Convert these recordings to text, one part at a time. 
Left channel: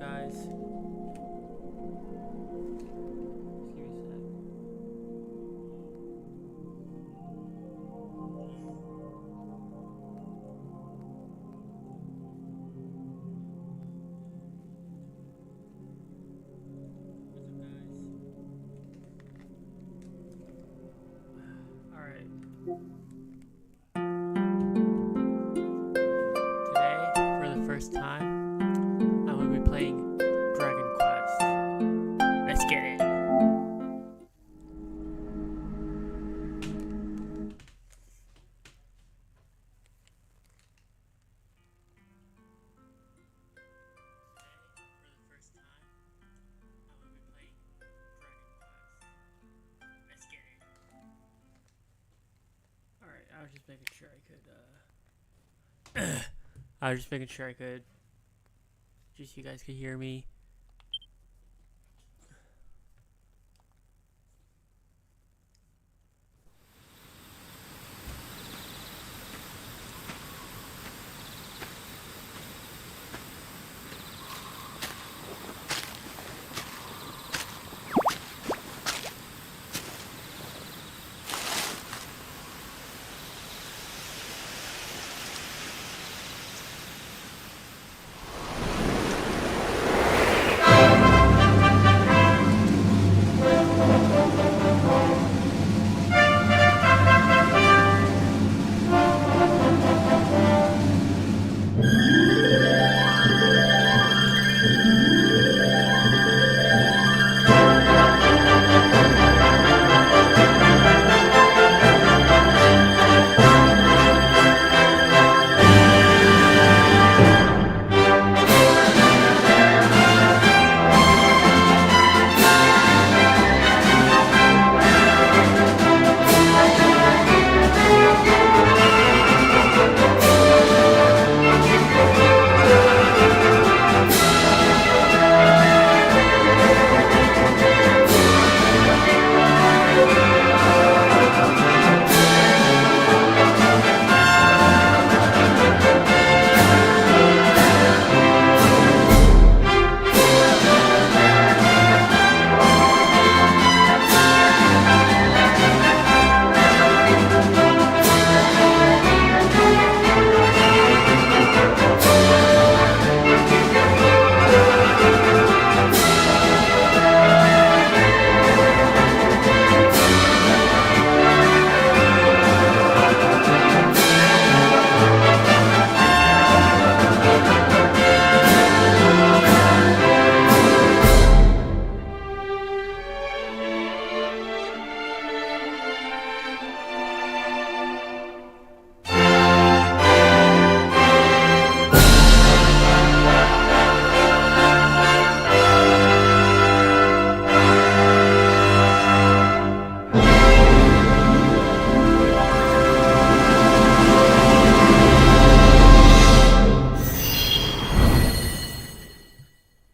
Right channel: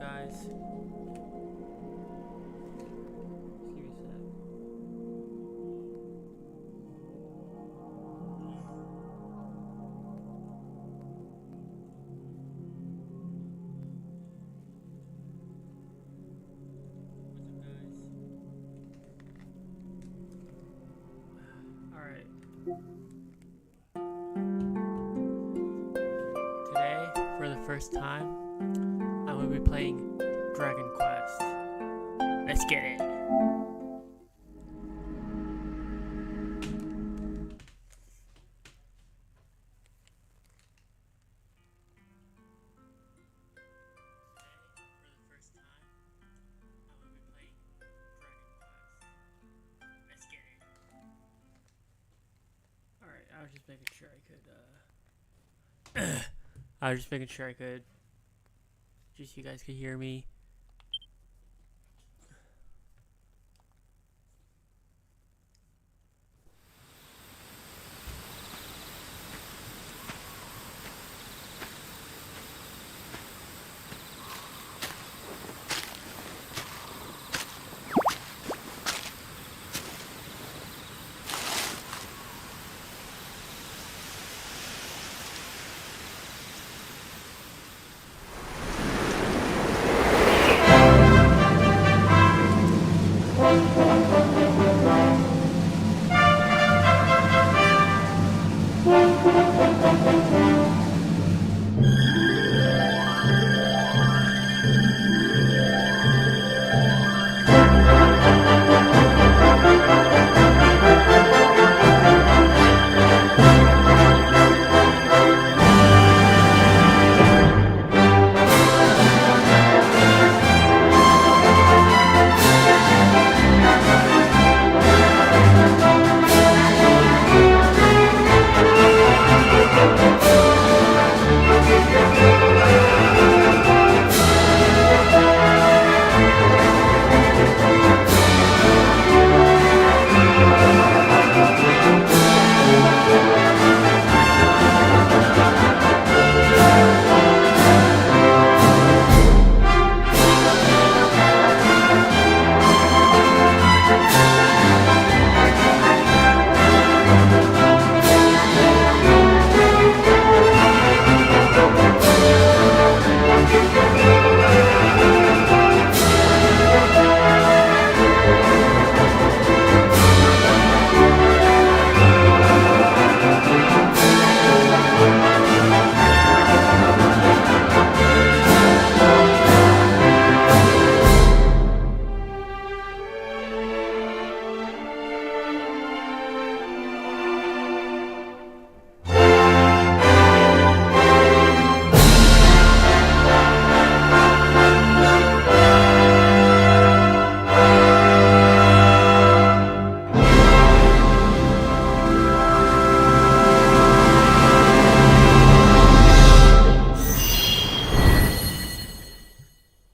guys? Just give me a sec. Alright. Today, for the first time, I'm going to be playing Dragon Quest. Let's get it. Alright, I was just making sure I could, just so you guys could hear me.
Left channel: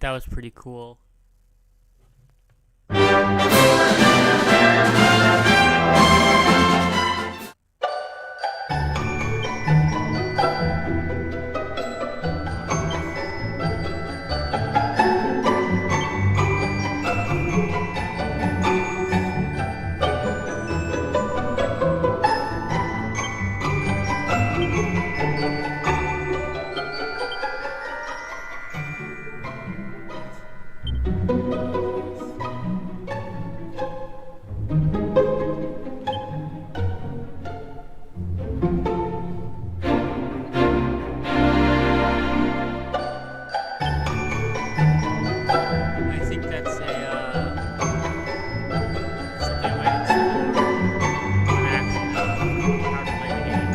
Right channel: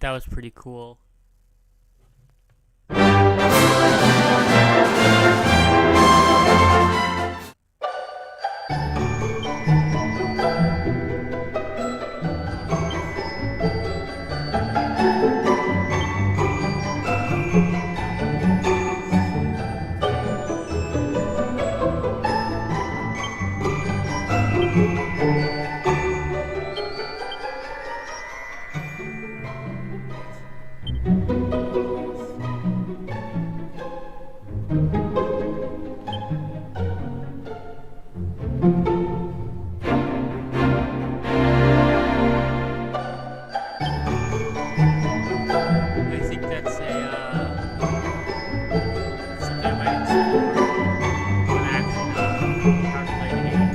That was pretty cool. I think that's something I might explore when I actually know how to play the game.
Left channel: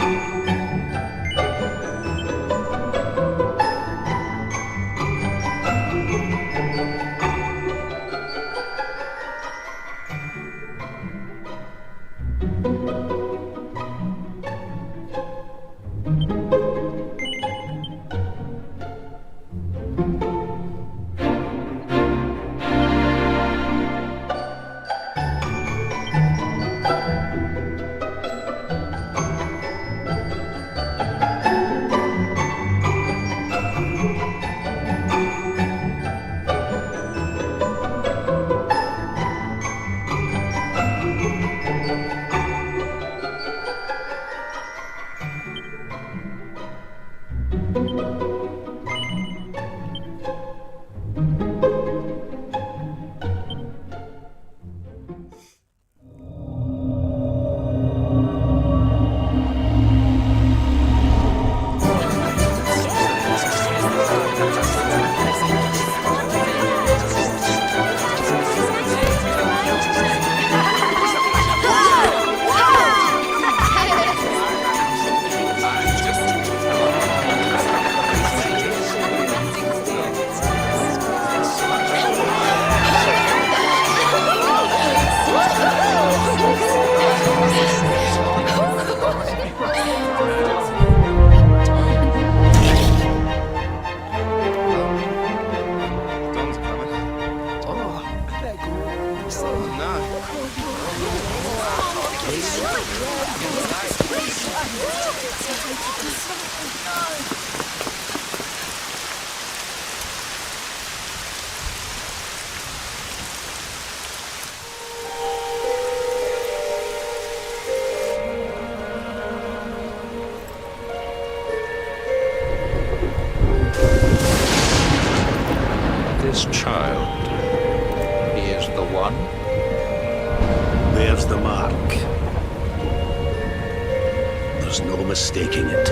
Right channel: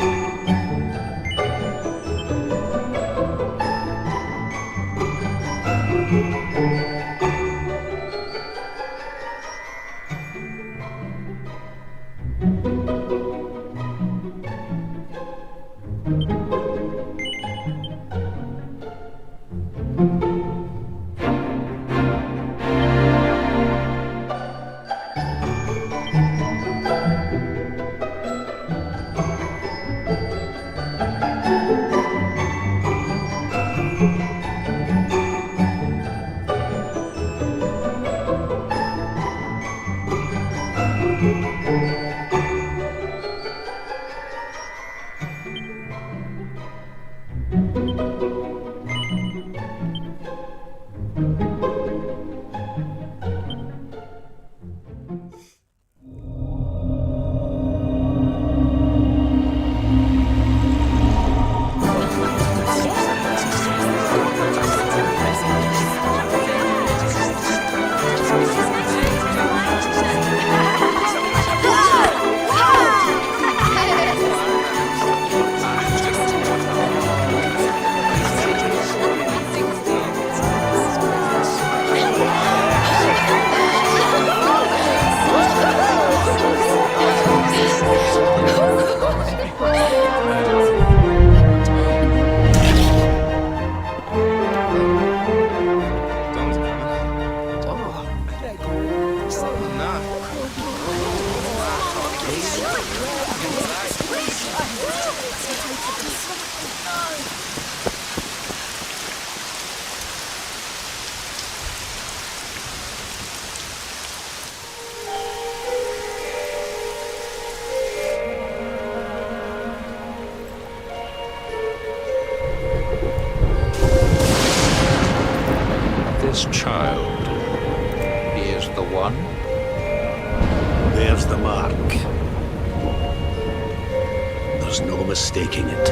This child, he is the one? There's the mark. There's no mistaking it.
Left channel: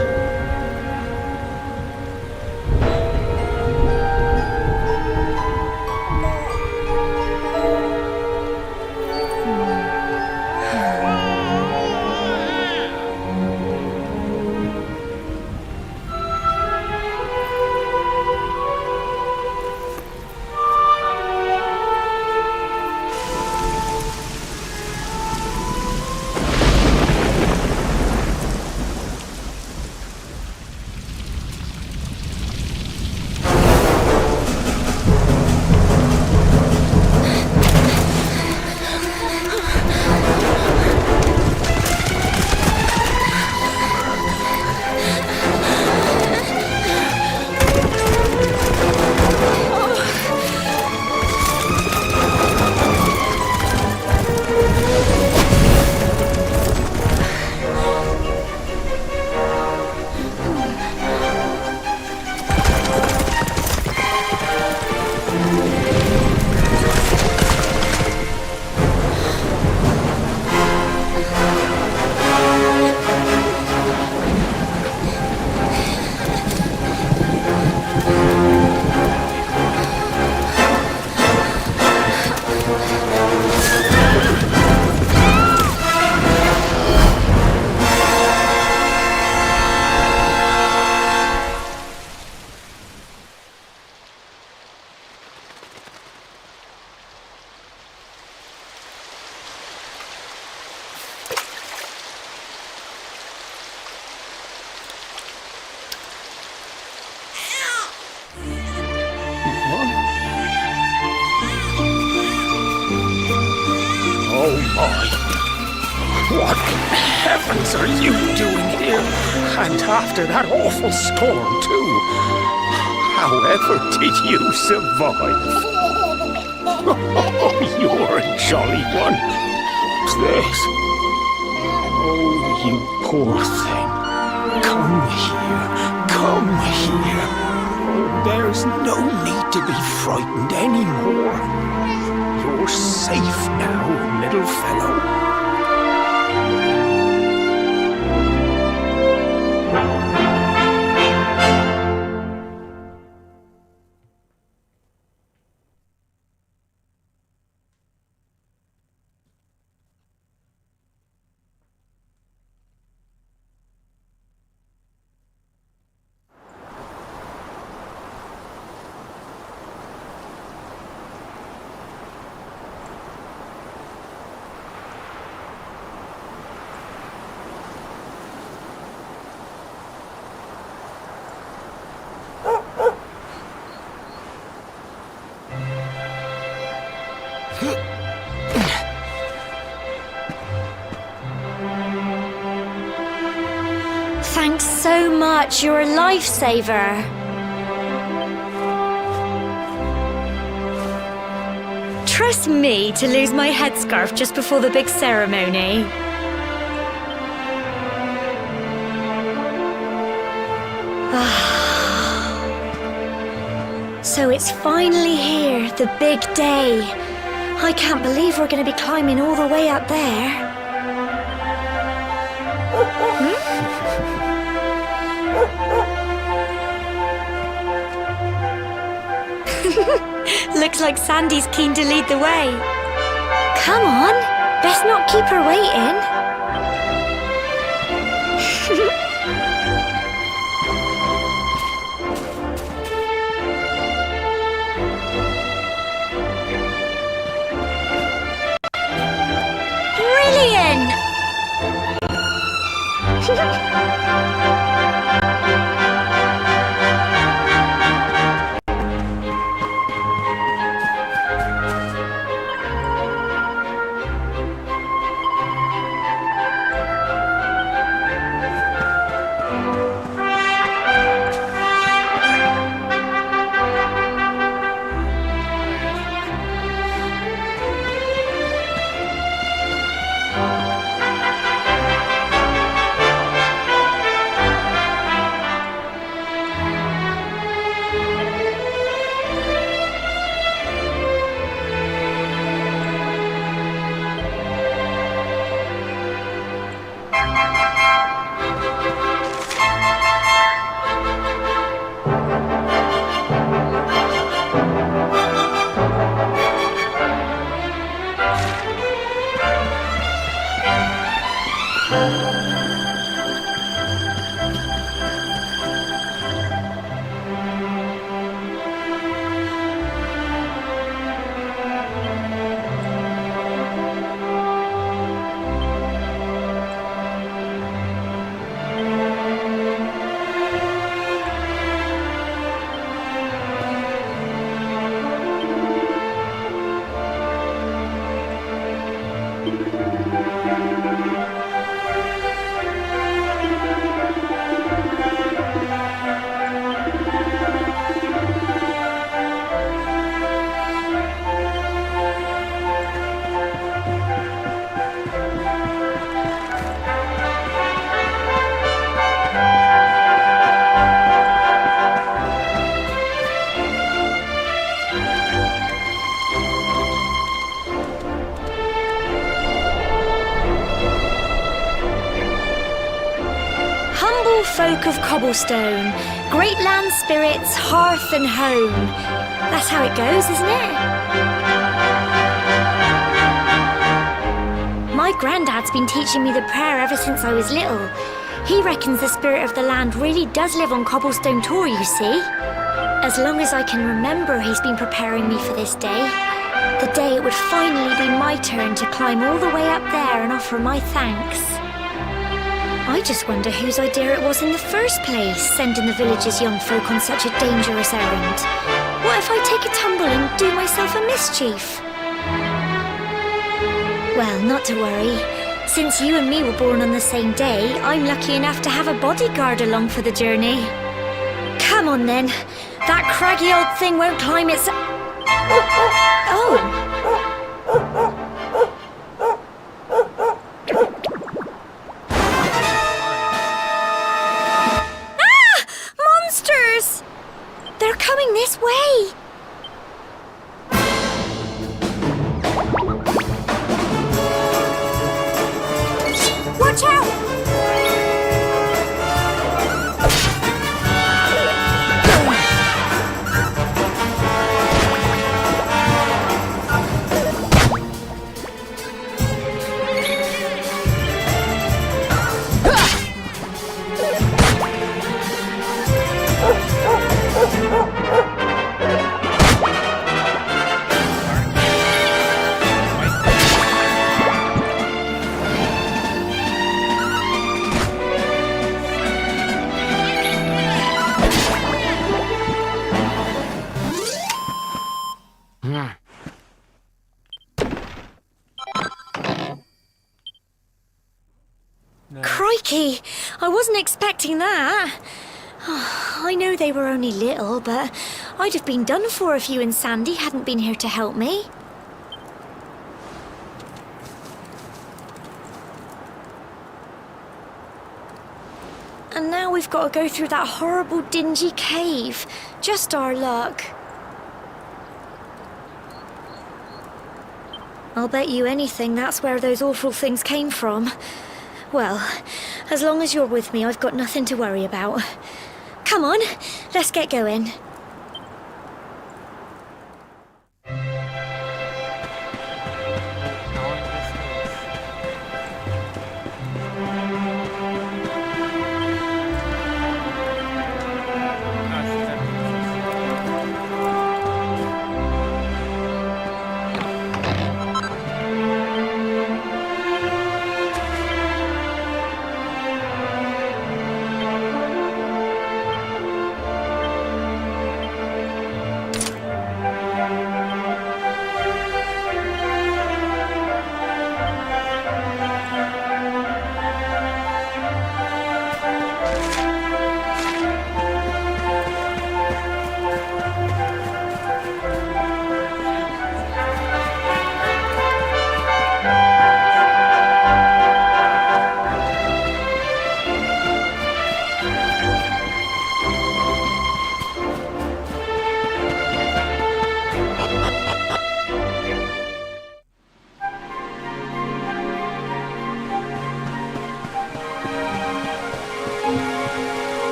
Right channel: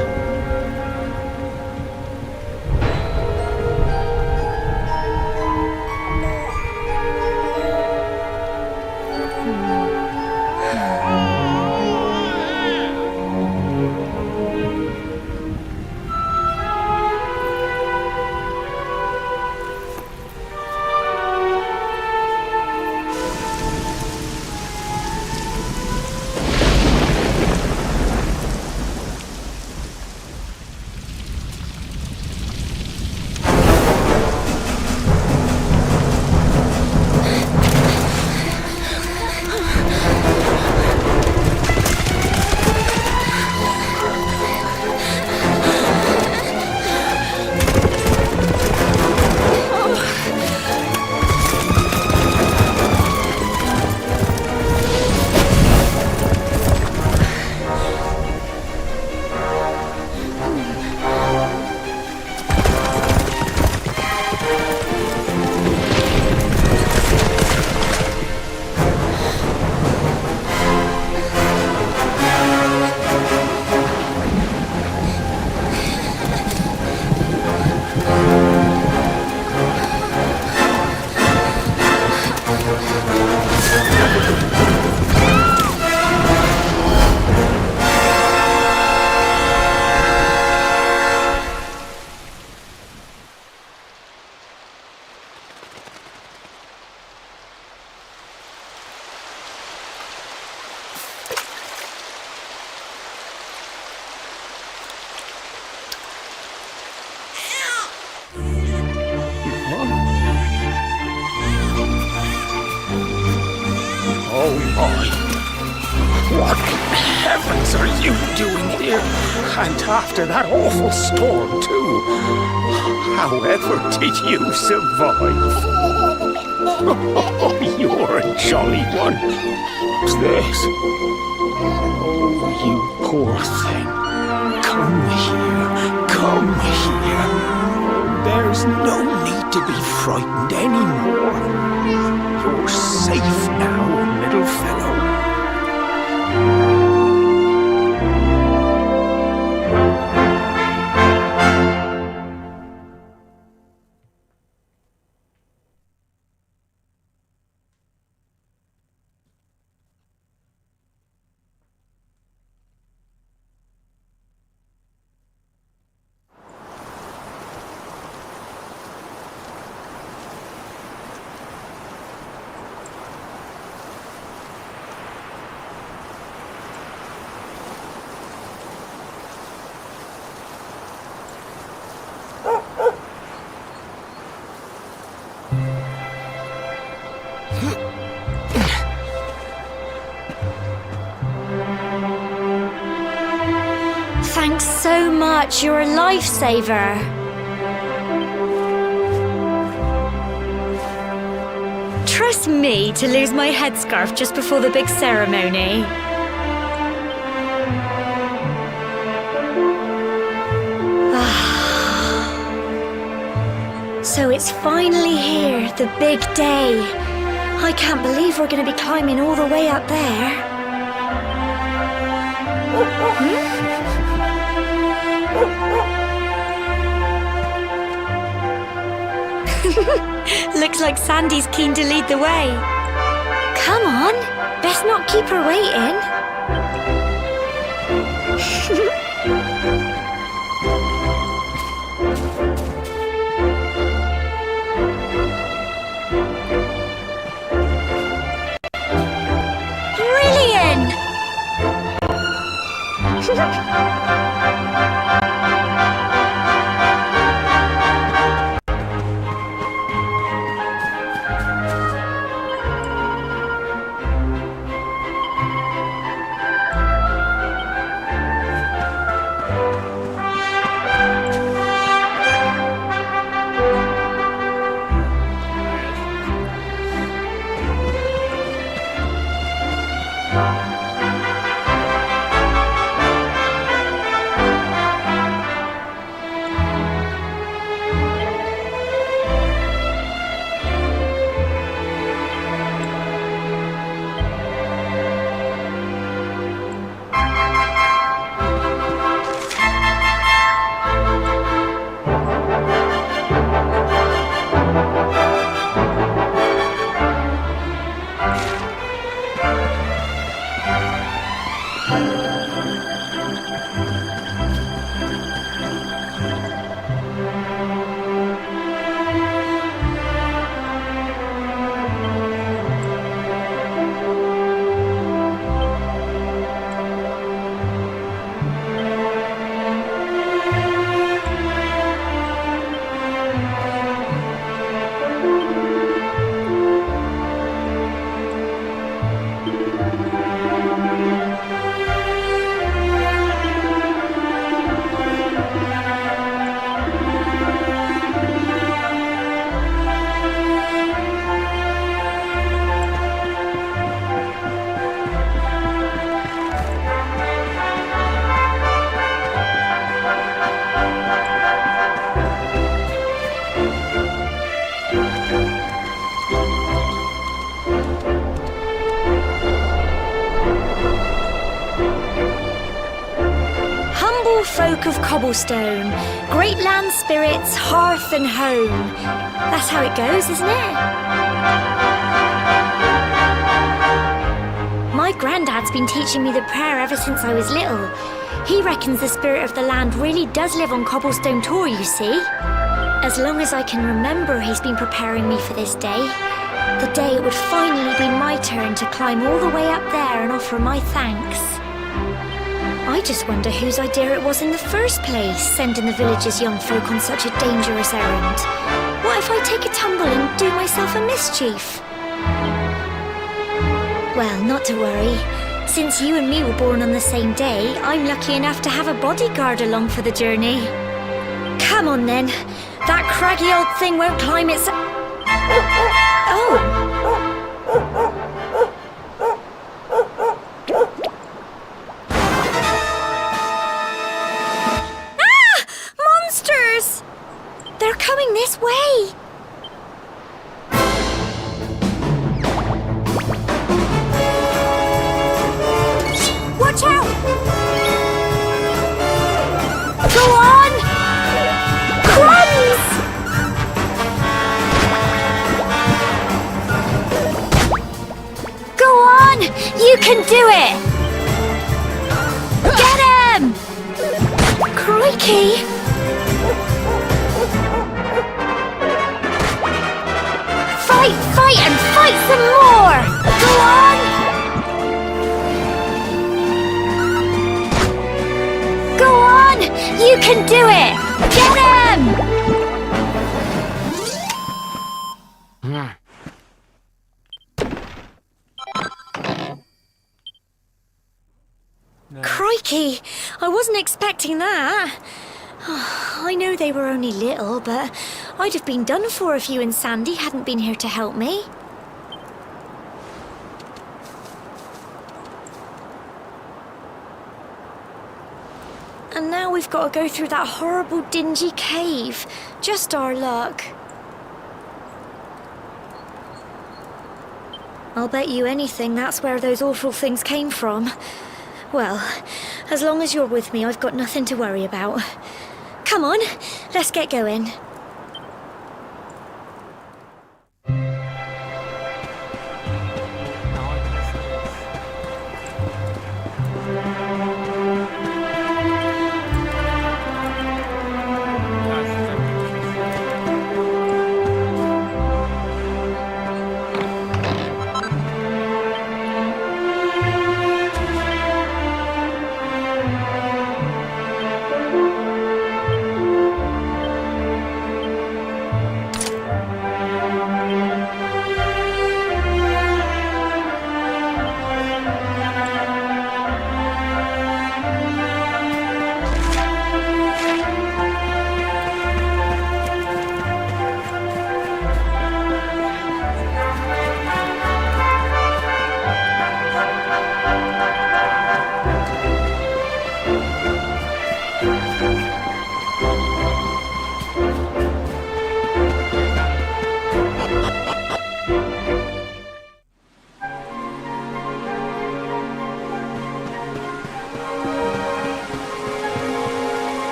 Oh my! What in heavens are you doing here? And after that awful storm, too. However did you survive? Oh, you're a jolly one. What's this? Oh, you poor thing. Come here. Come here. Oh, there's no need to be frightened anymore. You're safe now, little fellow. Thanks so much, you're a lifesaver. Trust me to lose my headscarf just before the big ceremony. So it's finally here, the big day. I can't believe we're going to be climbing all the way up there. Looks like Sandy's keen to lead the way. Come on, best not keep her waiting. Brilliant! Humble folk of Cobblestone, great land spirits, hearth and home. That's how it goes, isn't it? My granddad's been teaching me the prayer ever since I was little. He reckons the spirit of the land really does live on Cobblestone Tor, you see. As long as I can remember, he's been preparing me for this day. The day it would finally be my turn to climb all the way up there and offer my thanks. I just wonder whose idea it was in the first place, sending the village's young folk on such a dangerous errand. What if I take a tumble and do myself a mischief? Well, not to worry. Since you and me were born on the same day, I'm lucky enough to have a bodyguard along for the journey. Come on then. That craggy old thing won't climb its... Oh! Ah! Monsters! They're coming this way! Watch out! Go on! Runs! Go on! You can do it! Get him! Crikey! Fight, fight, and fight some more! Go on! Go on! You can do it! Get him! No. Crikey! I wasn't expecting that. I know they were only little, but I'd have been done for if you and Sandy hadn't been here to help me. And now we've got to go through that horrible dingy cave. Just our luck. I'll bet you anything that's where those awful things came from. Well, as long as you're with me, I've got nothing to worry about. Come on, let's get going. How long this is? Gosh, that means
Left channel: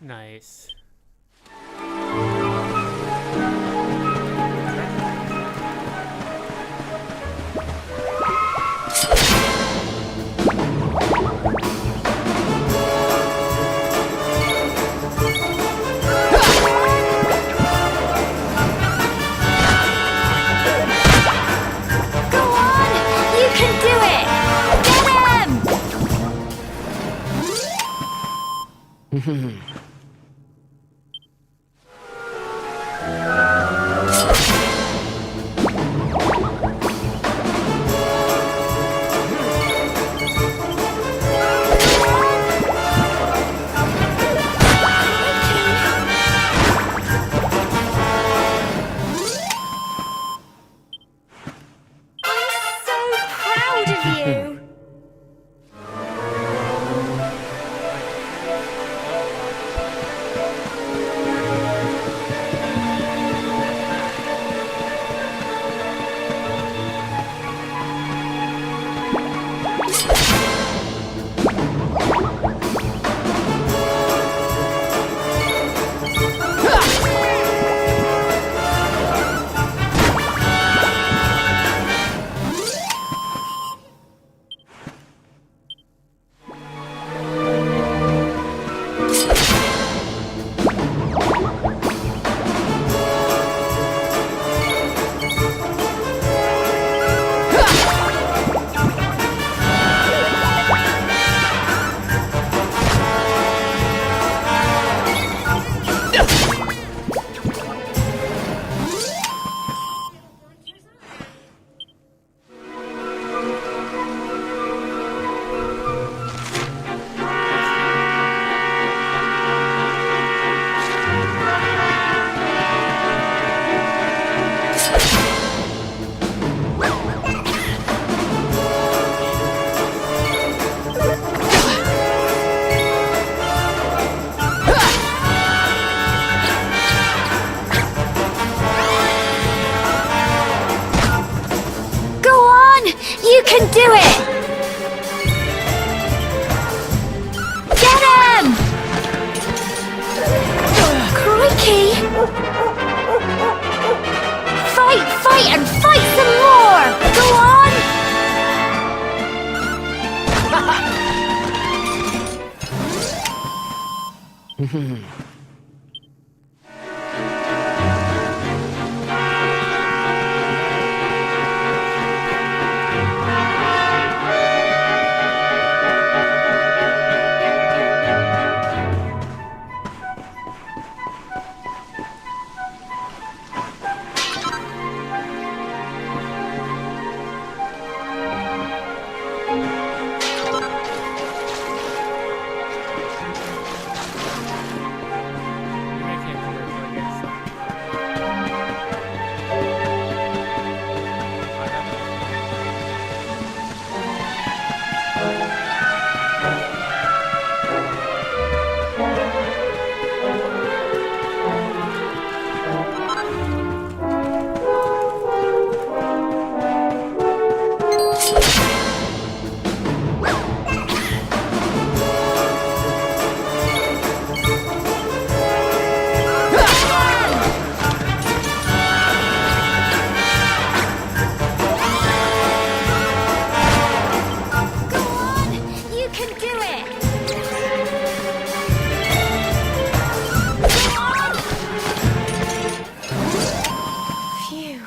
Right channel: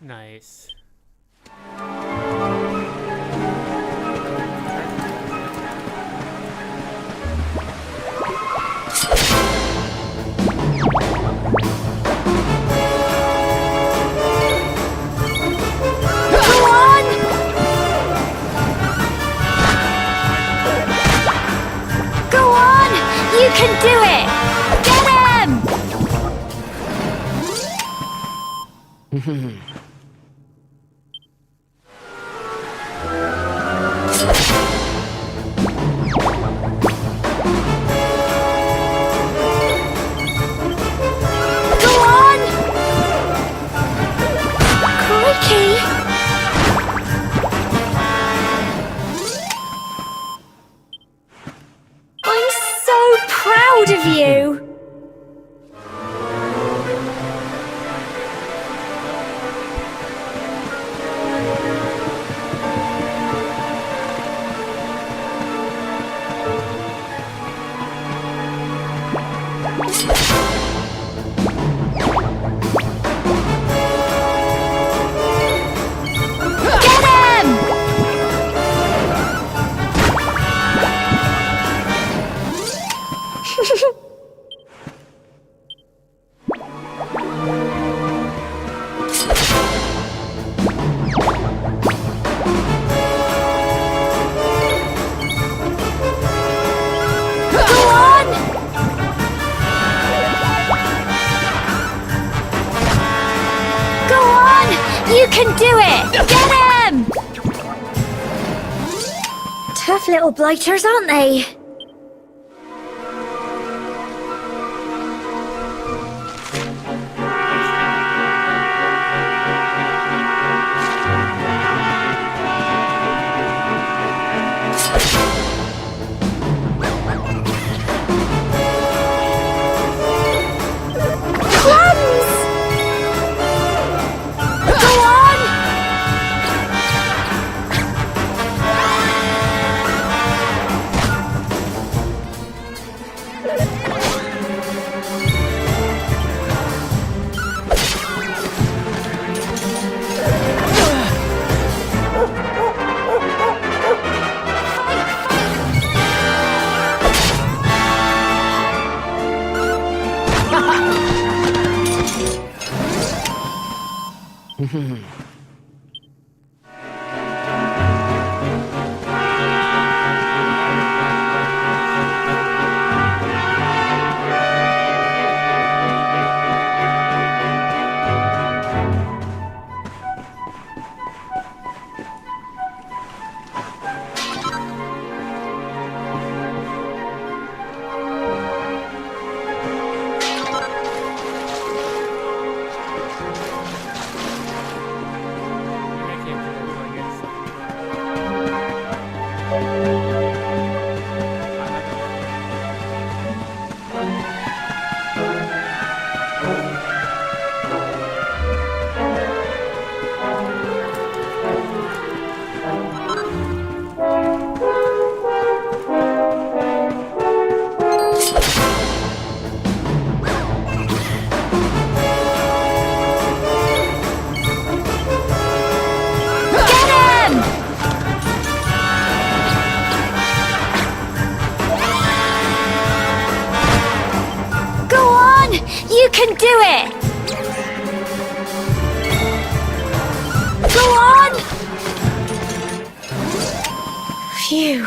Nice. Proud of you. Tough little blighters, aren't they? You can do it! Get him! Crikey! Fight, fight, and fight some more! Go on! You can do it! Go on! Phew.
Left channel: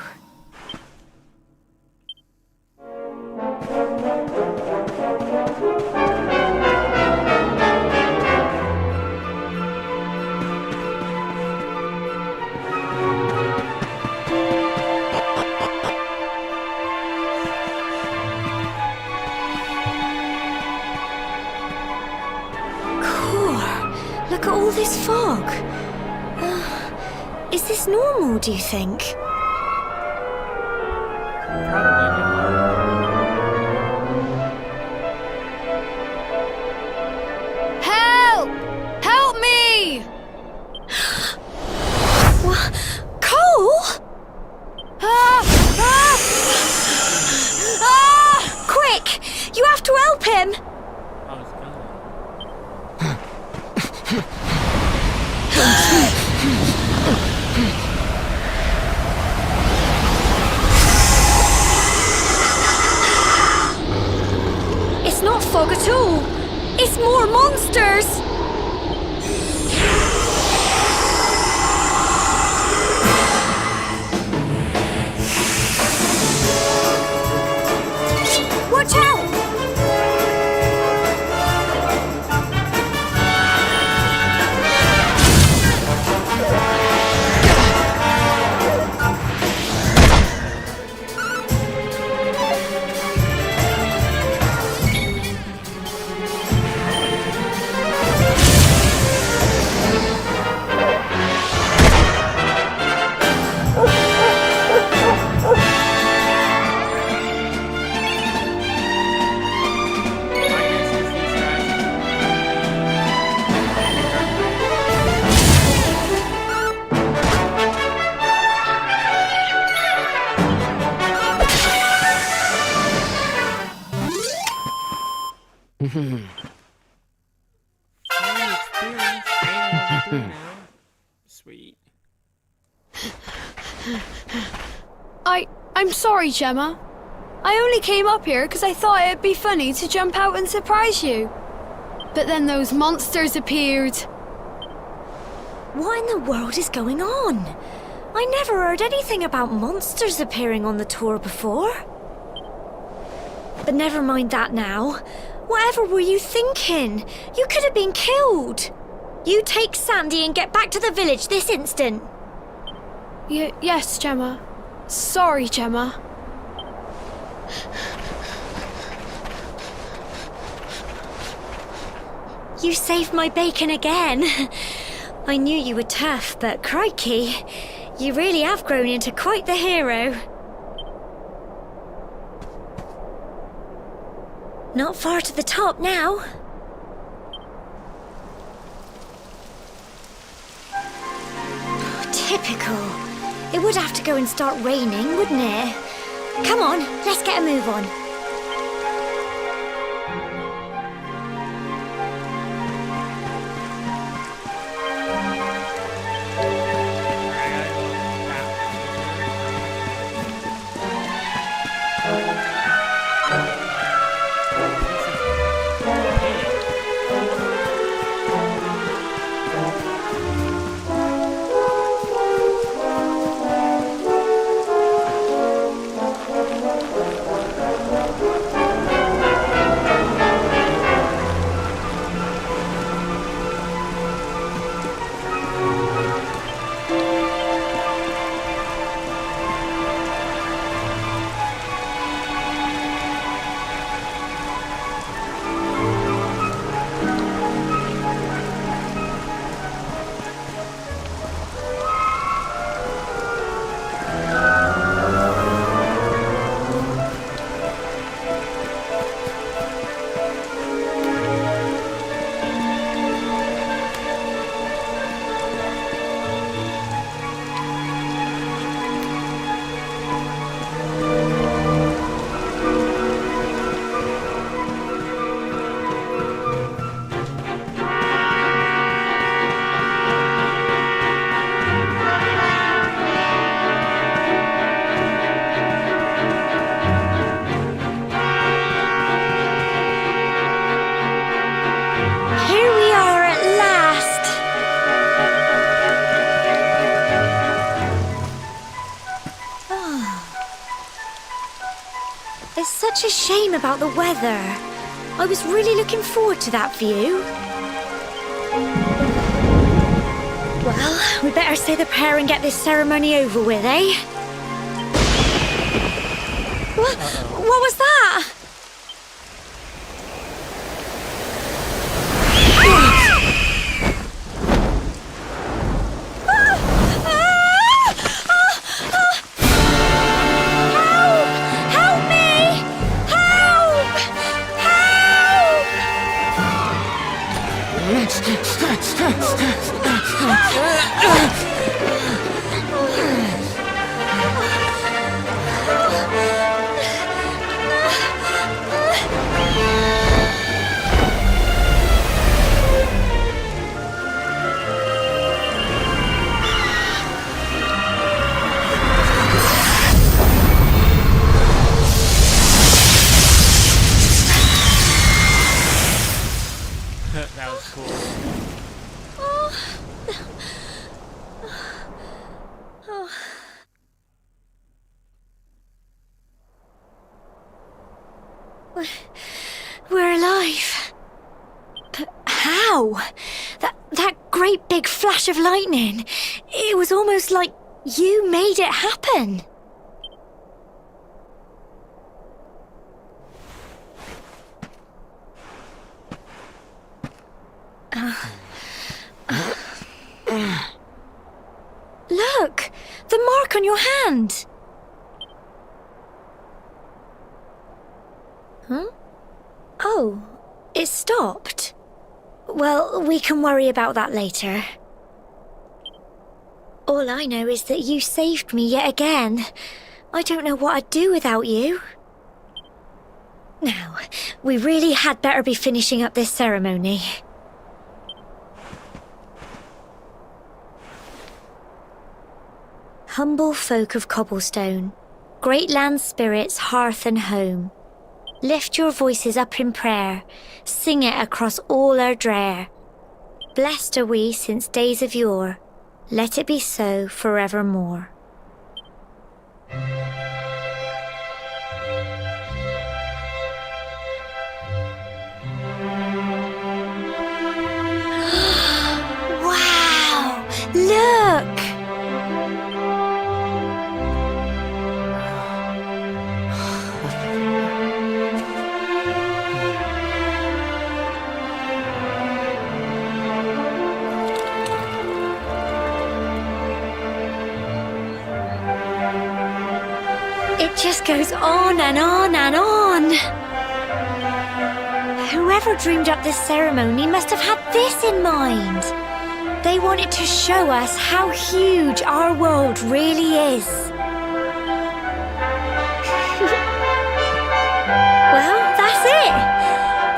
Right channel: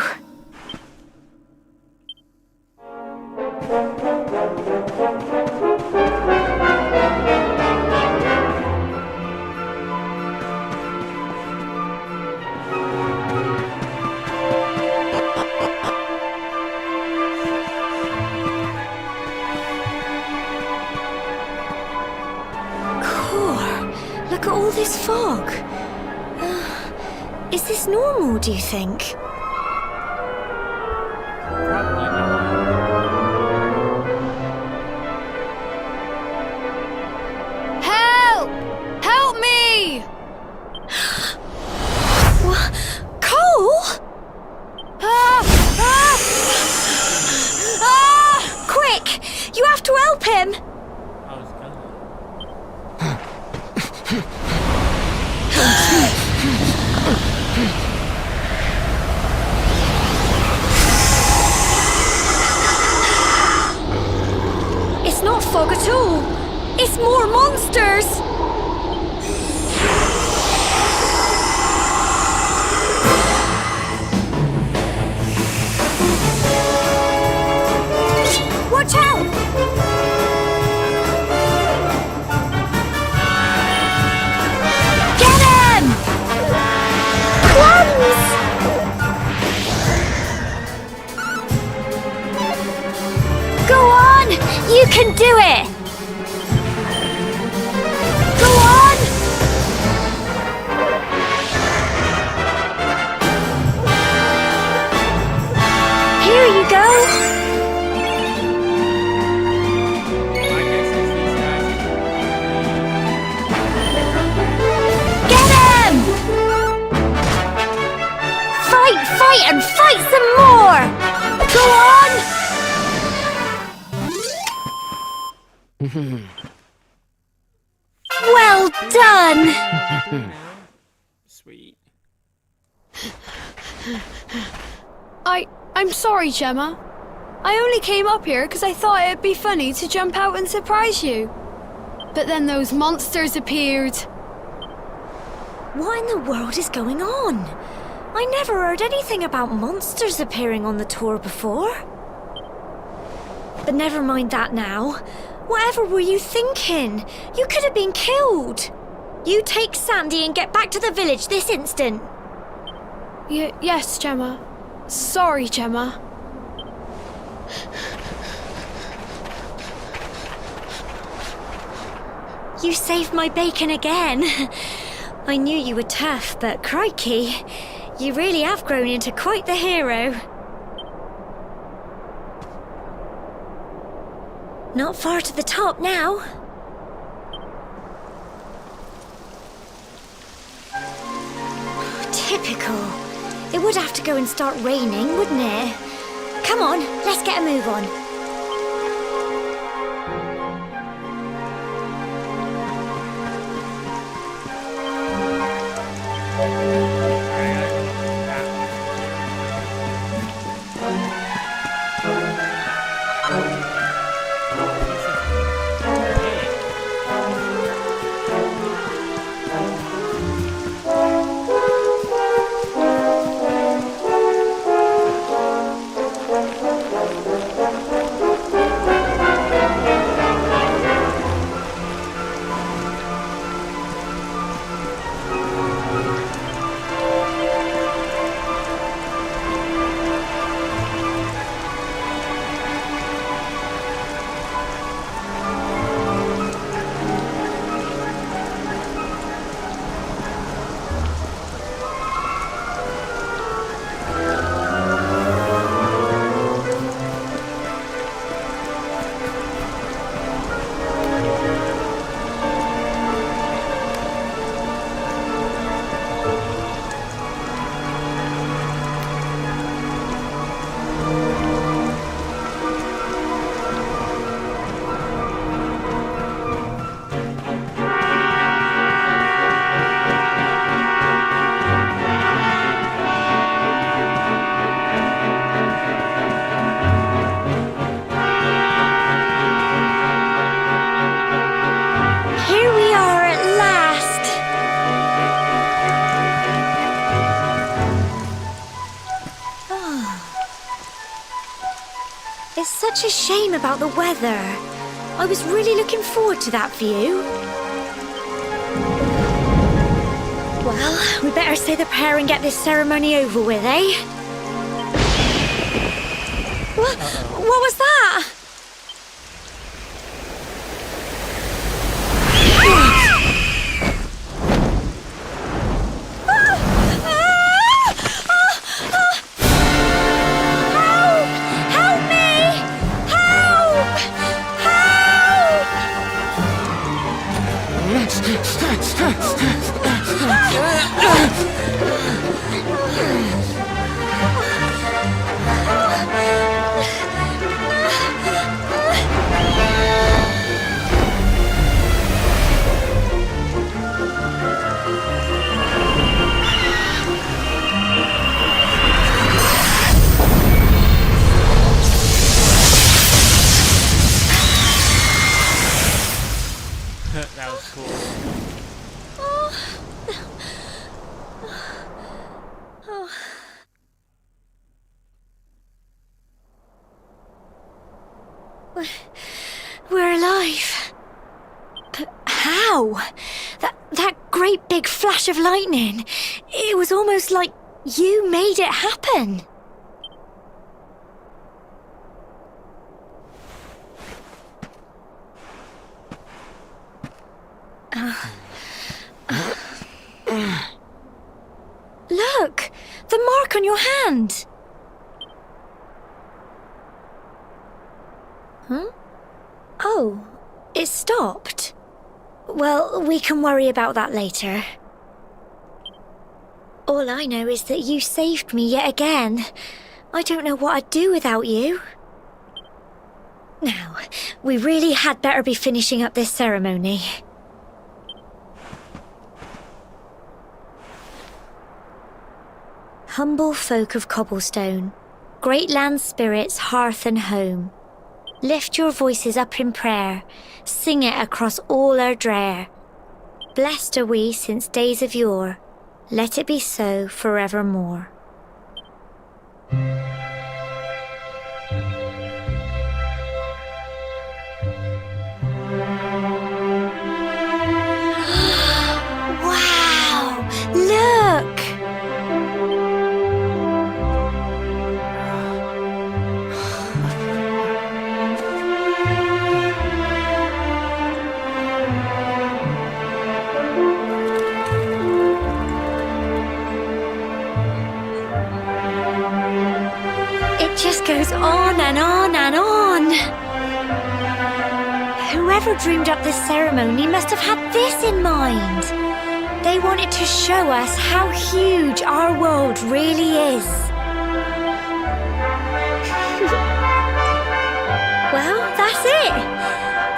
Look at all this fog. Is this normal, do you think? Probably not. Help! Help me! What? Cole? Quick! You have to help him! I was gonna. It's not fog at all. It's more monsters. Watch out! can do it! Go on! Here you go! My guess is these guys Get him! Fight, and fight some more! Go on! Well done! now. Sweet. I'm sorry, Gemma. I only came up here because I thought it'd be funny to jump out and surprise you. But then those monsters appeared. What in the world is going on? I never heard anything about monsters appearing on the tour before. But never mind that now. Whatever were you thinking? You could have been killed. You take Sandy and get back to the village this instant. Yes, Gemma. Sorry, Gemma. You saved my bacon again. I knew you were tough, but crikey, you really have grown into quite the hero. Not far to the top now. Typical. It would have to go and start raining, wouldn't it? Come on, let's get a move on. It's such a shame about the weather. I was really looking forward to that view. Well, we better say the prayer and get this ceremony over with, eh? What was that? That was cool. We're alive. But how? That great big flash of lightning. It was almost like you made it happen. Look! The mark on your hand! Huh? Oh, it stopped. Well, we can worry about that later. All I know is that you saved me yet again. I don't know what I'd do without you. Now, we really had better be finishing up this ceremony. Humble folk of Cobblestone, great land spirits, hearth and home, lift your voices up in prayer, sing it across all our drear. Blessed are we since days of yore, let it be so forevermore. Wow! Look! It just goes on and on and on. Whoever dreamed up this ceremony must have had this in mind. They wanted to show us how huge our world really is. Well, that's it.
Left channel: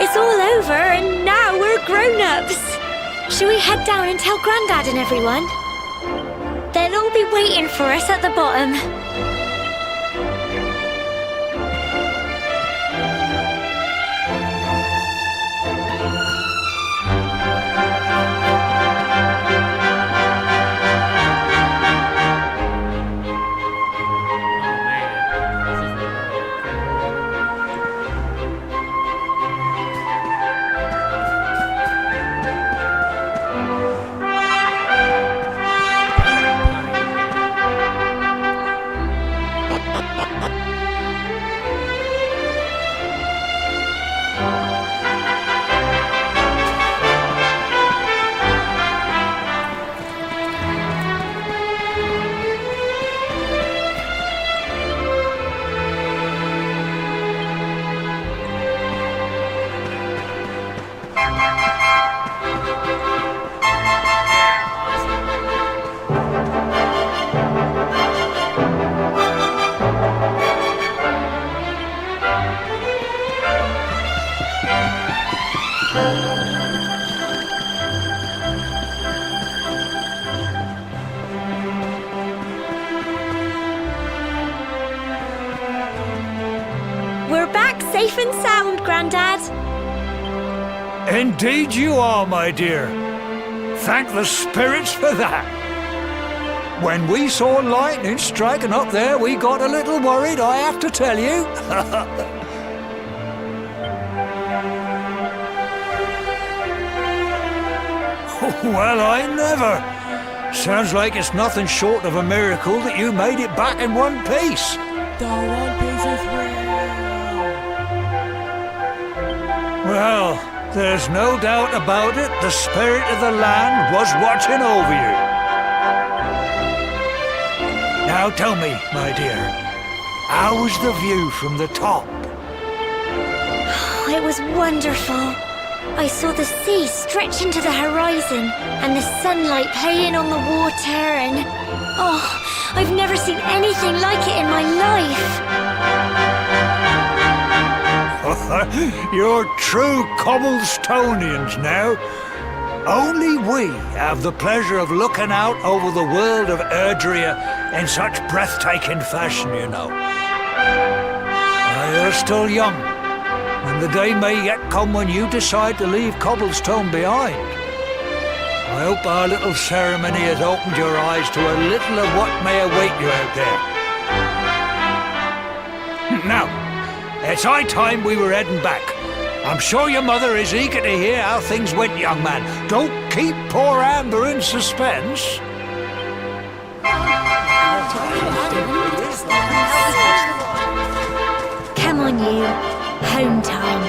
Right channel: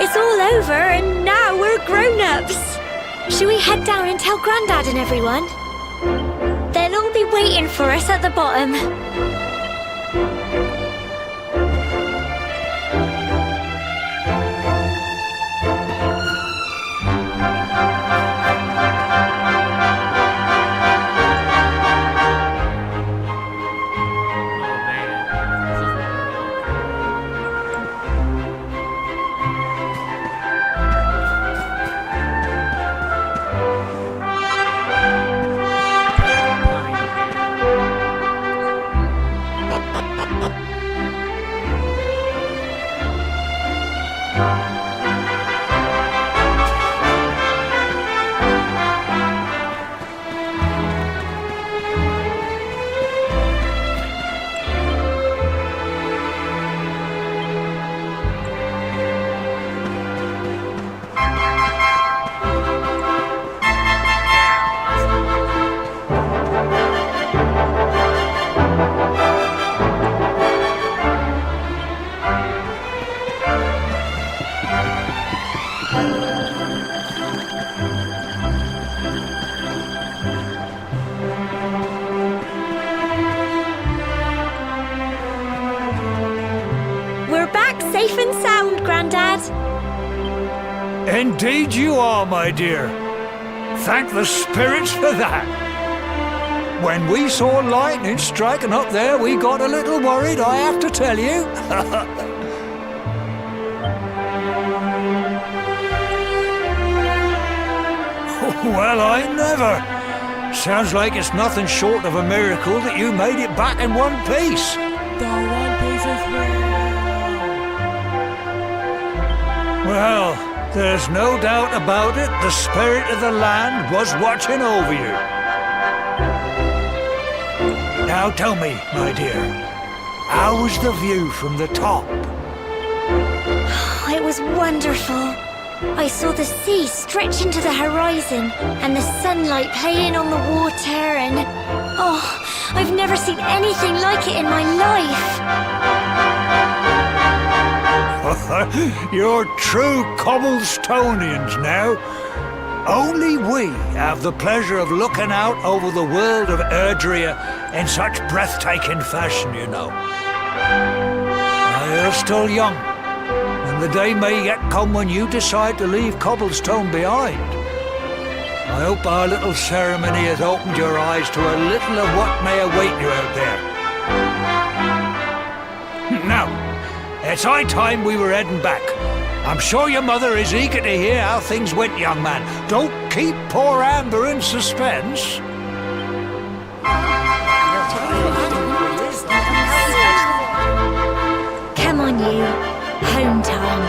It's all over and now we're grown-ups. Shall we head down and tell Grandad and everyone? They'll all be waiting for us at the bottom. We're back safe and sound, Grandad. Indeed you are, my dear. Thank the spirits for that. When we saw lightning striking up there, we got a little worried, I have to tell you. Well, I never. Sounds like it's nothing short of a miracle that you made it back in one piece. The One Piece is real! Well, there's no doubt about it, the spirit of the land was watching over you. Now tell me, my dear, how was the view from the top? It was wonderful. I saw the sea stretch into the horizon and the sunlight playing on the water and... Oh, I've never seen anything like it in my life. You're true Cobblestonians now. Only we have the pleasure of looking out over the world of Erdrea in such breathtaking fashion, you know. You're still young, and the day may yet come when you decide to leave Cobblestone behind. I hope our little ceremony has opened your eyes to a little of what may await you out there. Now, it's high time we were heading back. I'm sure your mother is eager to hear how things went, young man. Don't keep poor Amber in suspense. Come on, you. Home time.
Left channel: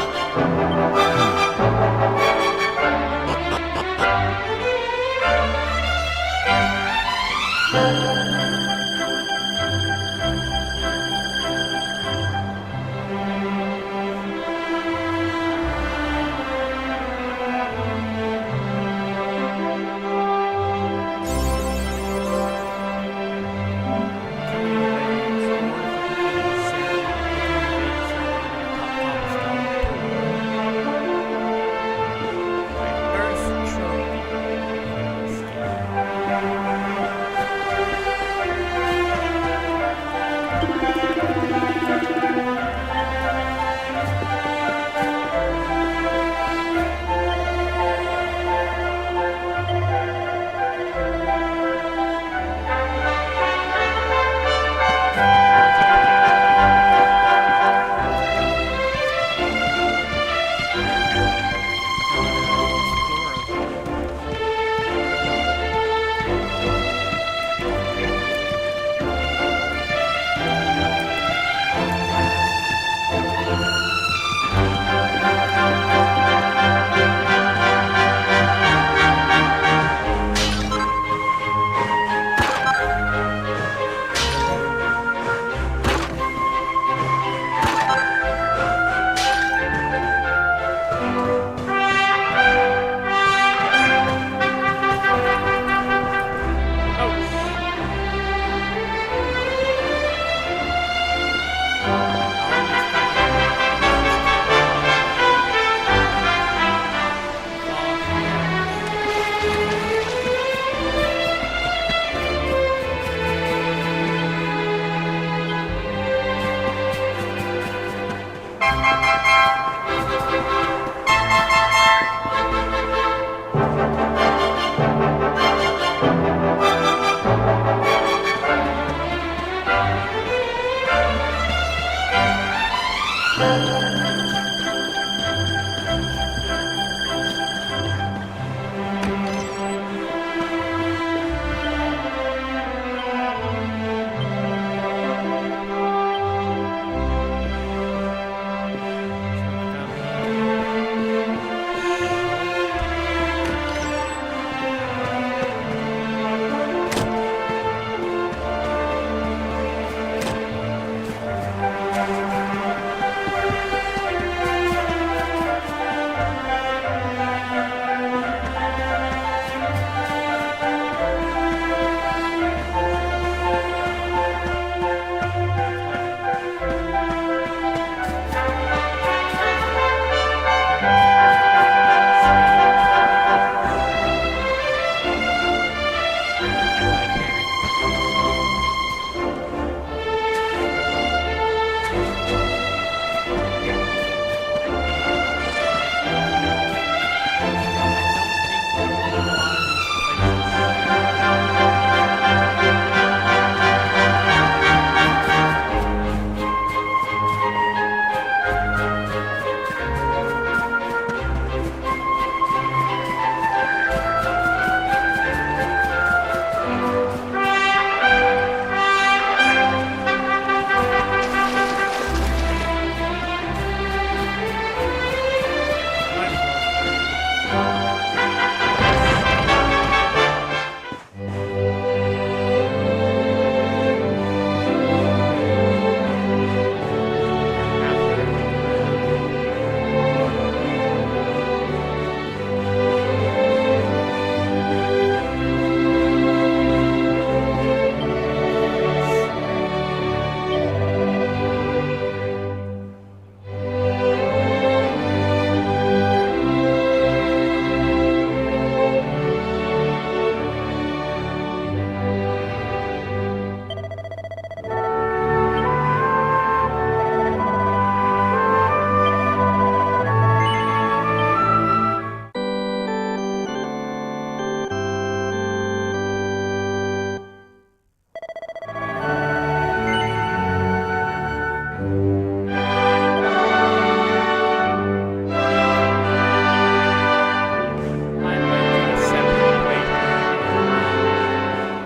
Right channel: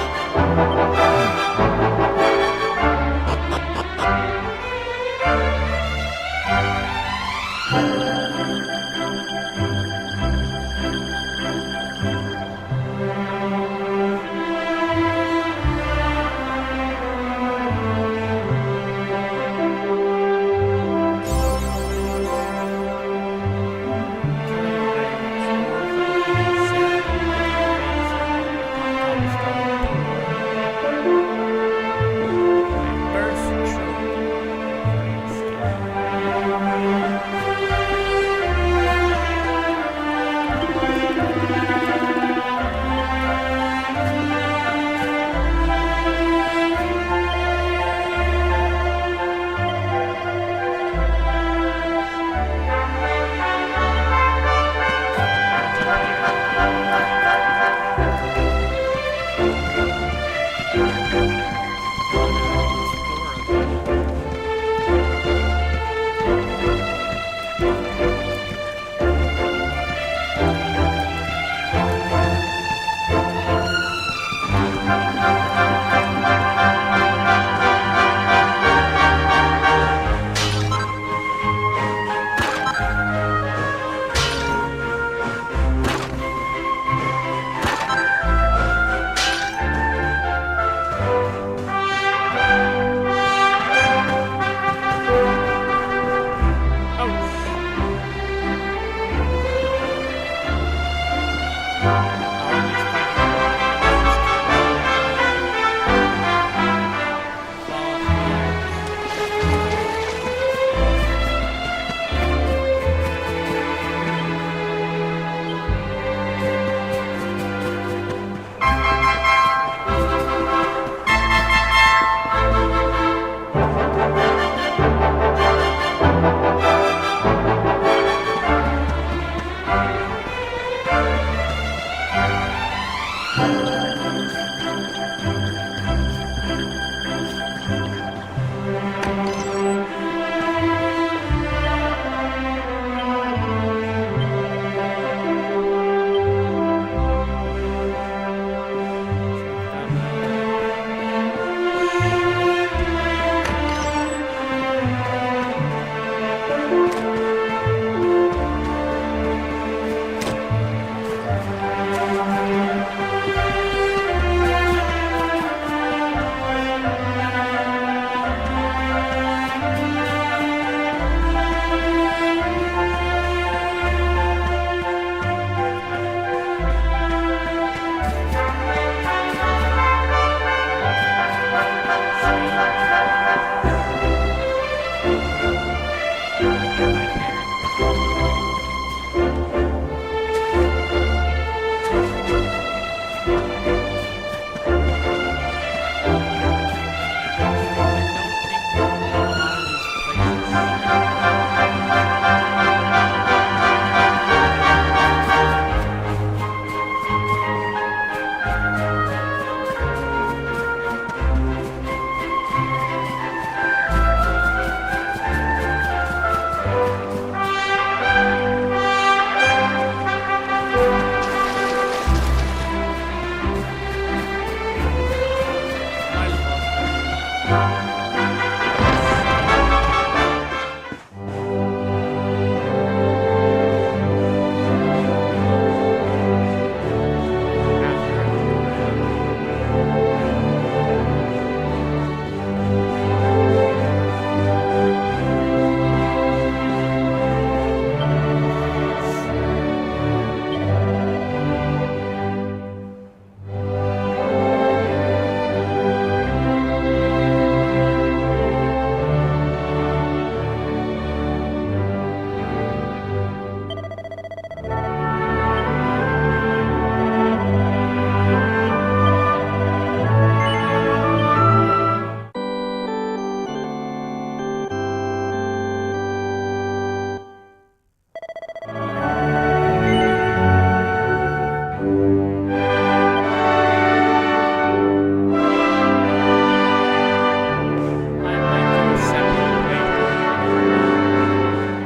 I might do a separate playthrough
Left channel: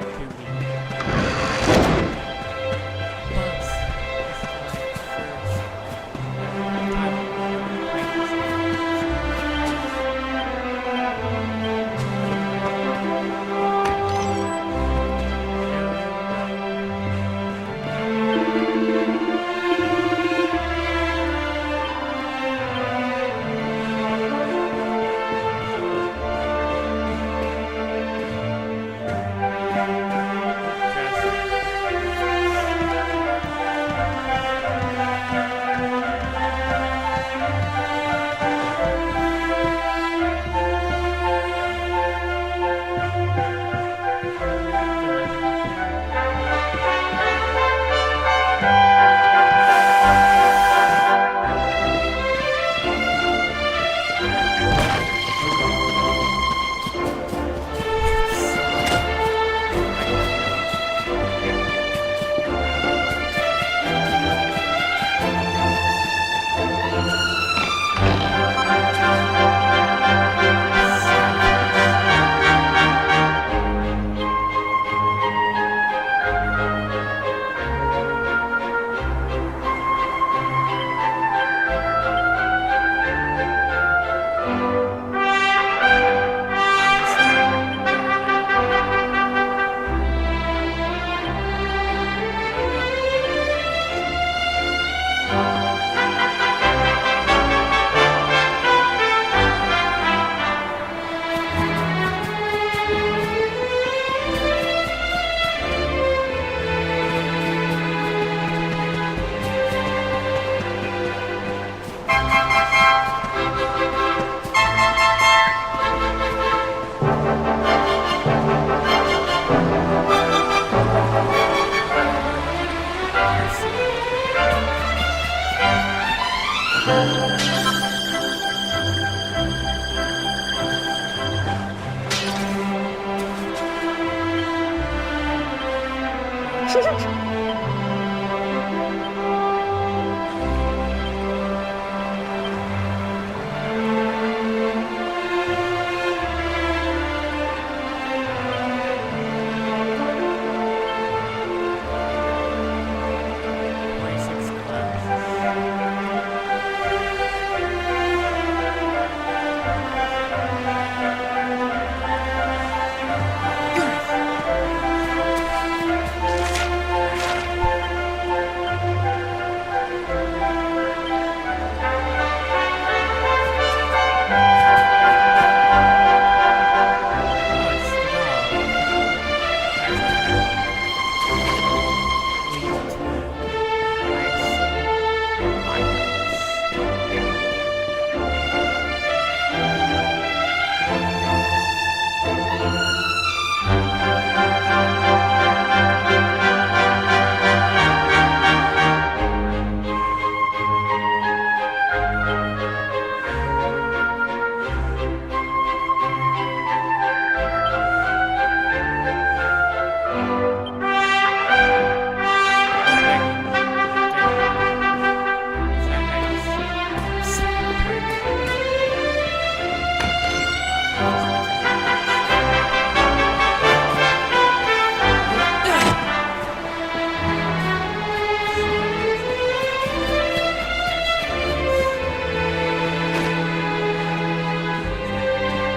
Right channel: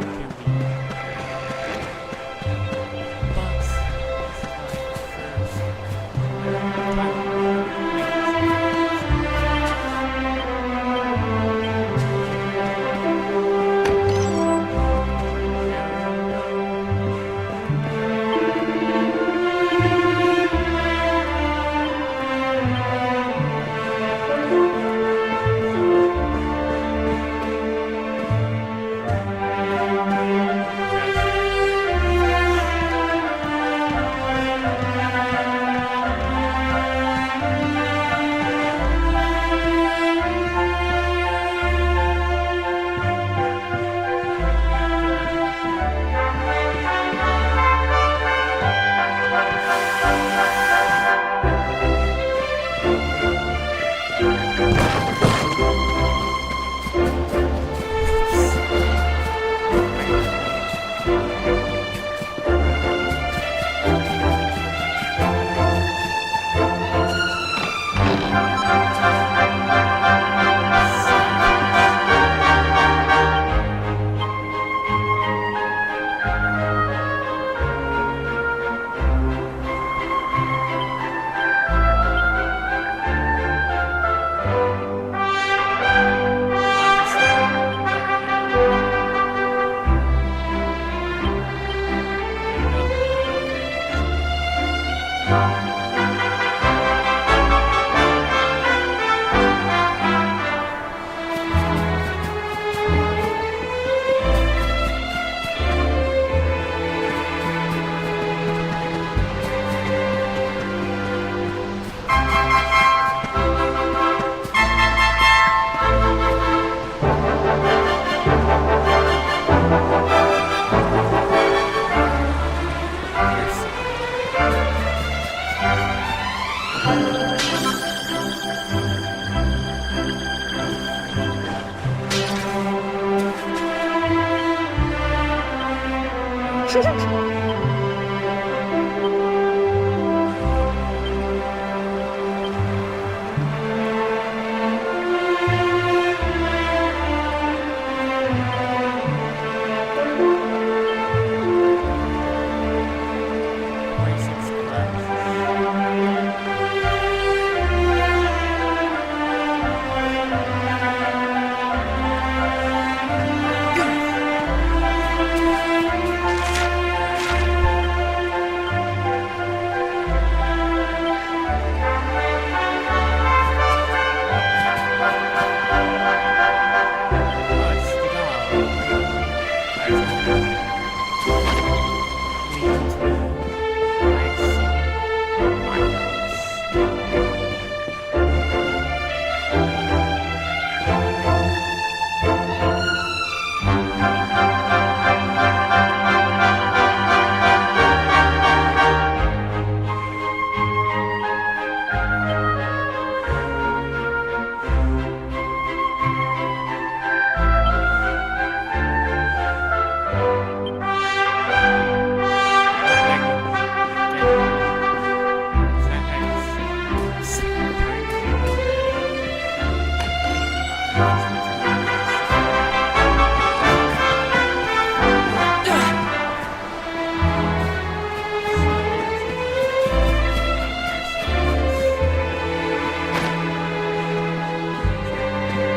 to the but this is my first time playing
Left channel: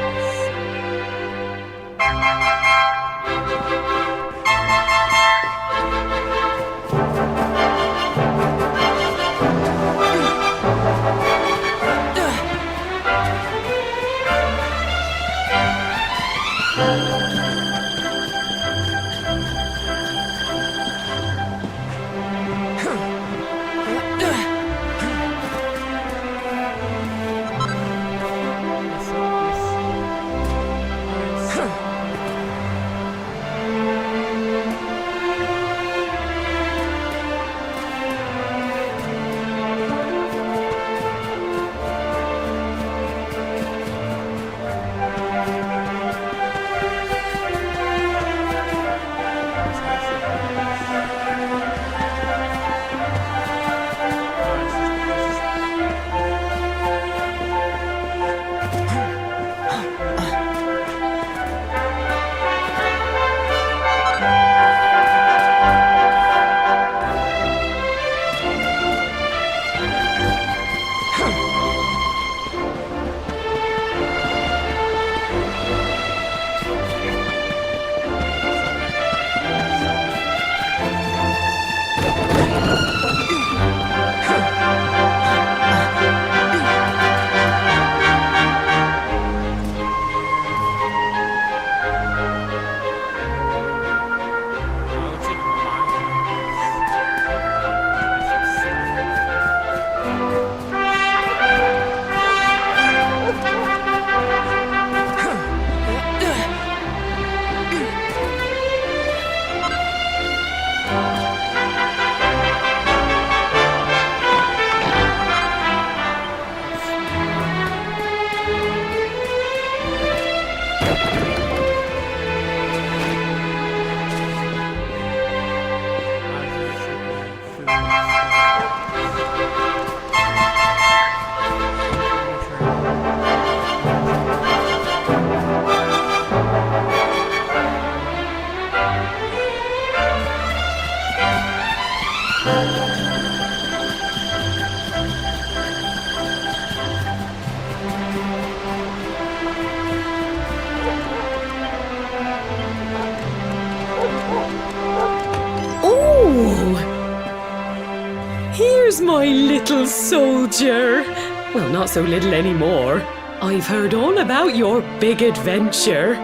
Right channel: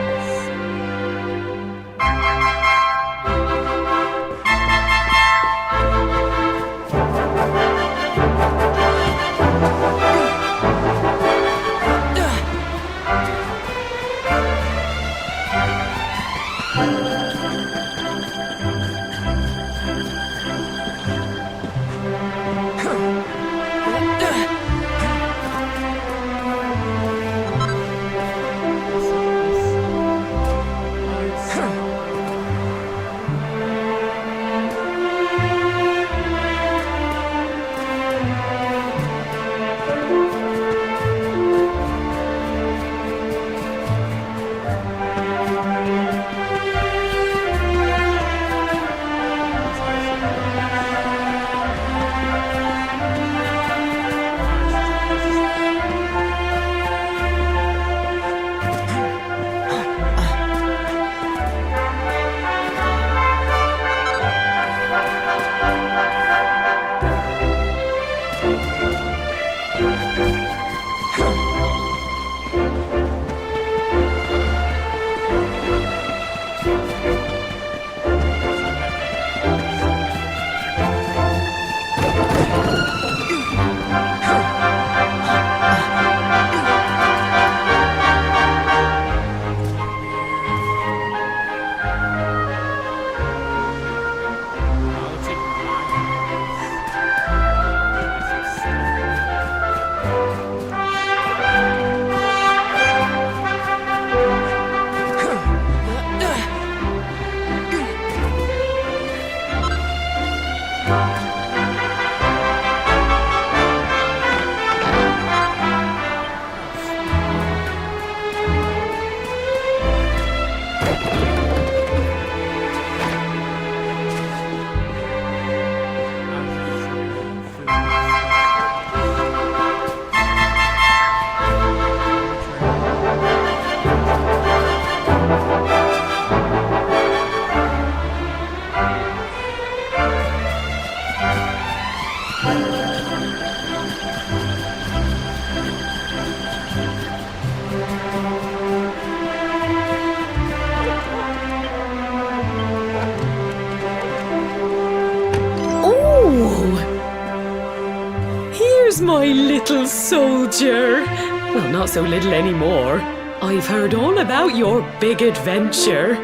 my little soldier. Well, not so little anymore. I've heard all about your big adventure.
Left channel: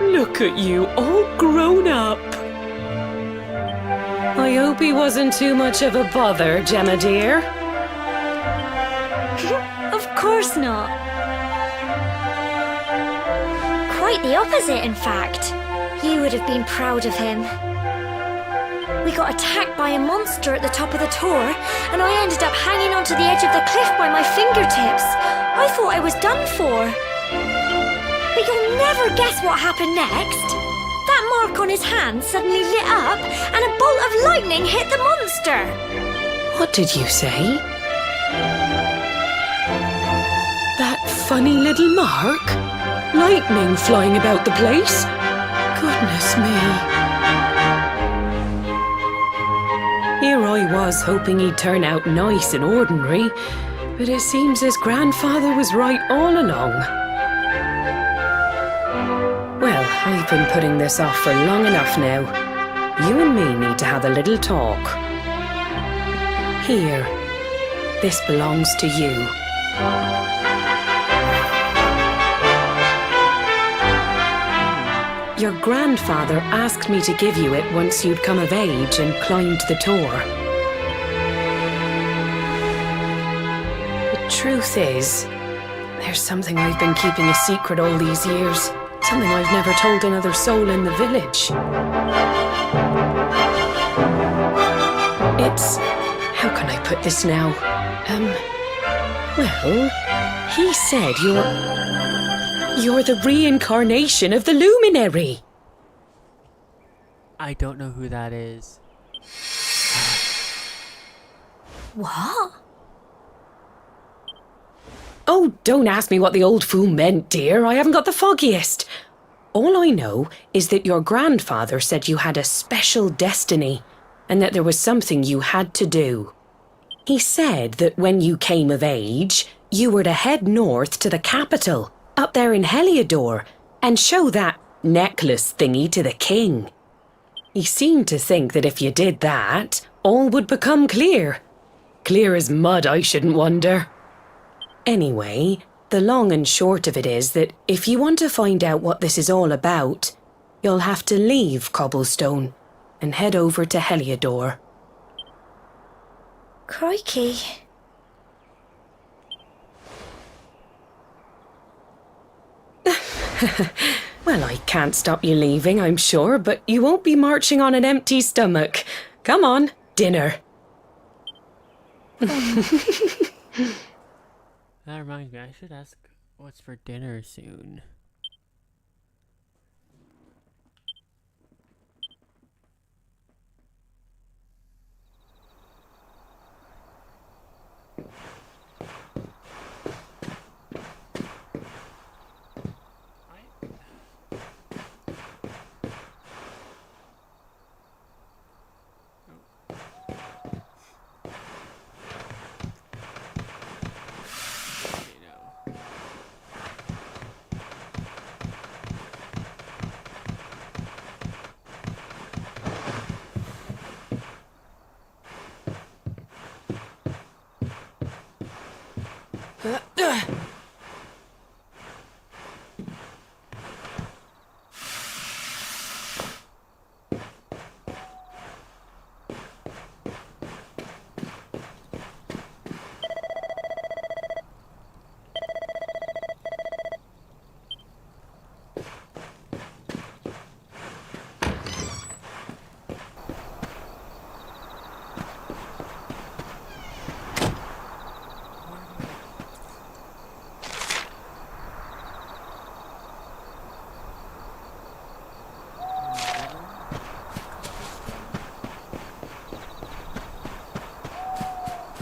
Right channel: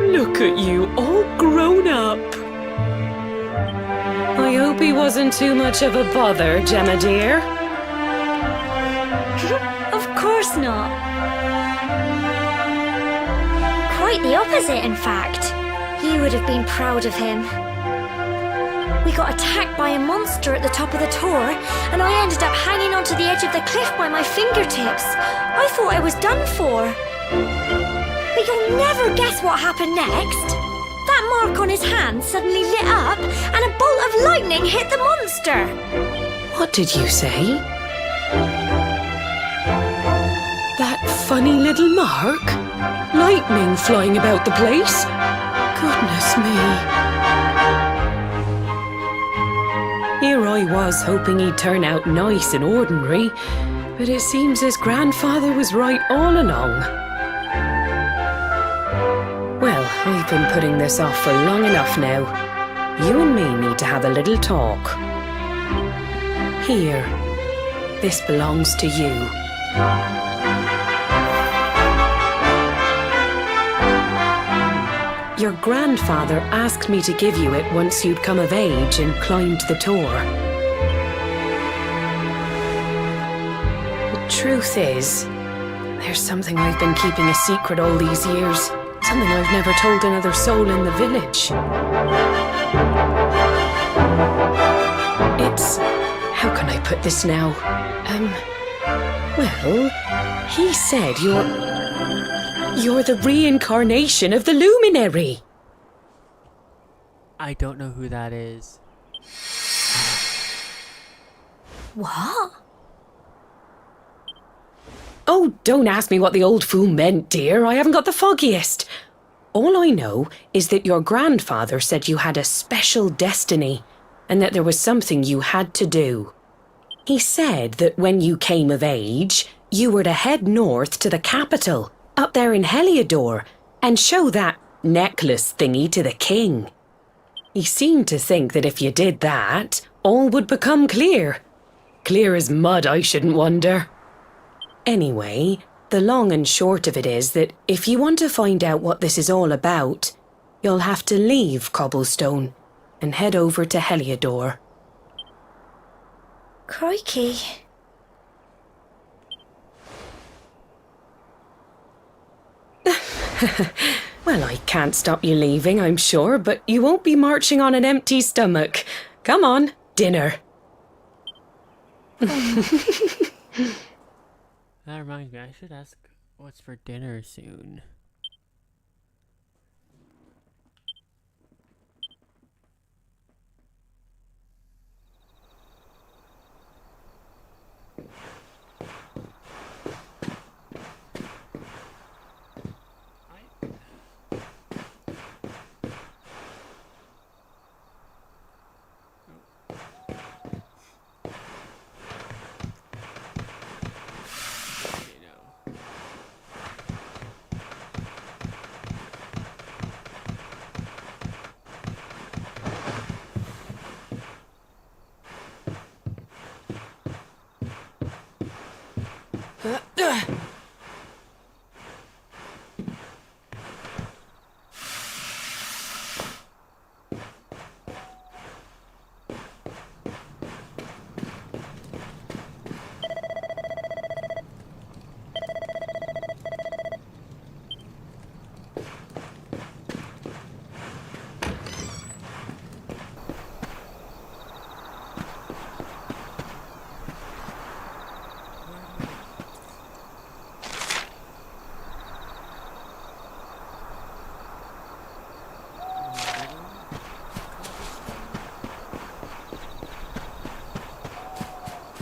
Look at you, all grown up. I hope he wasn't too much of a bother, Gemma dear. Of course not. Quite the opposite, in fact. You would have been proud of him. We got attacked by a monster at the top of the tor, and I ended up hanging onto the edge of the cliff by my fingertips. I thought I was done for. But you'll never guess what happened next. That mark on his hand suddenly lit up, and a bolt of lightning hit the monster. What did you say? That funny little mark? Lightning flying about the place? Goodness me. Here I was hoping he'd turn out nice and ordinary, but it seems his grandfather was right all along. Well, I've been putting this off for long enough now. You and me need to have a little talk. Here, this belongs to you. Your grandfather asked me to give you it once you'd come of age and climbed the tor. The truth is, there's something I've been keeping a secret all these years. Something I've never told another soul in the village. It's... how can I put this now? Well, he said you're the reincarnation of the Luminary. I don't know who that is. What? Oh, don't ask me what the old fool meant, dear. I haven't got the foggiest. All I know is that your grandfather said you had a special destiny and that there was something you had to do. He said that when you came of age, you were to head north to the capital, up there in Heliodor, and show that necklace thingy to the king. He seemed to think that if you did that, all would become clear. Clear as mud, I shouldn't wonder. Anyway, the long and short of it is that if you want to find out what this is all about, you'll have to leave Cobblestone and head over to Heliodor. Crikey. Well, I can't stop you leaving, I'm sure, but you won't be marching on an empty stomach. Come on, dinner. That reminds me, I should ask what's for dinner soon.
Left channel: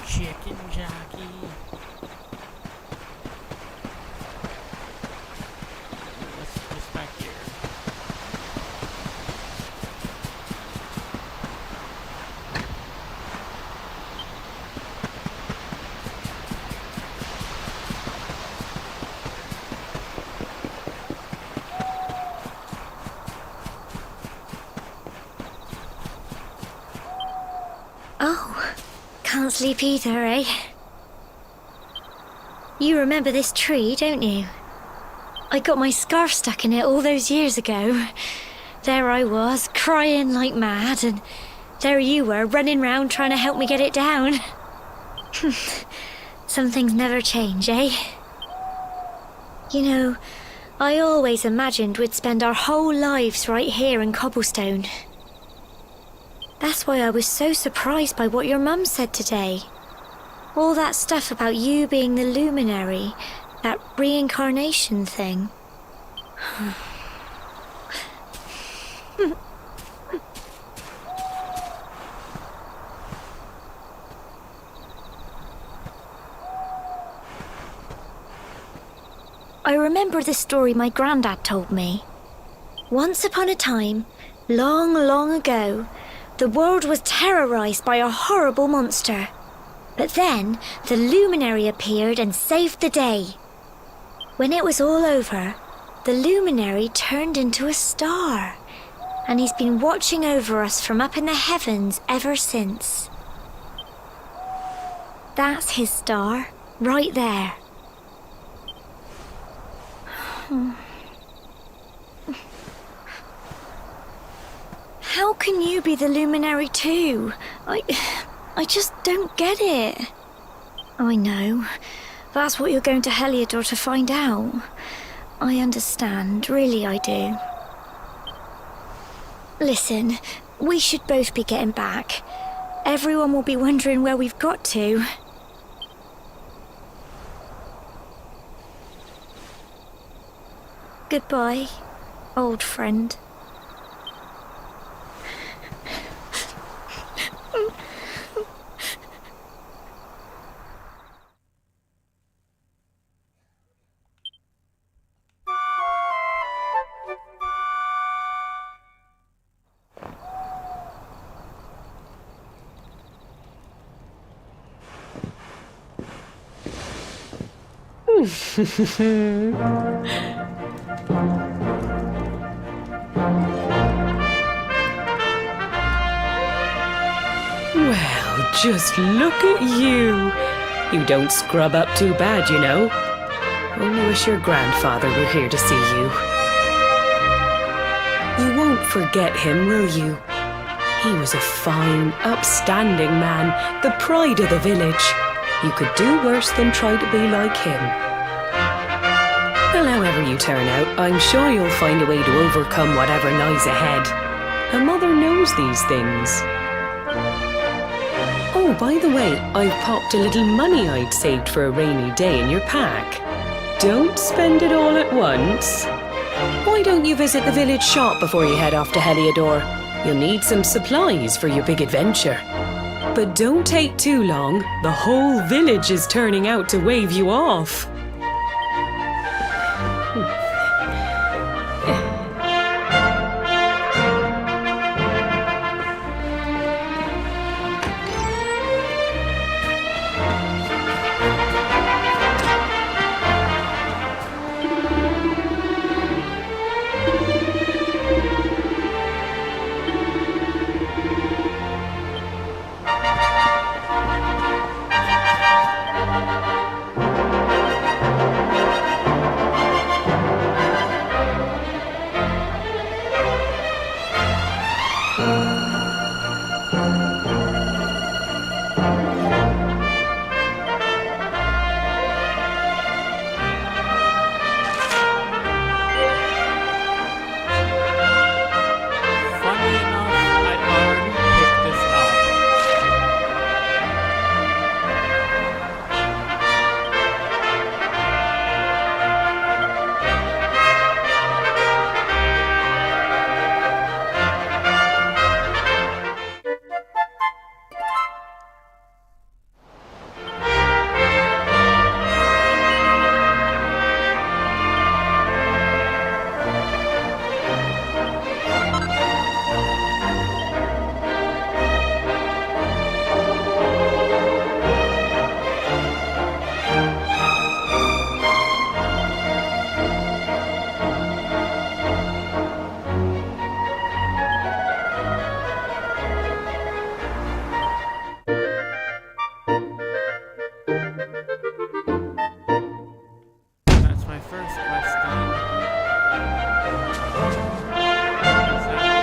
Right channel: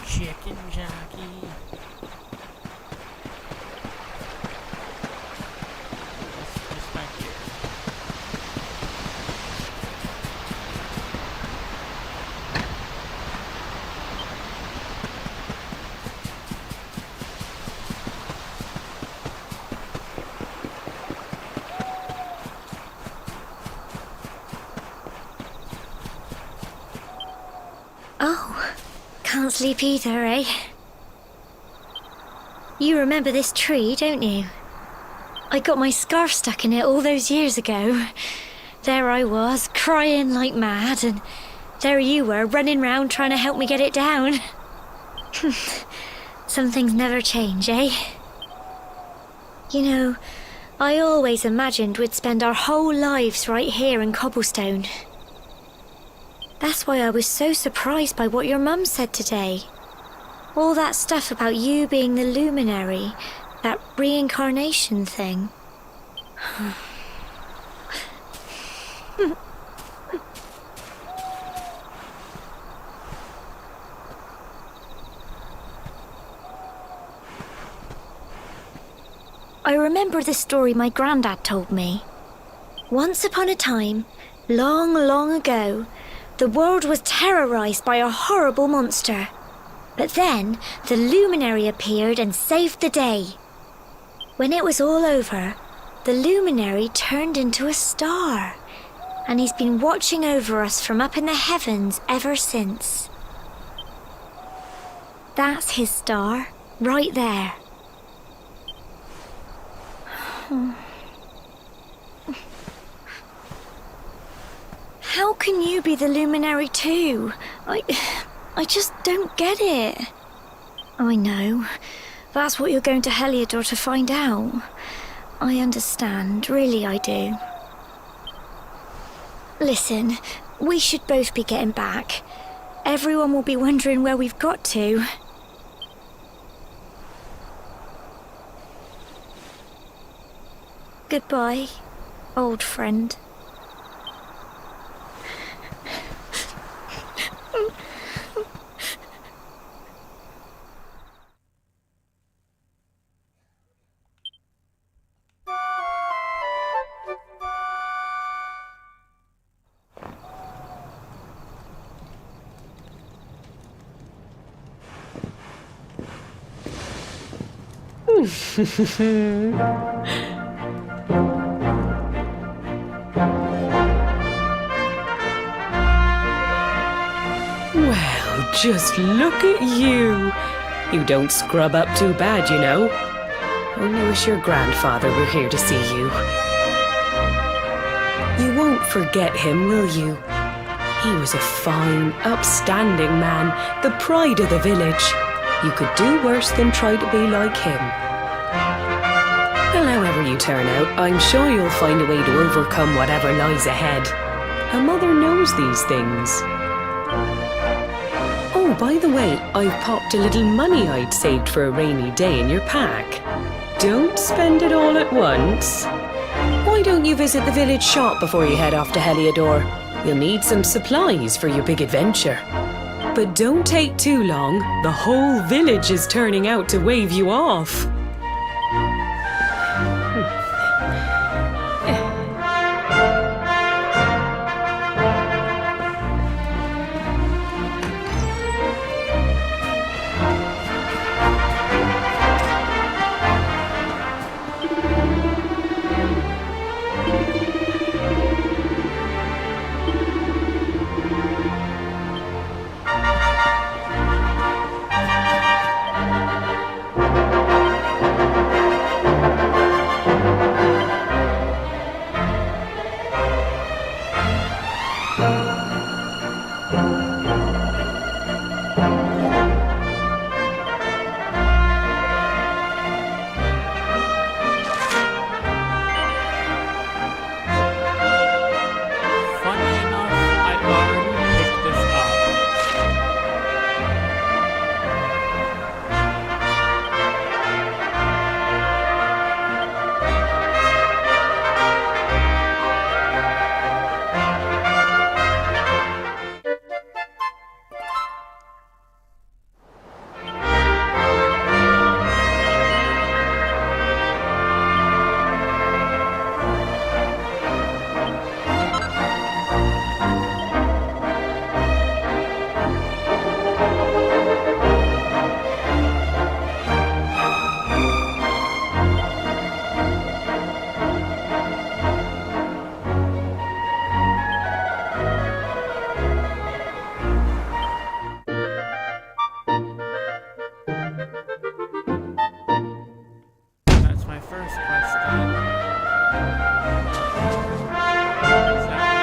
Chicken jockey. What's back here? Oh, can't sleep either, eh? You remember this tree, don't you? I got my scarf stuck in it all those years ago. There I was, crying like mad, and there you were, running round trying to help me get it down. Some things never change, eh? You know, I always imagined we'd spend our whole lives right here in Cobblestone. That's why I was so surprised by what your mum said today. All that stuff about you being the luminary, that reincarnation thing. I remember the story my granddad told me. Once upon a time, long, long ago, the world was terrorized by a horrible monster. But then, the luminary appeared and saved the day. When it was all over, the luminary turned into a star. And he's been watching over us from up in the heavens ever since. That's his star, right there. How can you be the luminary too? I just don't get it. I know. That's what you're going to Heliodor to find out. I understand, really I do. Listen, we should both be getting back. Everyone will be wondering where we've got to. Goodbye, old friend. Well, just look at you. You don't scrub up too bad, you know. Only wish your grandfather were here to see you. You won't forget him, will you? He was a fine, upstanding man, the pride of the village. You could do worse than try to be like him. Well, however you turn out, I'm sure you'll find a way to overcome whatever lies ahead. A mother knows these things. Oh, by the way, I've popped a little money I'd saved for a rainy day in your pack. Don't spend it all at once. Why don't you visit the village shop before you head off to Heliodor? You'll need some supplies for your big adventure. But don't take too long. The whole village is turning out to wave you off. my first quest done. Is that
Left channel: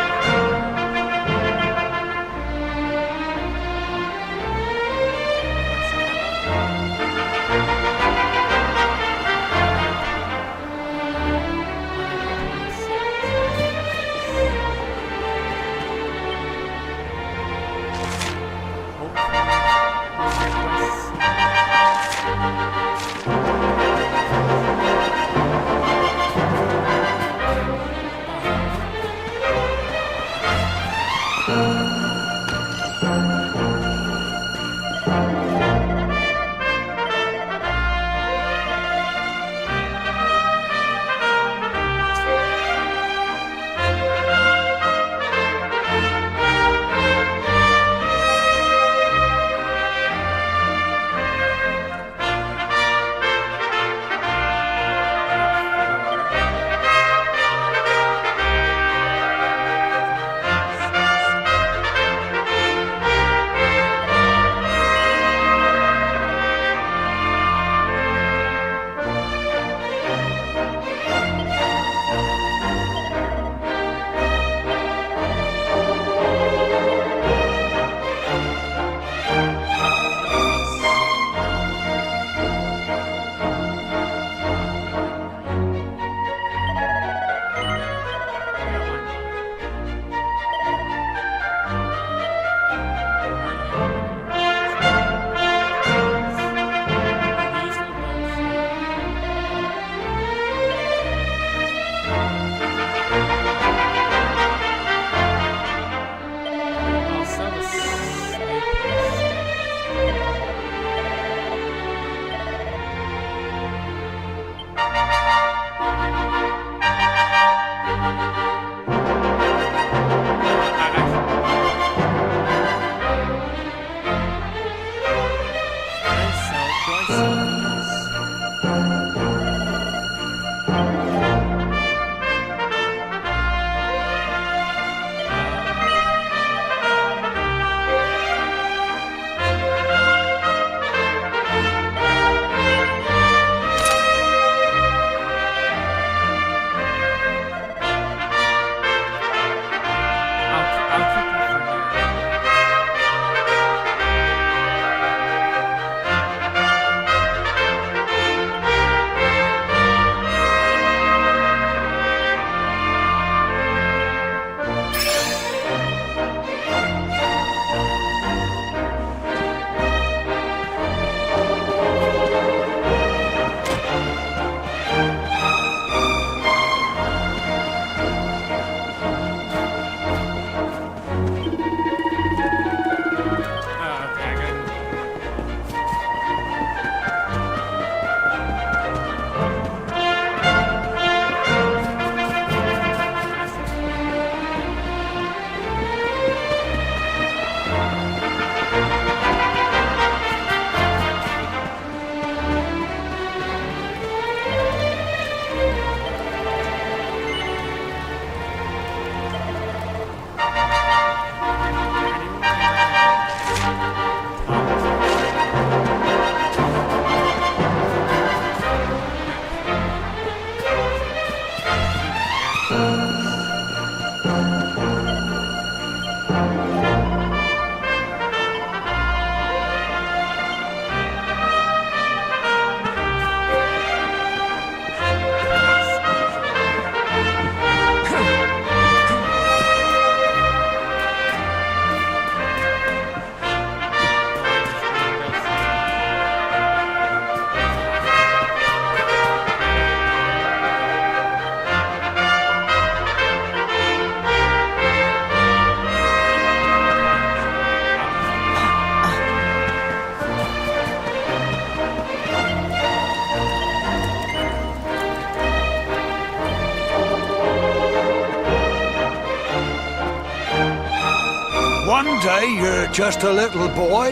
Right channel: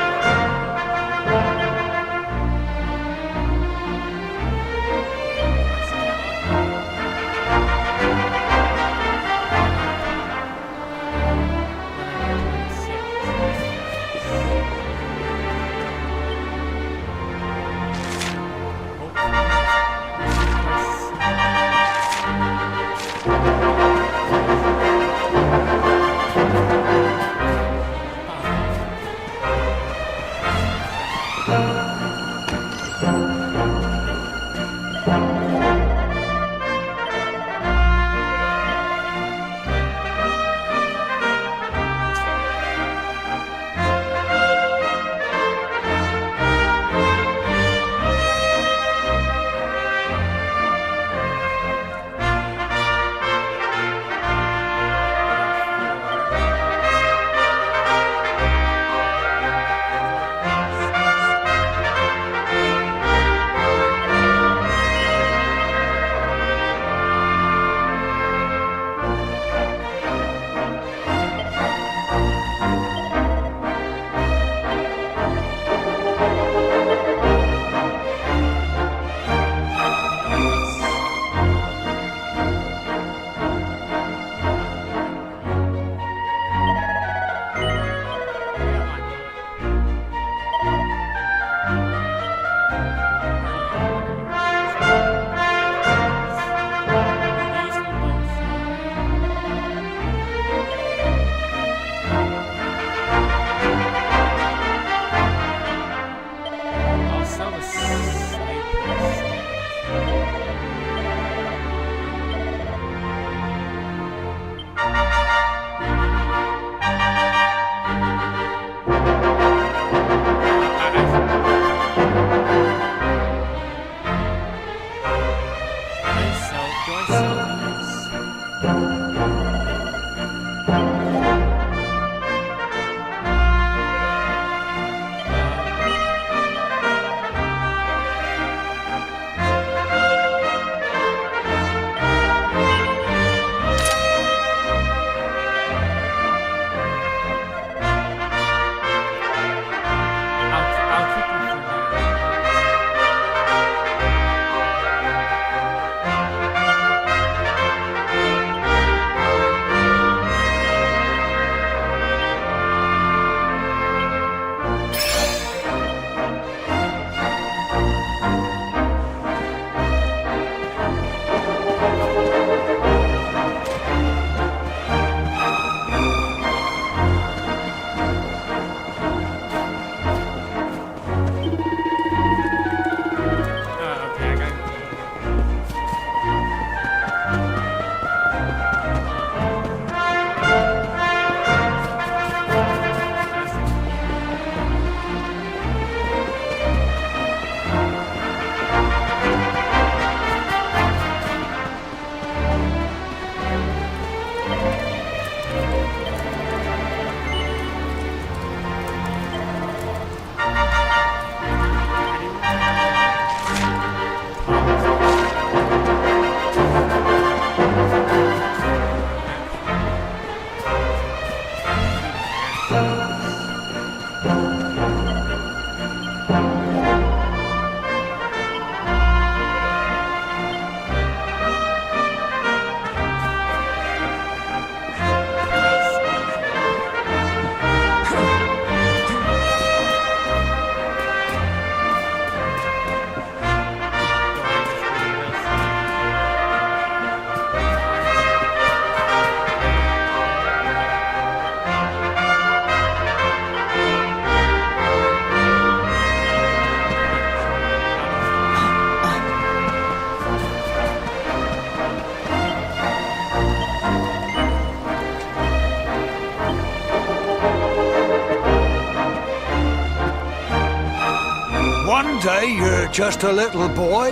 One day you're just a little boy,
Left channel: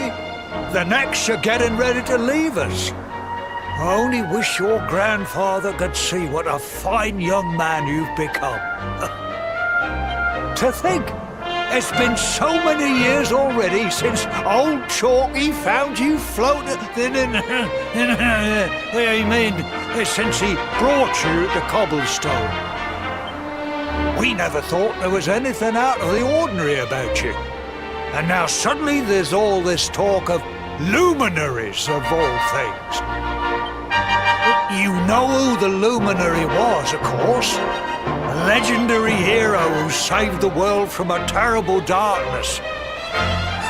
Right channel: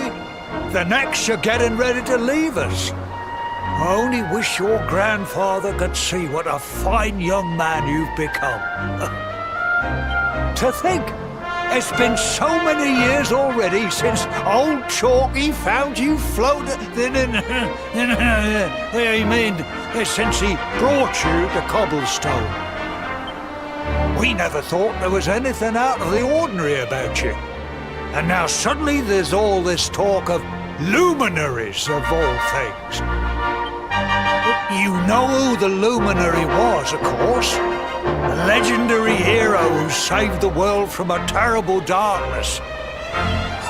the next you're getting ready to leave us. I only wish your grandfather could see what a fine young man you've become. To think, It's been so many years already since old Chalky found you floating. I mean, since he brought you to Cobblestone. We never thought there was anything out of the ordinary about you. And now suddenly there's all this talk of luminaries of all things. You know who the luminary was, of course. A legendary hero who saved the world from a terrible darkness.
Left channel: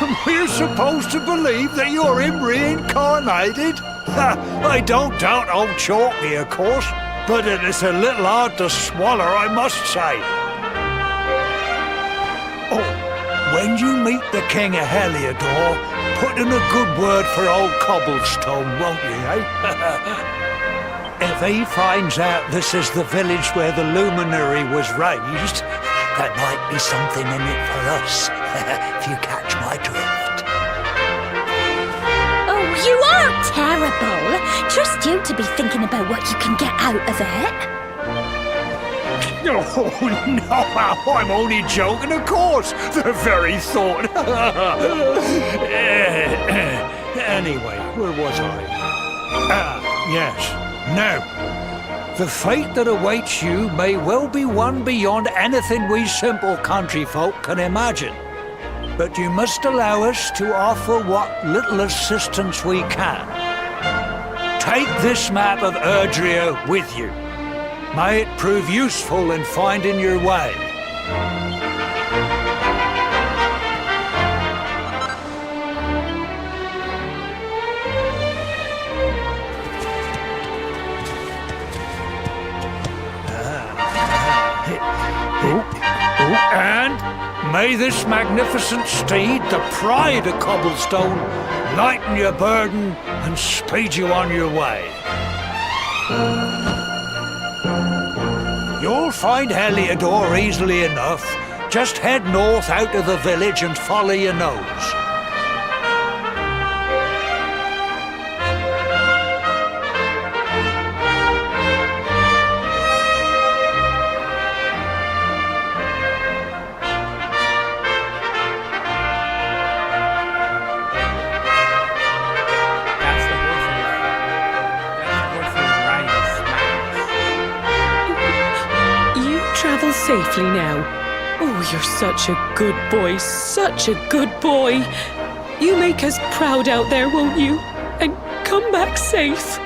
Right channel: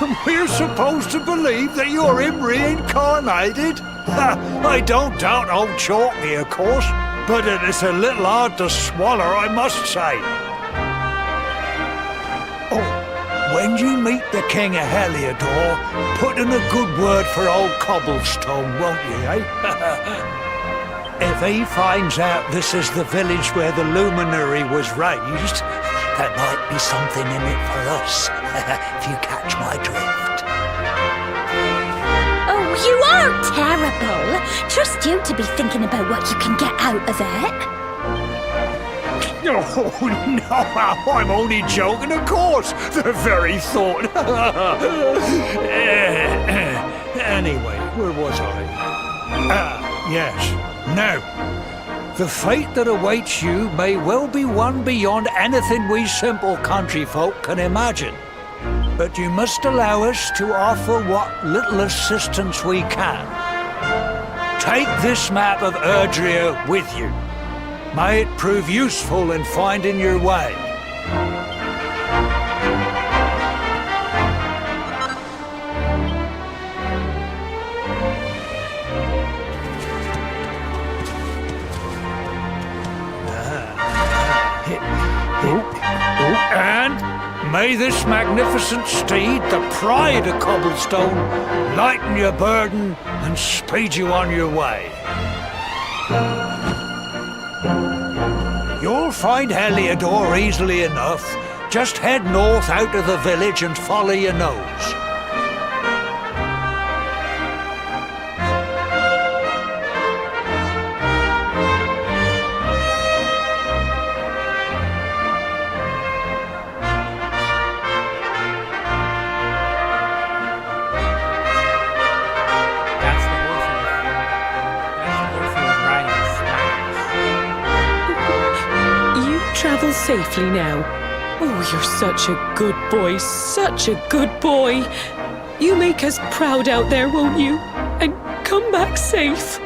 And we're supposed to believe that you're him reincarnated? I don't doubt old Chalky, of course, but it is a little hard to swallow, I must say. Oh, when you meet the King of Heliodor, put in a good word for old Cobblestone, won't you, eh? If he finds out this is the village where the luminary was raised, there might be something in it for us, if you catch my drift. Oh, you are terrible. Trust you to be thinking about what you can get out of it. Oh, no, I'm only joking, of course. The very thought. Anyway, where was I? Yes. Now, the fate that awaits you may well be one beyond anything we simple country folk can imagine. But you must allow us to offer what little assistance we can. Take this map of Erdrea with you. May it prove useful in finding your way. And may this magnificent steed, the pride of Cobblestone, lighten your burden and speed you on your way. You'll find Heliodor easily enough. Just head north out of the village and follow your nose. Travel safely now. Oh, you're such a good boy, such a good boy. You make us proud out there, won't you? And come back safe.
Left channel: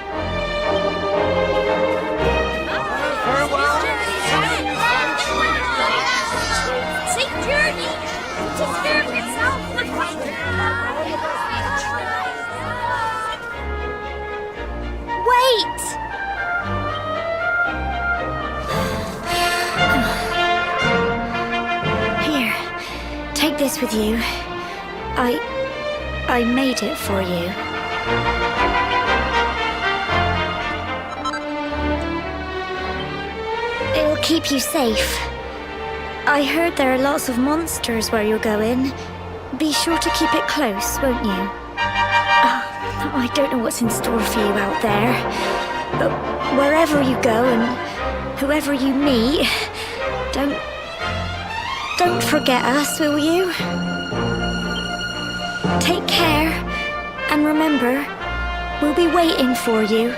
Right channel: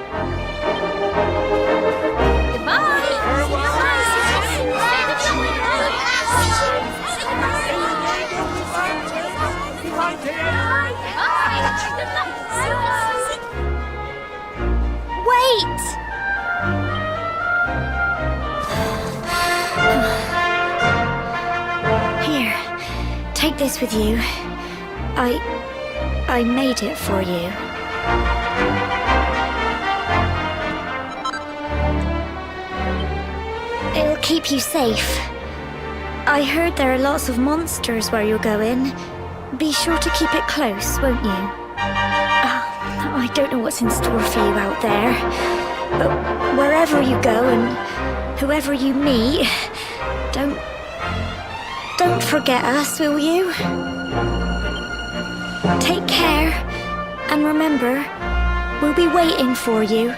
Wait! Here, take this with you. I made it for you. It'll keep you safe. I heard there are lots of monsters where you're going. Be sure to keep it close, won't you? I don't know what's in store for you out there, but wherever you go and whoever you meet, don't forget us, will you? Take care, and remember, we'll be waiting for you.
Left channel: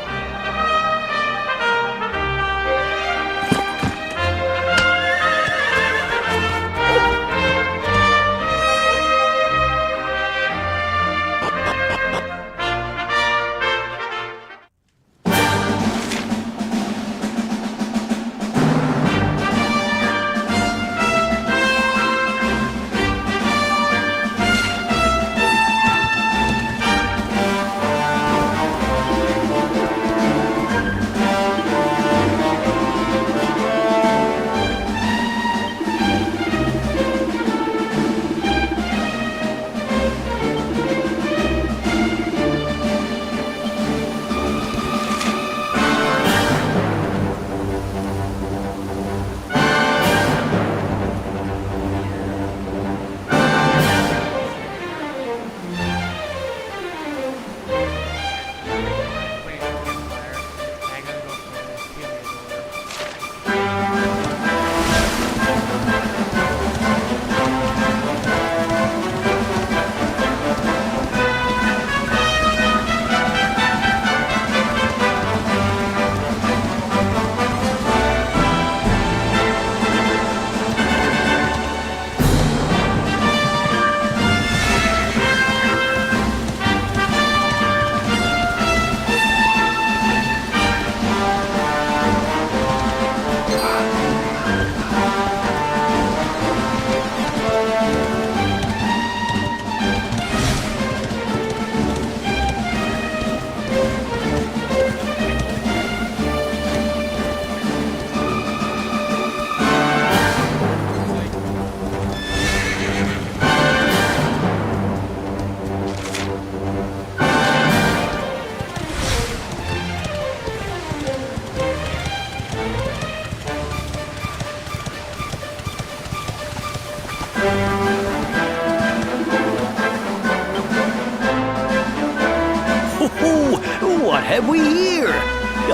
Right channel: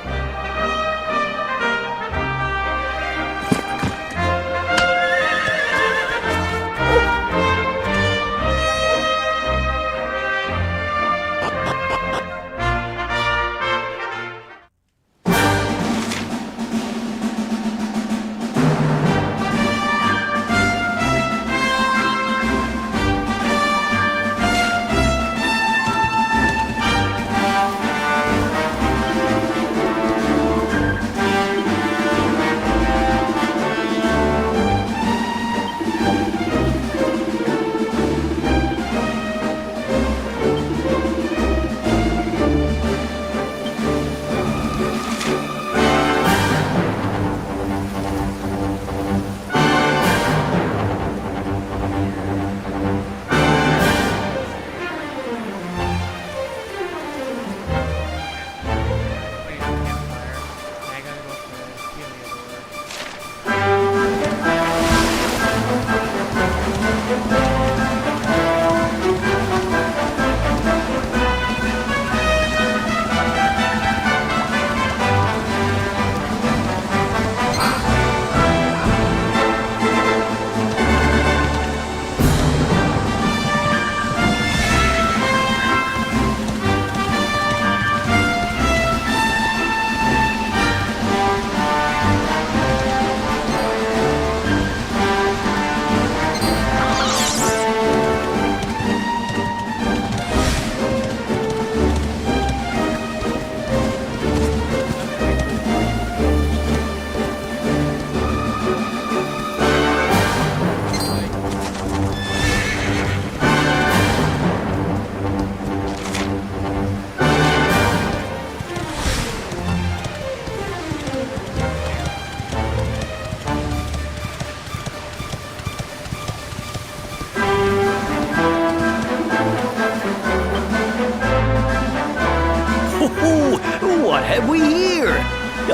Oh, what have we here?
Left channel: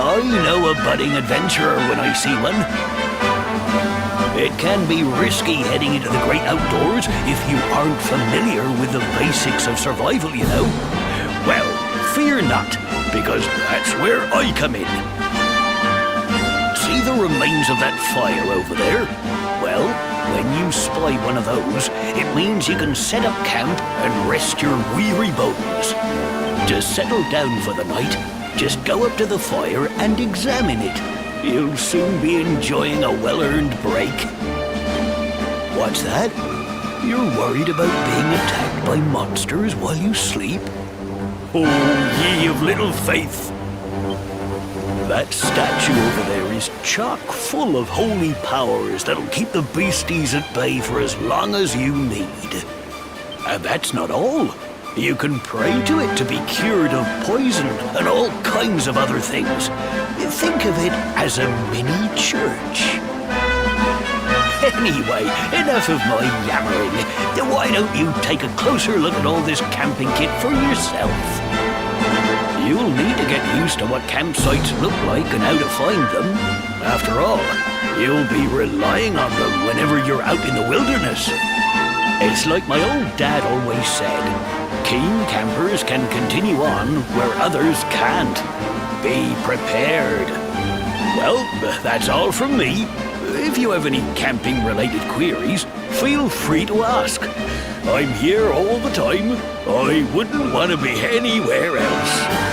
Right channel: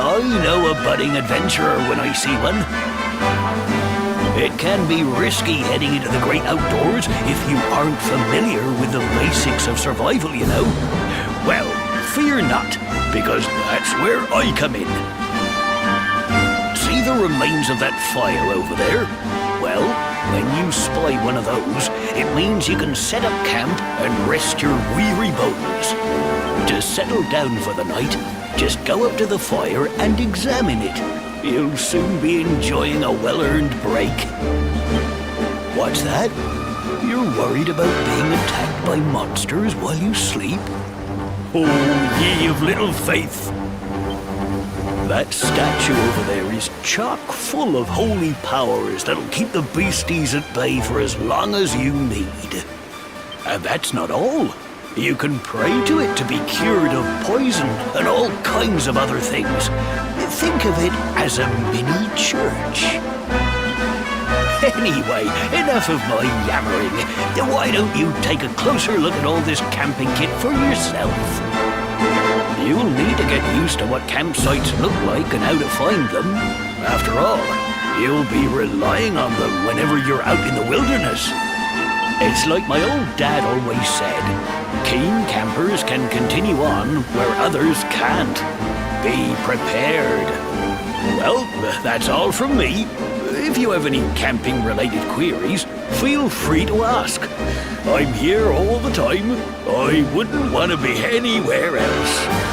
I know a budding adventurer when I see one. It can be risky heading into the great outdoors if you aren't familiar with the basics of survival, you know. Well, fear not, because that's where I come in. See the remains of that fire over there? Well, when you spy one of those, it means you can set up camp and rest your weary bones. To settle down for the night, just go up to the fire and examine it. You'll soon be enjoying a well-earned break. What's that? You're worried about being attacked by monsters while you sleep? Oh, ye of little faith! That statue over there is chock full of holy powers that'll keep the beasties at bay for as long as you need. And that's not all. You can pray to it to be cured of poison and all kinds of other things. Think of it as a mini church. Anyway, enough of my yammering. Why don't you take a closer look at all this camping kit for yourself? You'll need to get used to what campsites look like and how to find them. After all, you'll be relying on them whenever you're out in the wilderness. It's like my old dad always said, keen campers can continue on where others can't. Be prepared. Well, that's all from me. If you have any camping-related queries, feel free to ask. I'm here all the time. I wouldn't want to be anywhere else.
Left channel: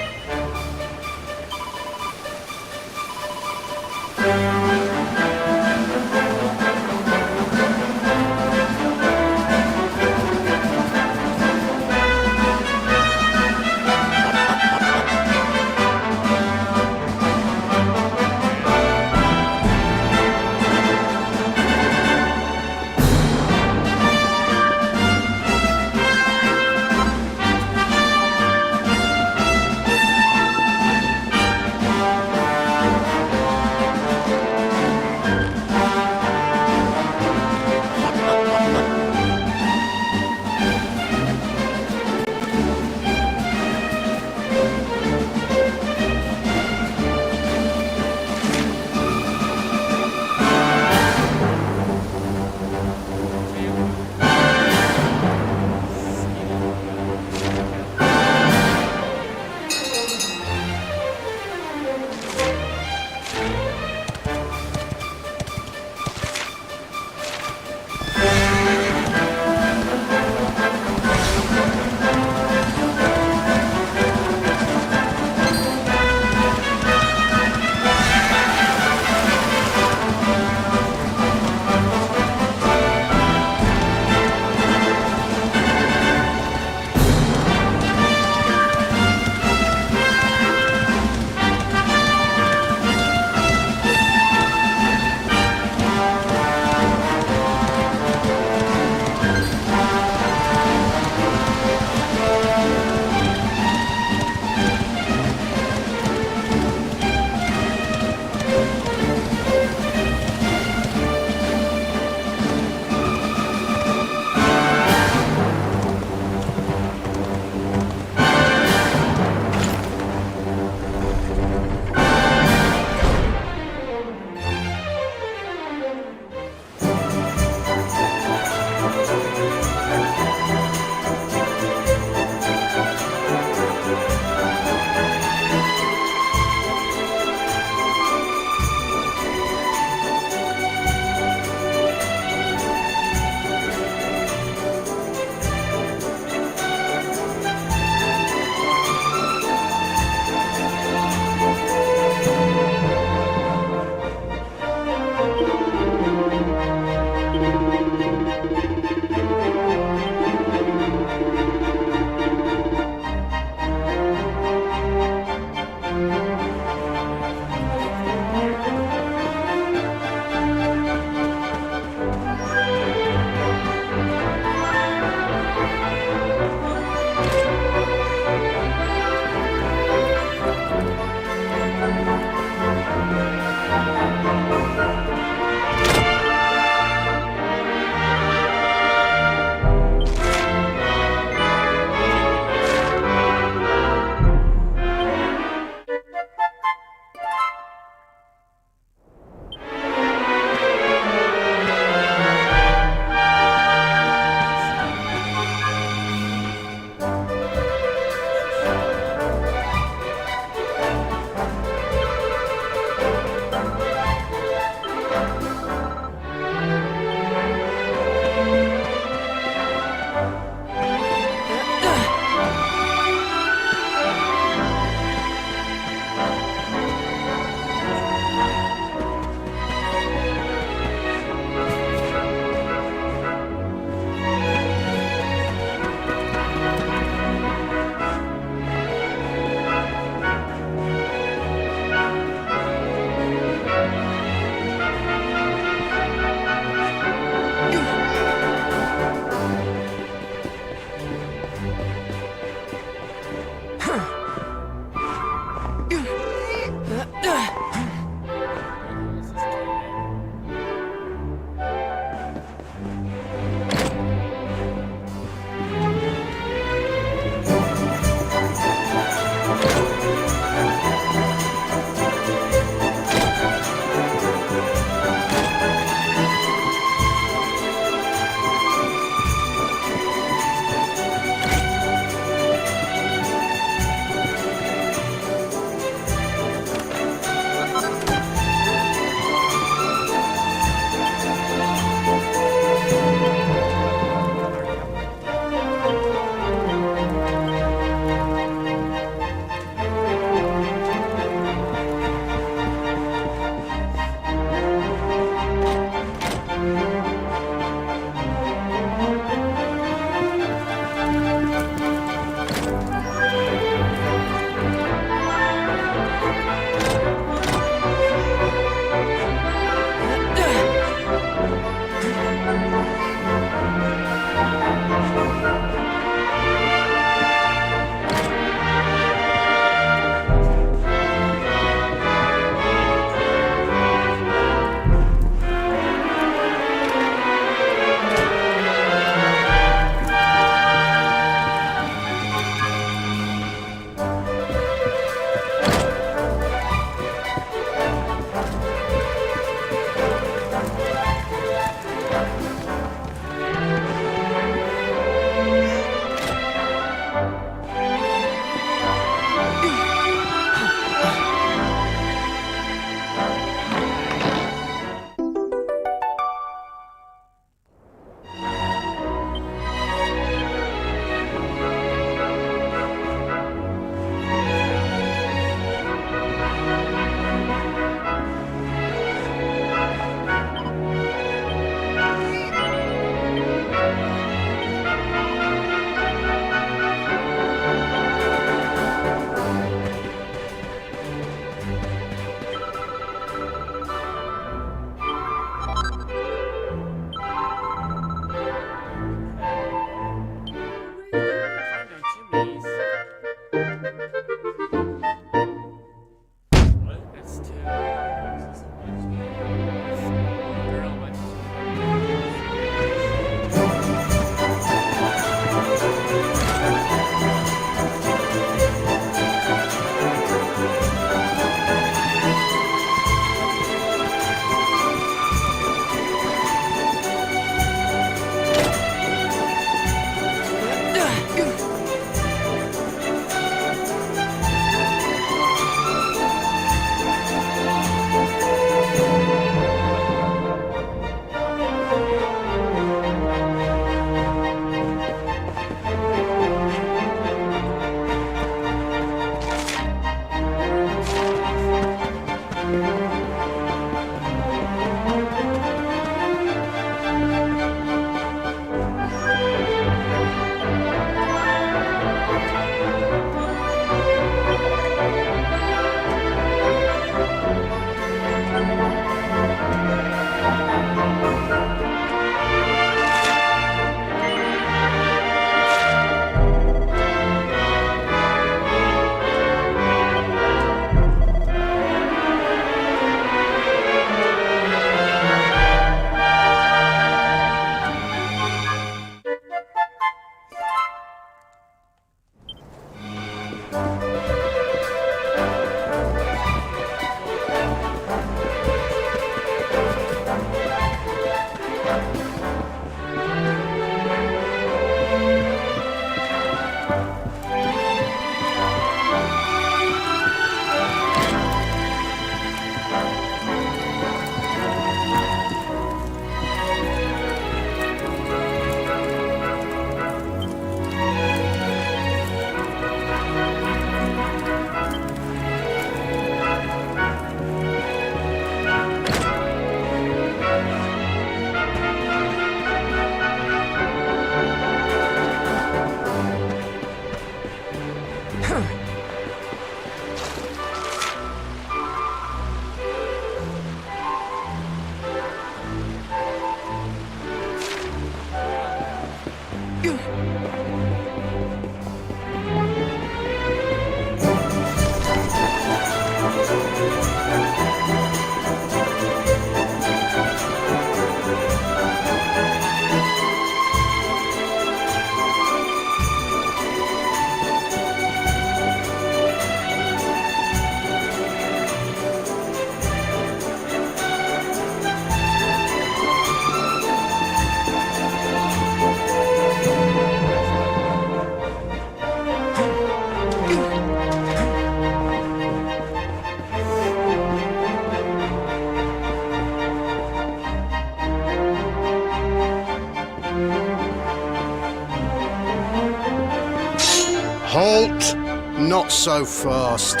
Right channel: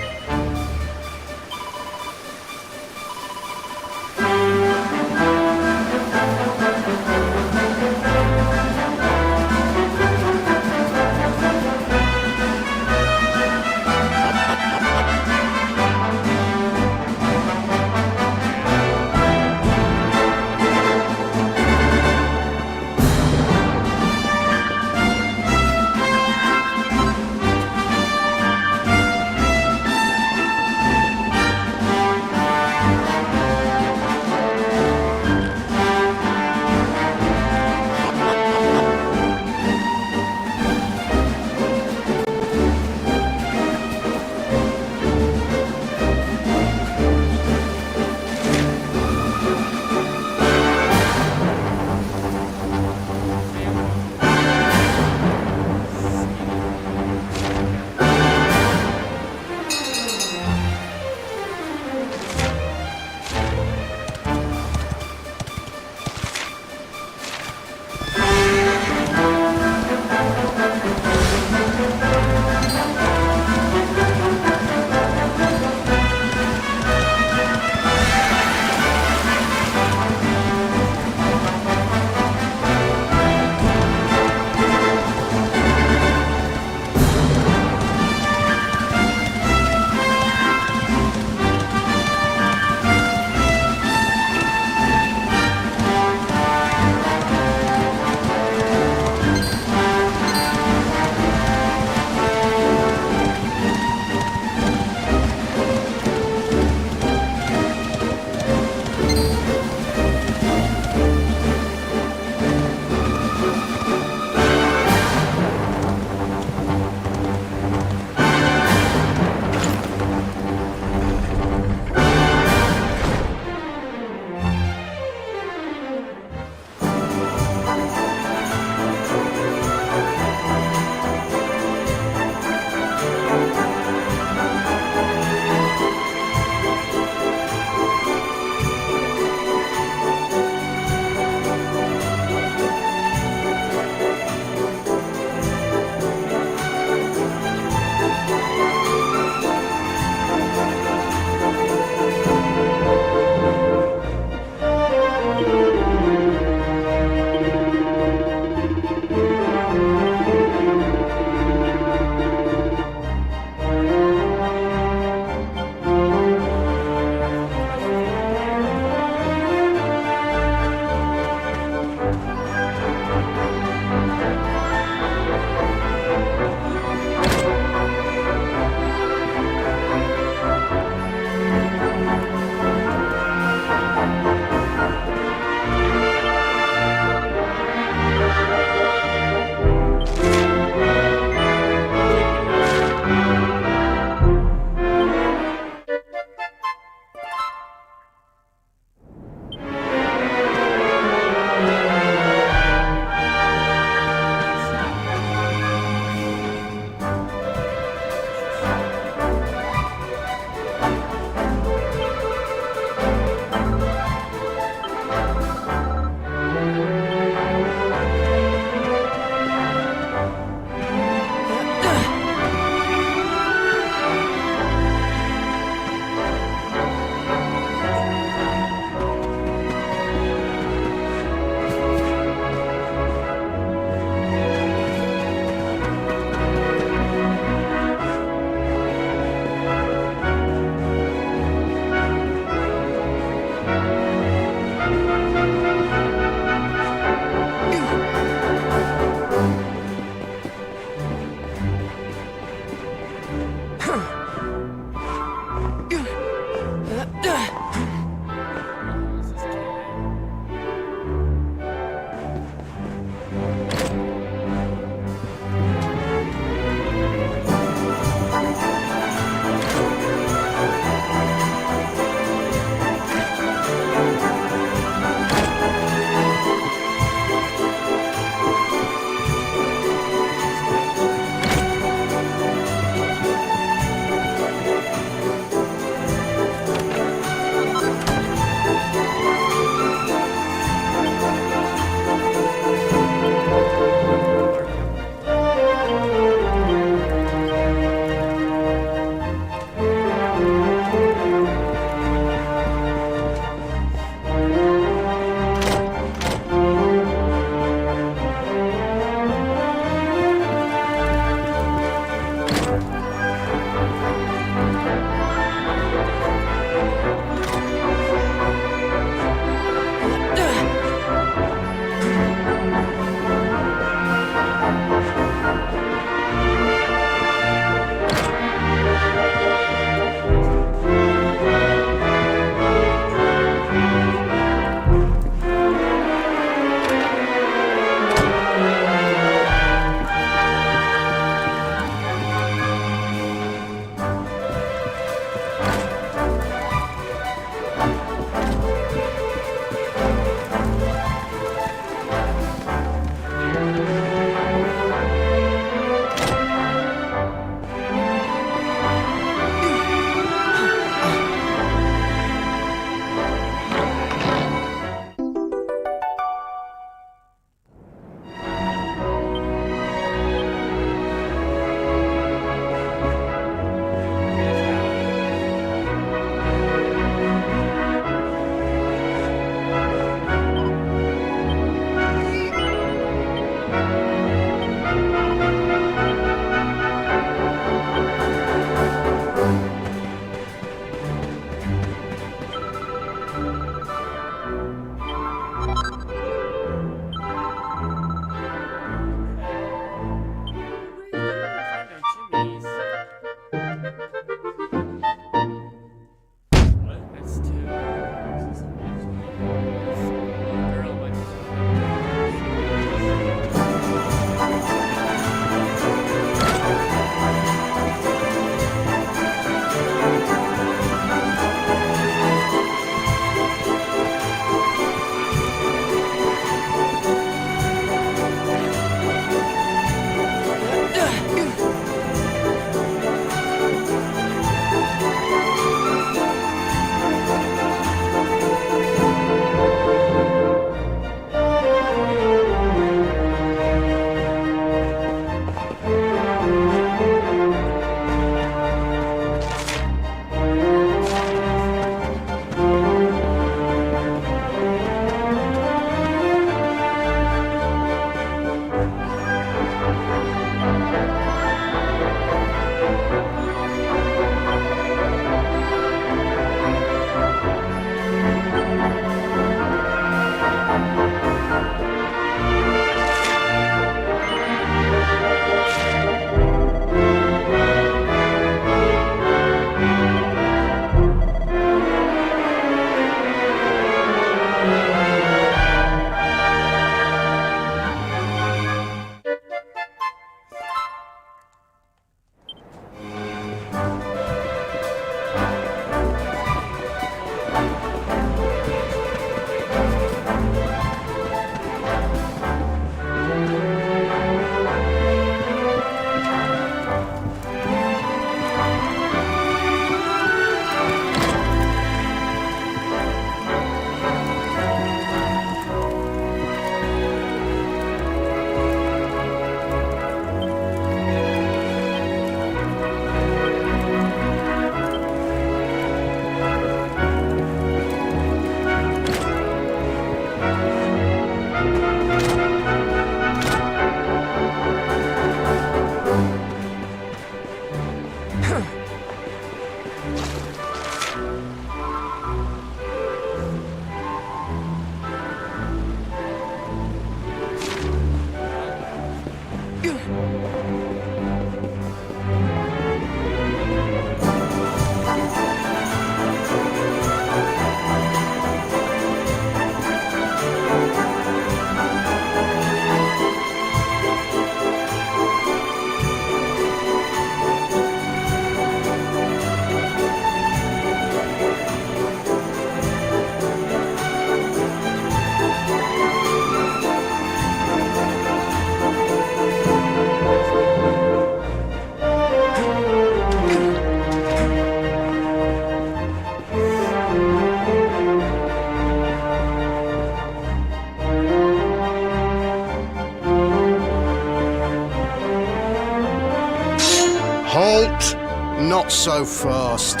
Halt! Not so fast.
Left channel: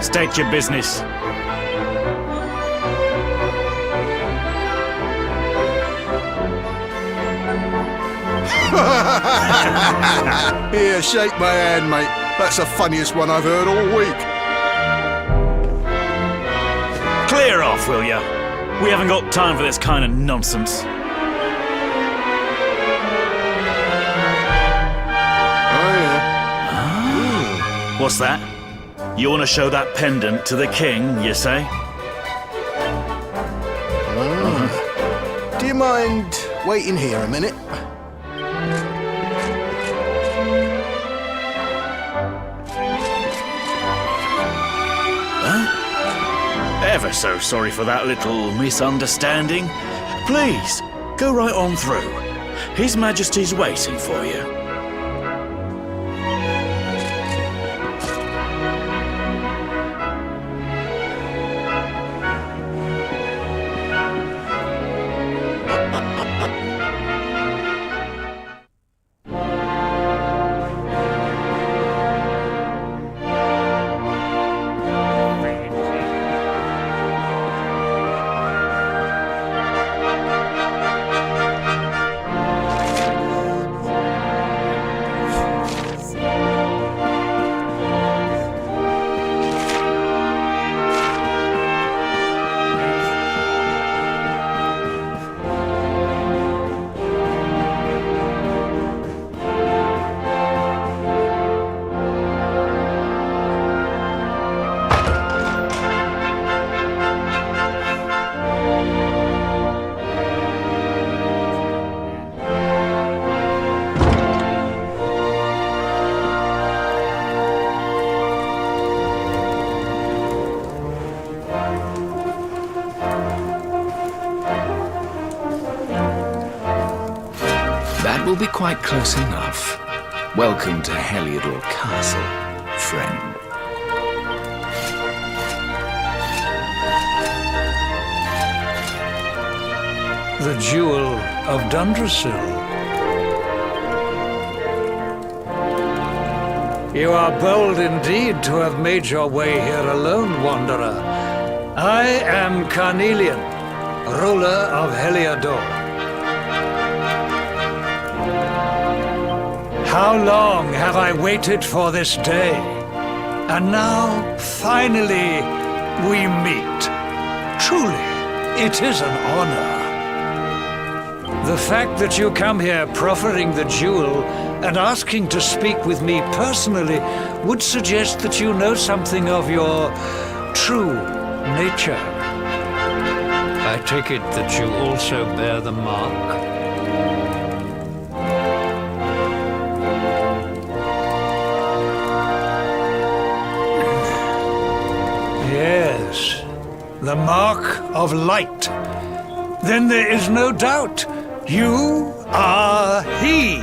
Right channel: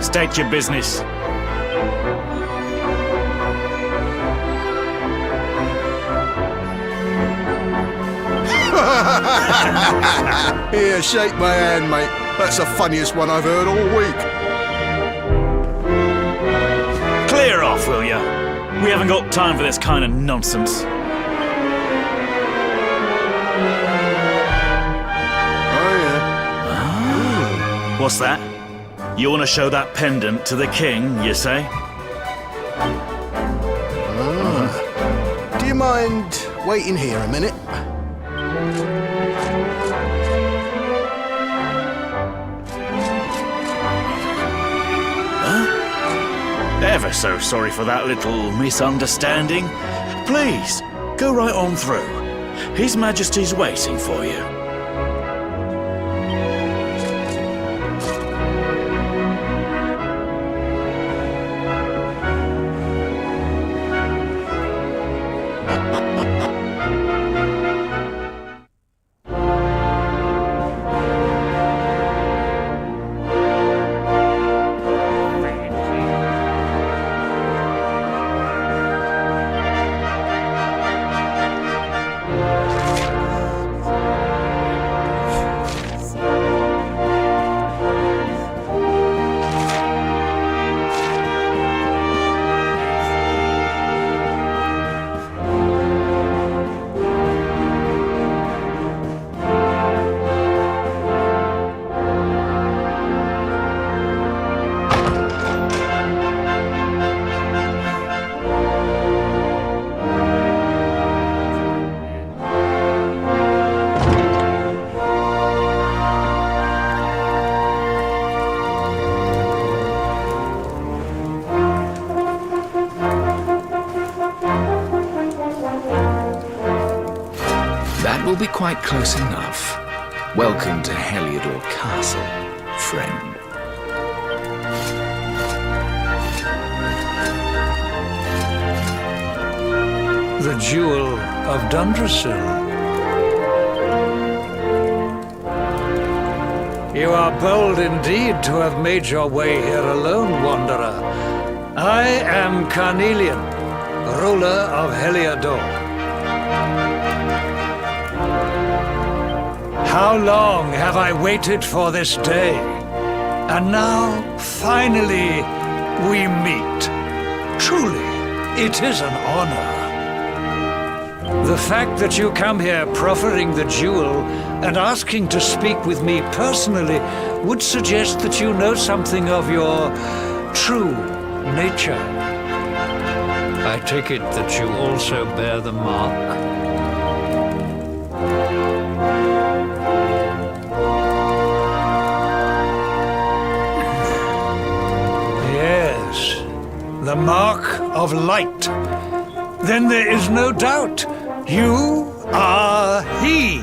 State your business. Here, shake my hand, mate. That's the funniest one I've heard all week. Clear off, will ya? We haven't got time for this kind of nonsense. Oh, yeah. What's that? You want to show that pendant to the king, you say? Do you mind waiting here a minute? Ever so sorry for that little misunderstanding. Please, go right on through. His Majesty's waiting for you. That will be quite close enough. Welcome to Heliodor Castle, friend. The Jewel of Dundrasil. You are bold indeed to have made your way here alone, Wanderer. I am Carnelian, ruler of Heliodor. How long have I waited for this day? And now, finally, we meet. Truly, it is an honor. The fact that you come here proffering the jewel and asking to speak with me personally would suggest that you know something of your true nature. I take it that you also bear the mark? Yes, the mark of light. Then there is no doubt. You are he.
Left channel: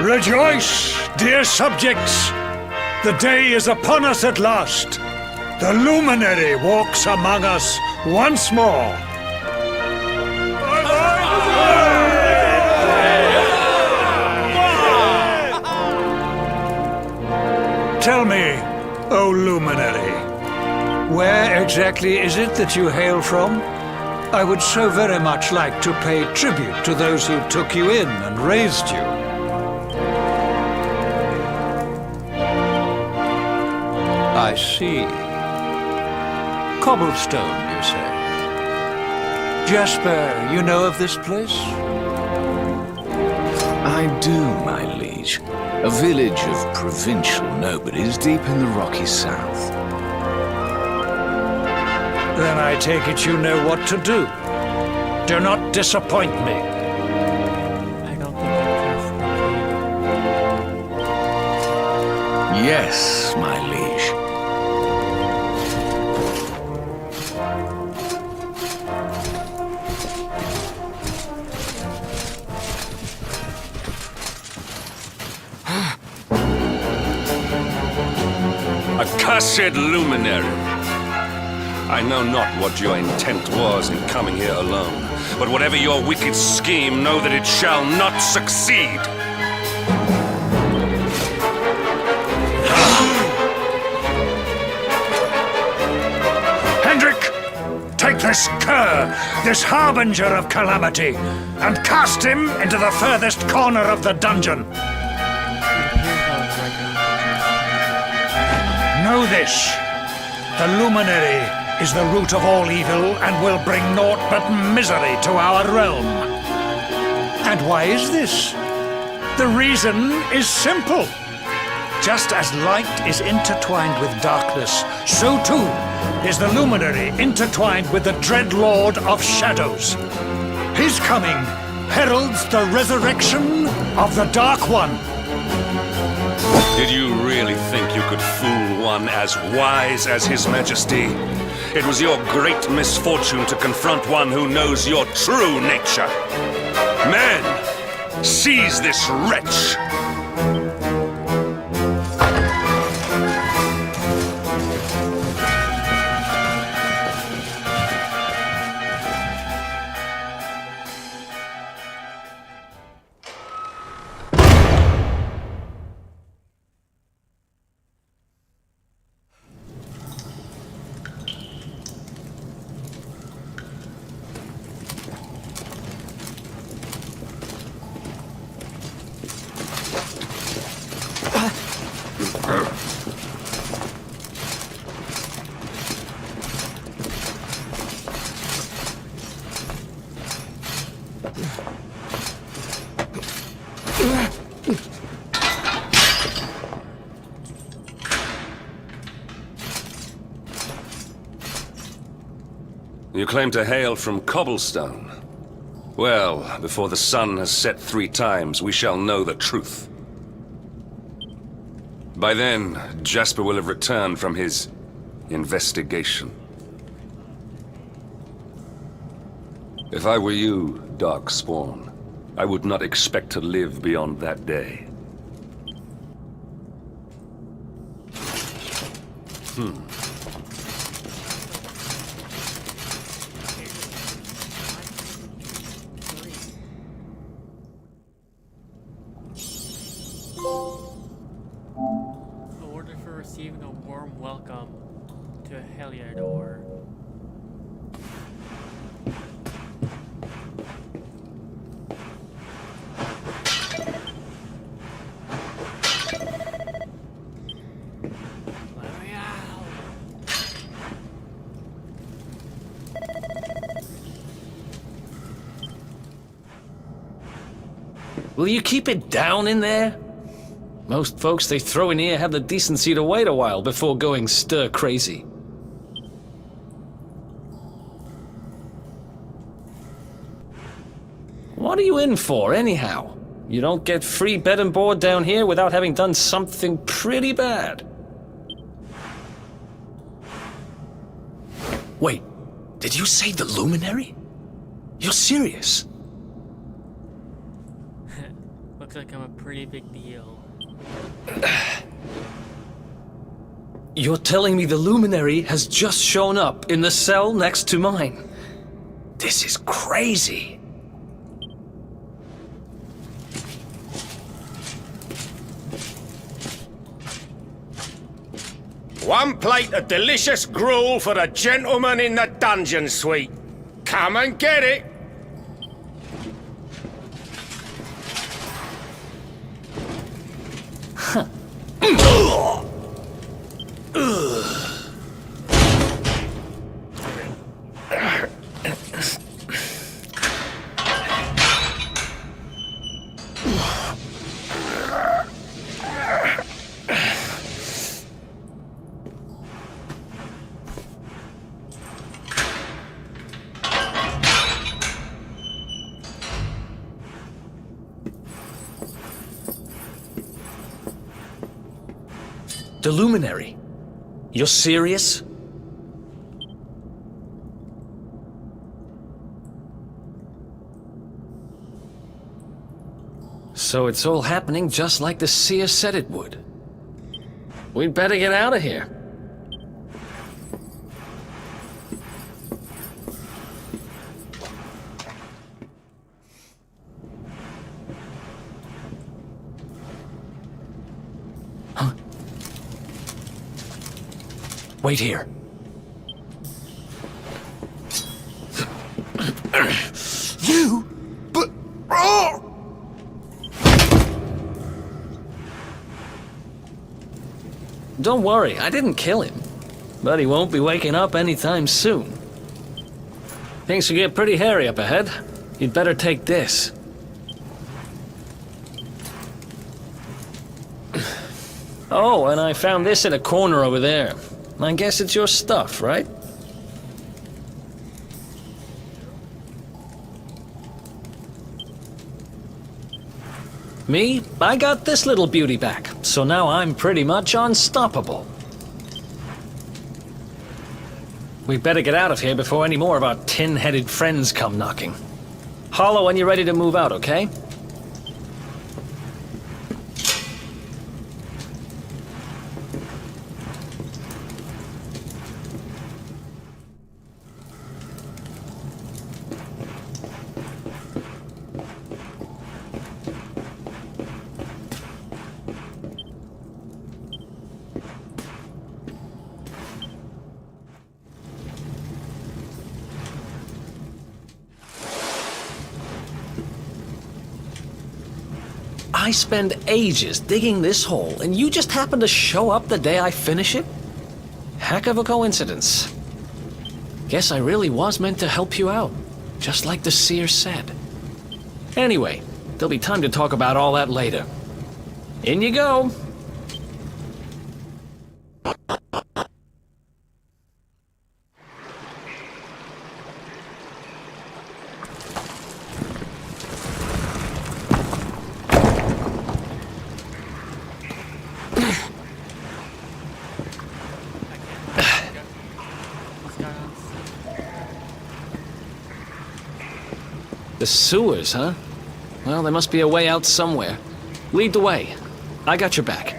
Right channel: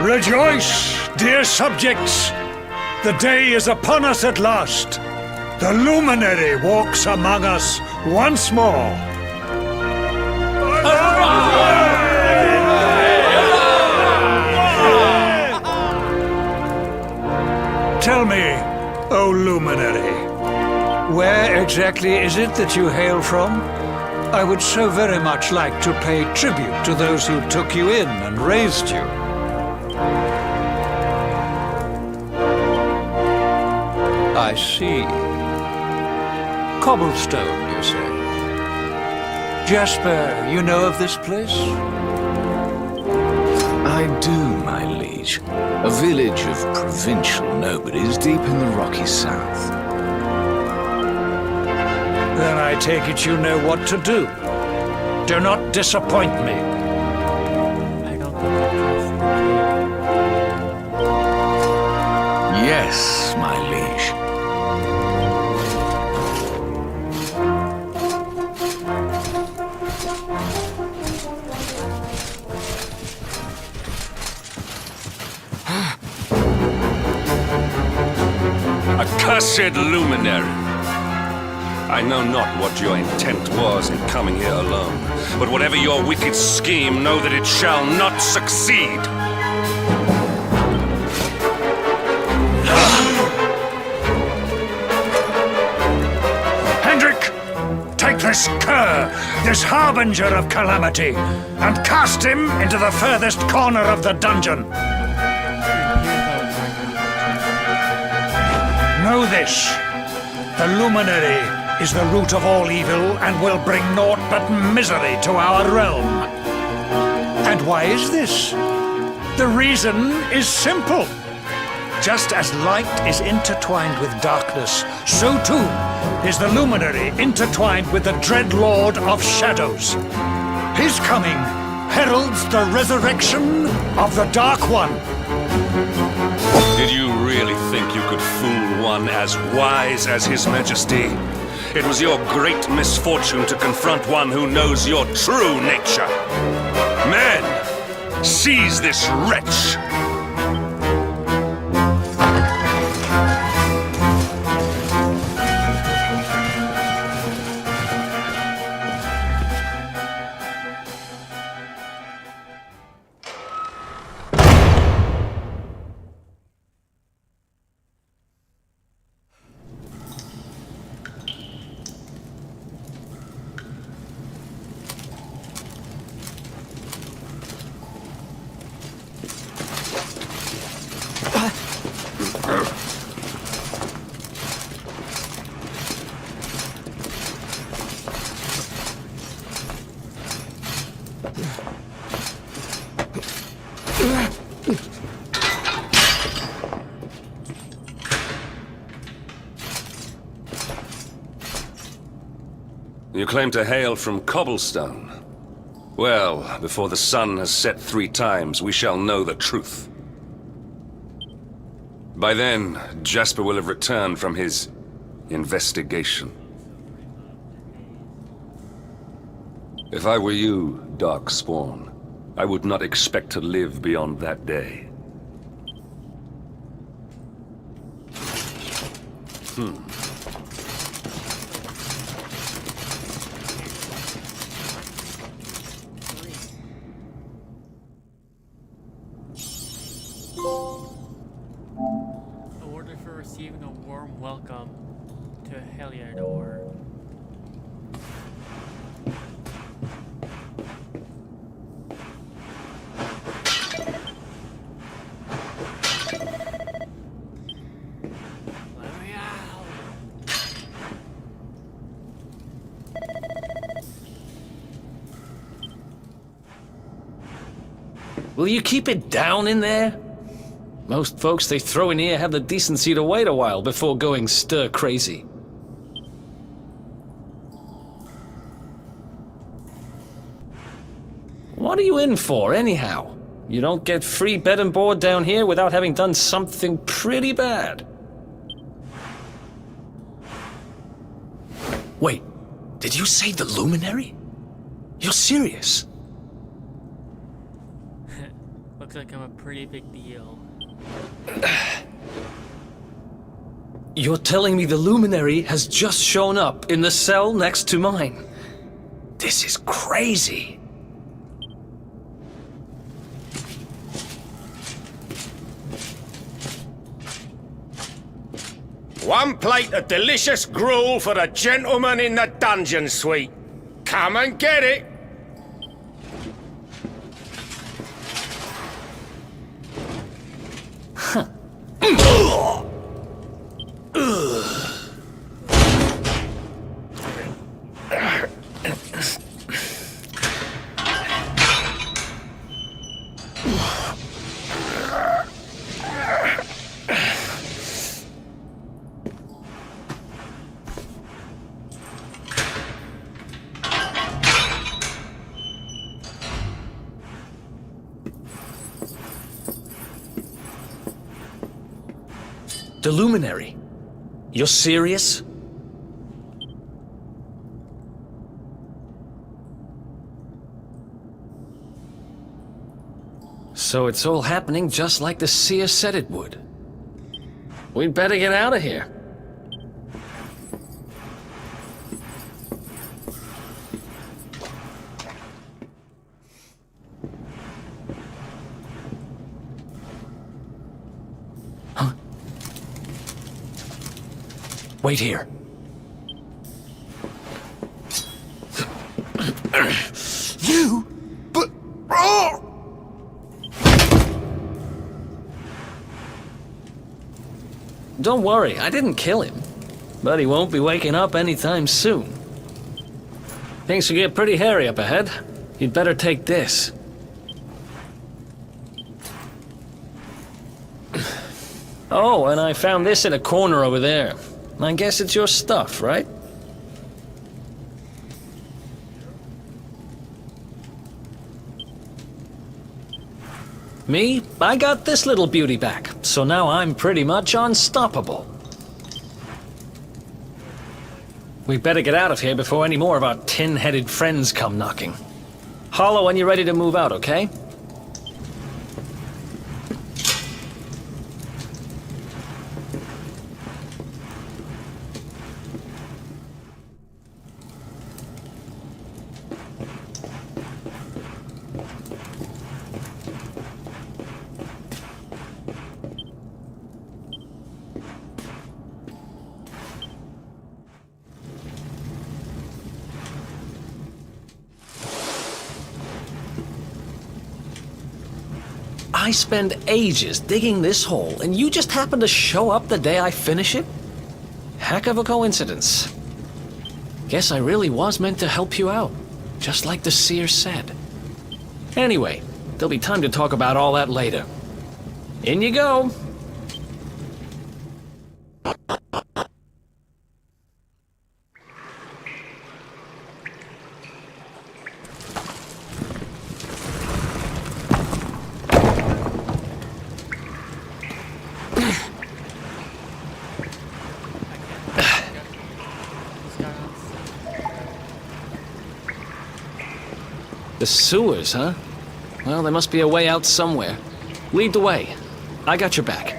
Rejoice, dear subjects! The day is upon us at last. The luminary walks among us once more. Tell me, O luminary, where exactly is it that you hail from? I would so very much like to pay tribute to those who took you in and raised you. I see. Cobblestone, you say? Jasper, you know of this place? I do, my liege. A village of provincial nobodies deep in the rocky south. Then I take it you know what to do. Do not disappoint me. I don't think I trust the king. Yes, my liege. Accursed luminary! I know not what your intent was in coming here alone, but whatever your wicked scheme, know that it shall not succeed! Hendrik! Take this cur, this harbinger of calamity, and cast him into the furthest corner of the dungeon. Know this. The luminary is the root of all evil and will bring naught but misery to our realm. And why is this? The reason is simple. Just as light is intertwined with darkness, so too is the luminary intertwined with the dread Lord of Shadows. His coming heralds the resurrection of the Dark One. Did you really think you could fool one as wise as His Majesty? It was your great misfortune to confront one who knows your true nature. Men, seize this wretch! You claim to hail from Cobblestone. Well, before the sun has set 3 times, we shall know the truth. By then, Jasper will have returned from his investigation. If I were you, Darkspawn, I would not expect to live beyond that day. Awarded for receiving a warm welcome to Heliodor. Will you keep it down in there? Most folks they throw in here have the decency to wait a while before going stir crazy. What are you in for, anyhow? You don't get free bed and board down here without having done something pretty bad. Wait, did you say the Luminary? You're serious? Looks like I'm a pretty big deal. You're telling me the Luminary has just shown up in the cell next to mine? This is crazy. One plate of delicious gruel for the gentleman in the dungeon suite. Come and get it. The Luminary? You're serious? So it's all happening just like the seer said it would. We'd better get out of here. Huh? Wait here. You? But... Oh! Don't worry, I didn't kill him. But he won't be waking up anytime soon. Things will get pretty hairy up ahead. You'd better take this. Oh, and I found this in a corner over there. I guess it's your stuff, right? Me? I got this little beauty back, so now I'm pretty much unstoppable. We better get out of here before any more of our tin-headed friends come knocking. Holler when you're ready to move out, okay? I spend ages digging this hole, and you just happen to show up the day I finish it? Heck of a coincidence. Guess I really was meant to help you out, just like the seer said. Anyway, there'll be time to talk about all that later. In you go. The sewers, huh? Well, there must be a way out somewhere. Lead the way. I got your back.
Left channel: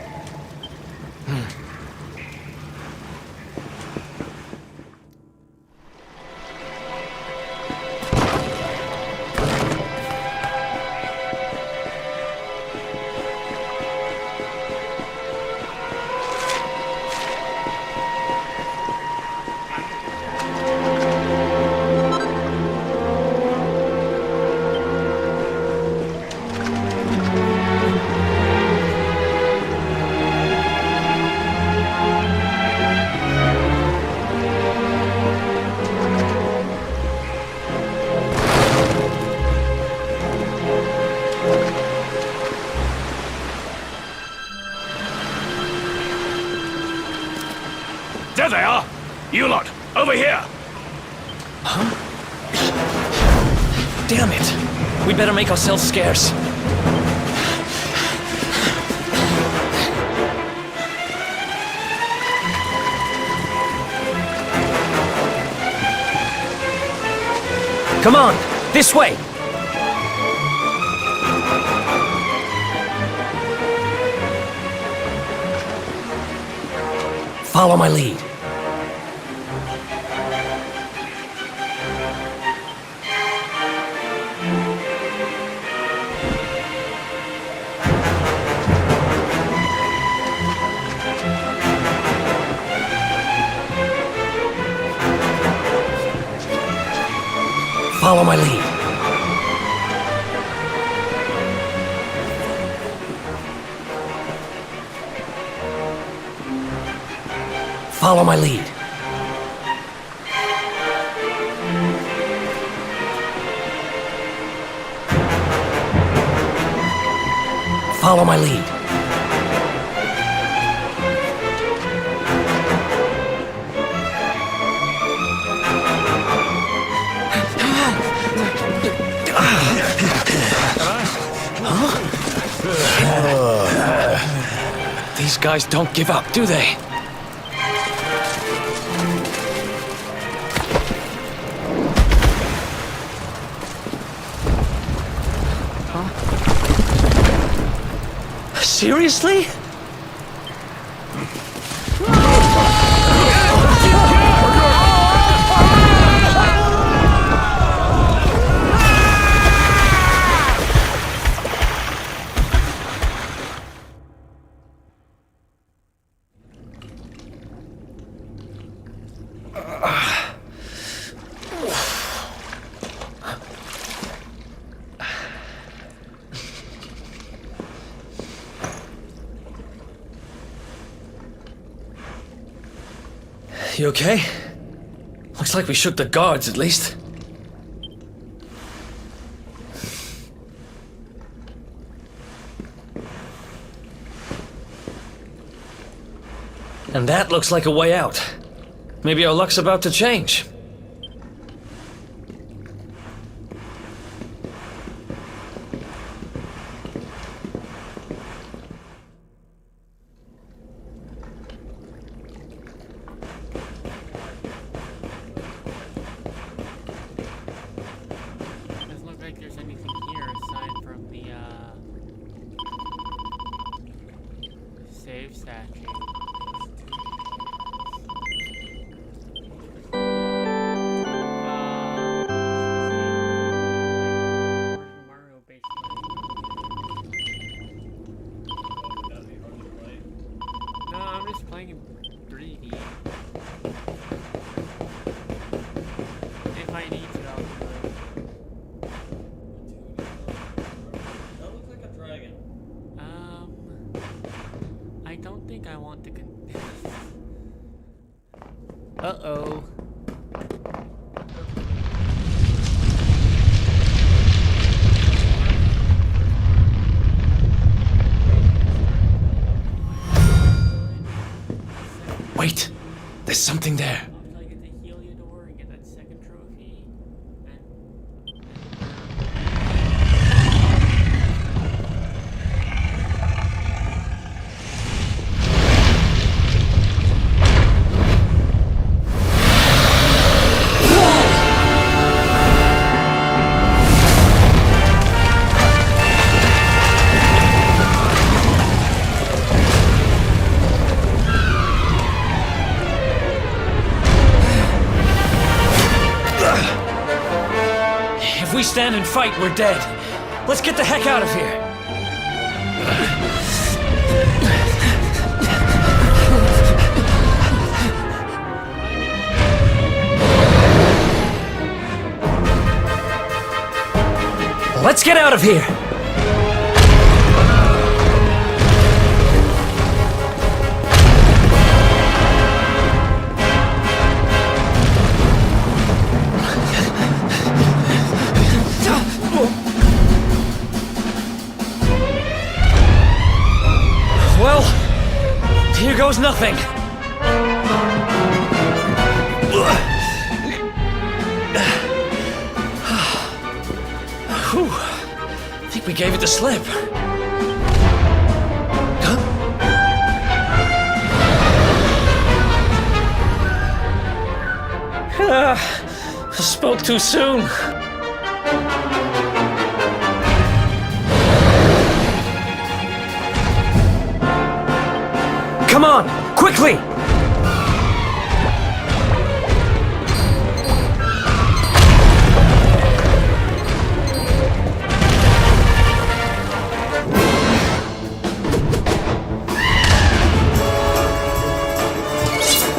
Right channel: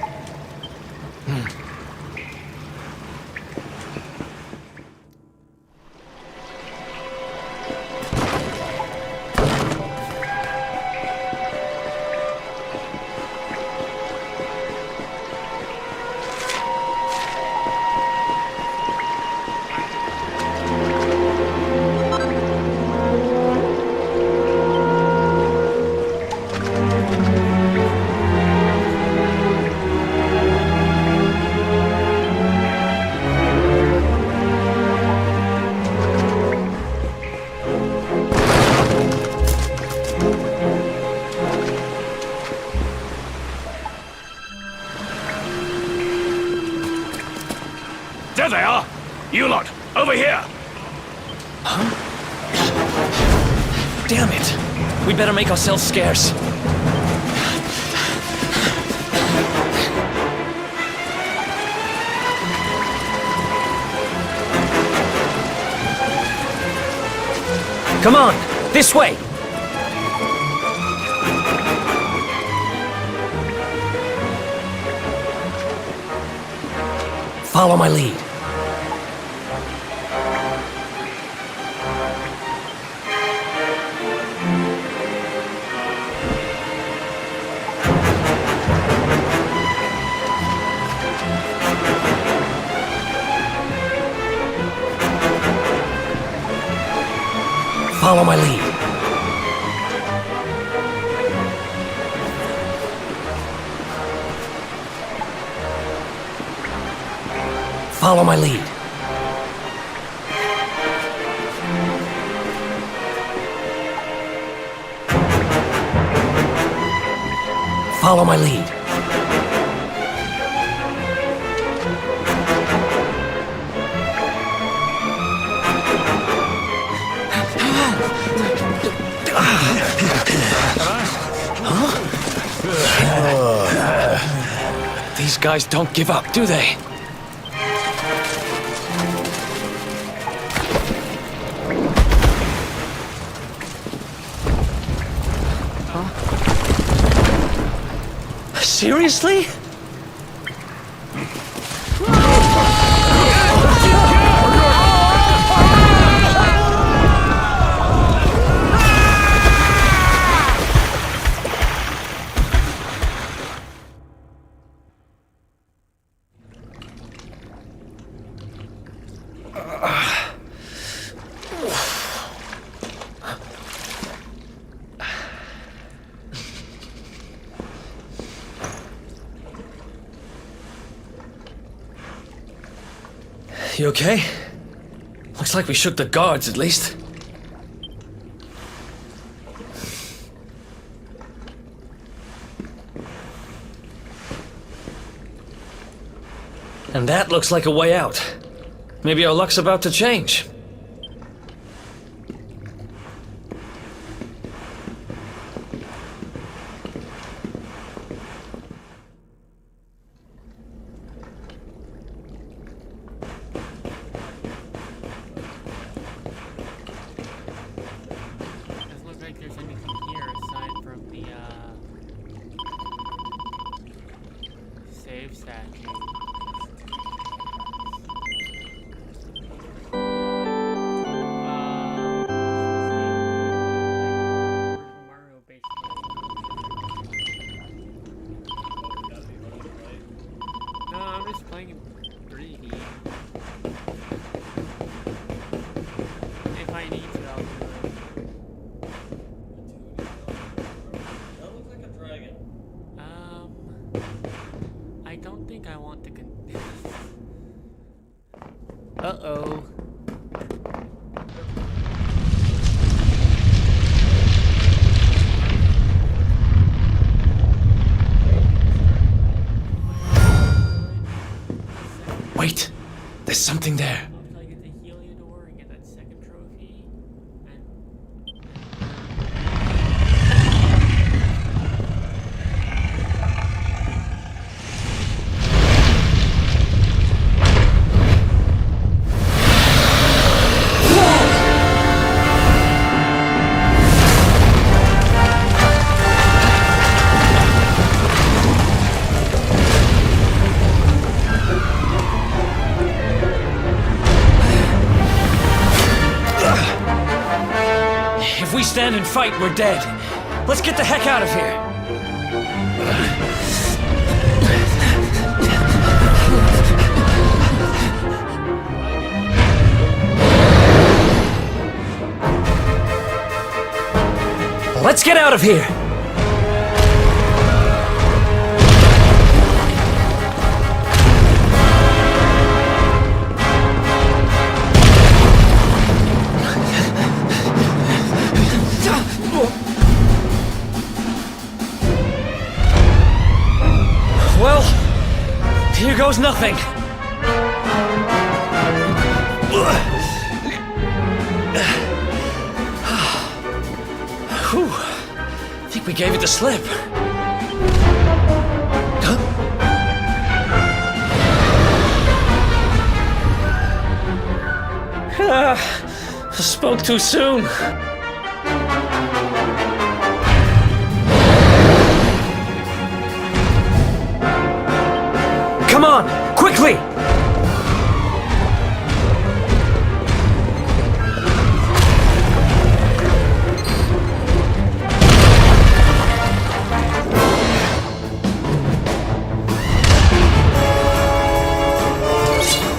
There they are! You lot, over here! Huh? Damn it! We better make ourselves scarce. Come on! This way! Follow my lead. Follow my lead. Follow my lead. Follow my lead. These guys don't give up, do they? Seriously? You okay? Looks like we shook the guards, at least. And that looks like a way out. Maybe our luck's about to change. Doesn't look like there's anything here aside from the save statue. No, I'm just playing in 3D. If I need to, I'll do it. That looks like a dragon. I don't think I want to Uh-oh. Wait, there's something there. Until I get the Heliodor and get that second trophy. stand and fight, we're dead. Let's get the heck out of here. Let's get out of here! Well, here goes nothing. Whew. I think we gave it the slip. Huh? I spoke too soon. Come on, quickly!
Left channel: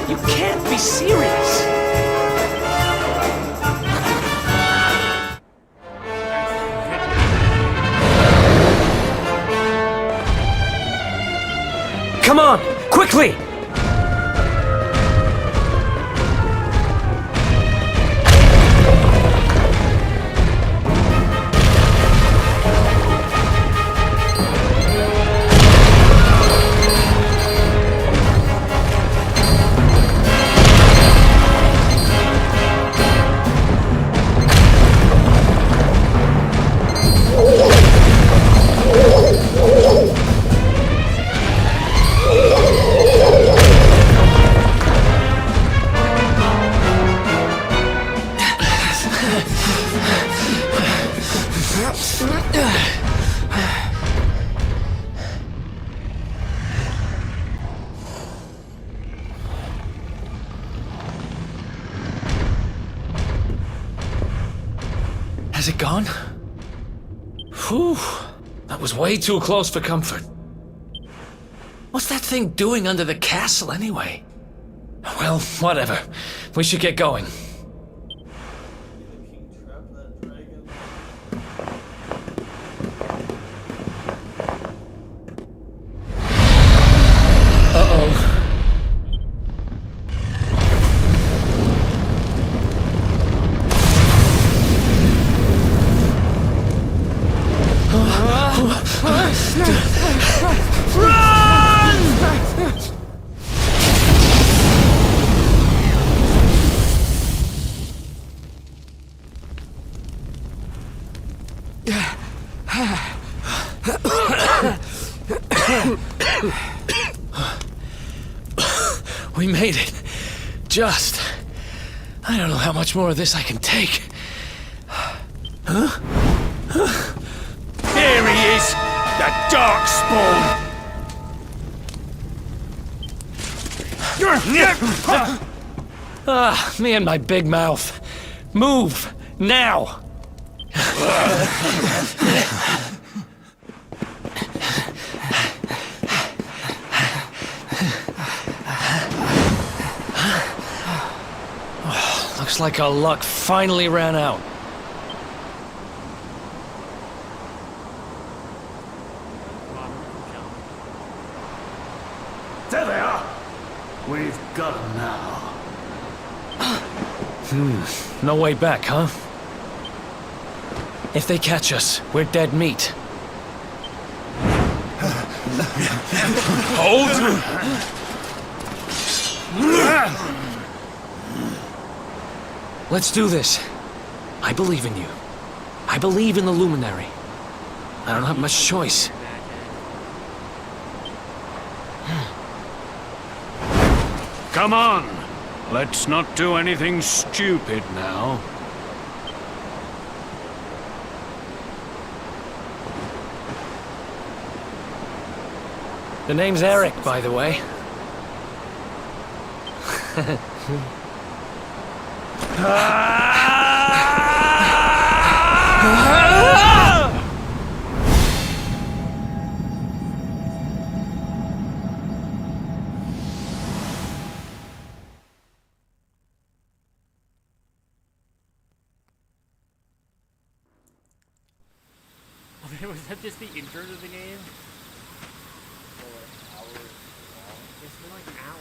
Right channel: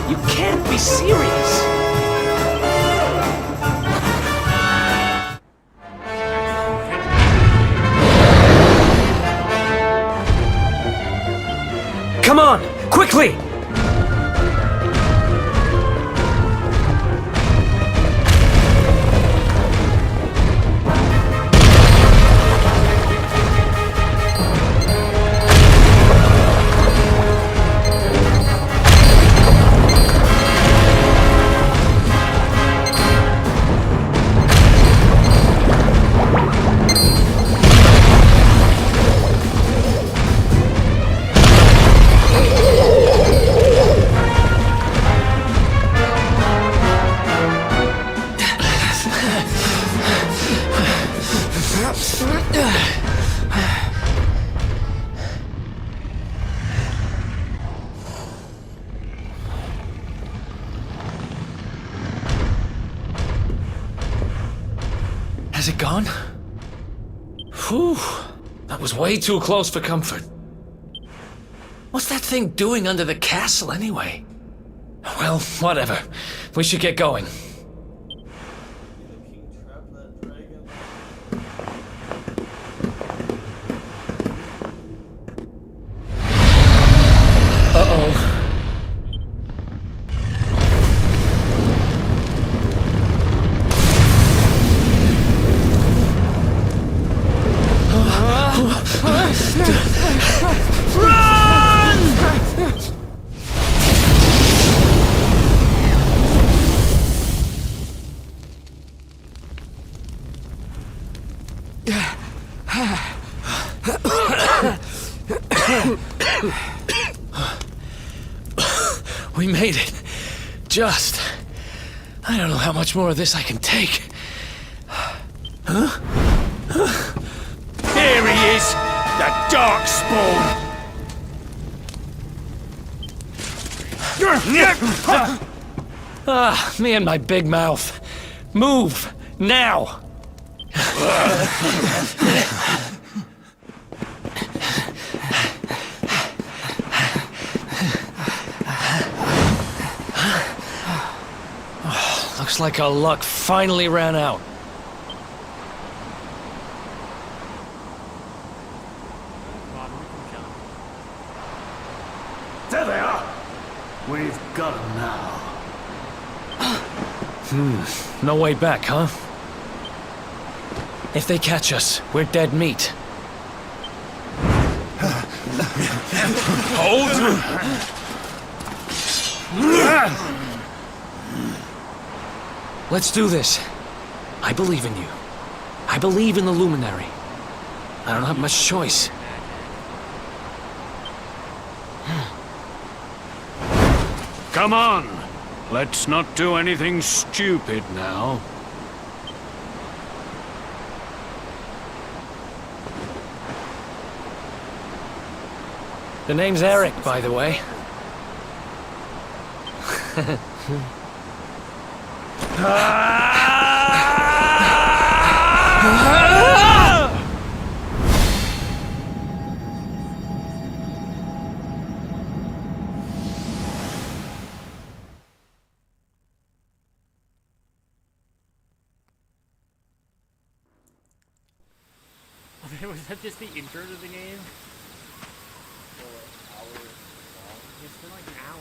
You can't be serious! Come on, quickly! Has it gone? Whew. That was way too close for comfort. What's that thing doing under the castle anyway? Well, whatever. We should get going. Uh-oh. We made it. Just. I don't know how much more of this I can take. Huh? There he is! The Darkspawn! Ah, me and my big mouth. Move! Now! Looks like our luck finally ran out. There they are! We've got them now. No way back, huh? If they catch us, we're dead meat. Hold! Let's do this. I believe in you. I believe in the Luminary. I don't have much choice. Come on! Let's not do anything stupid now. The name's Eric, by the way. Was that just the intro to the game? It's been like an hour.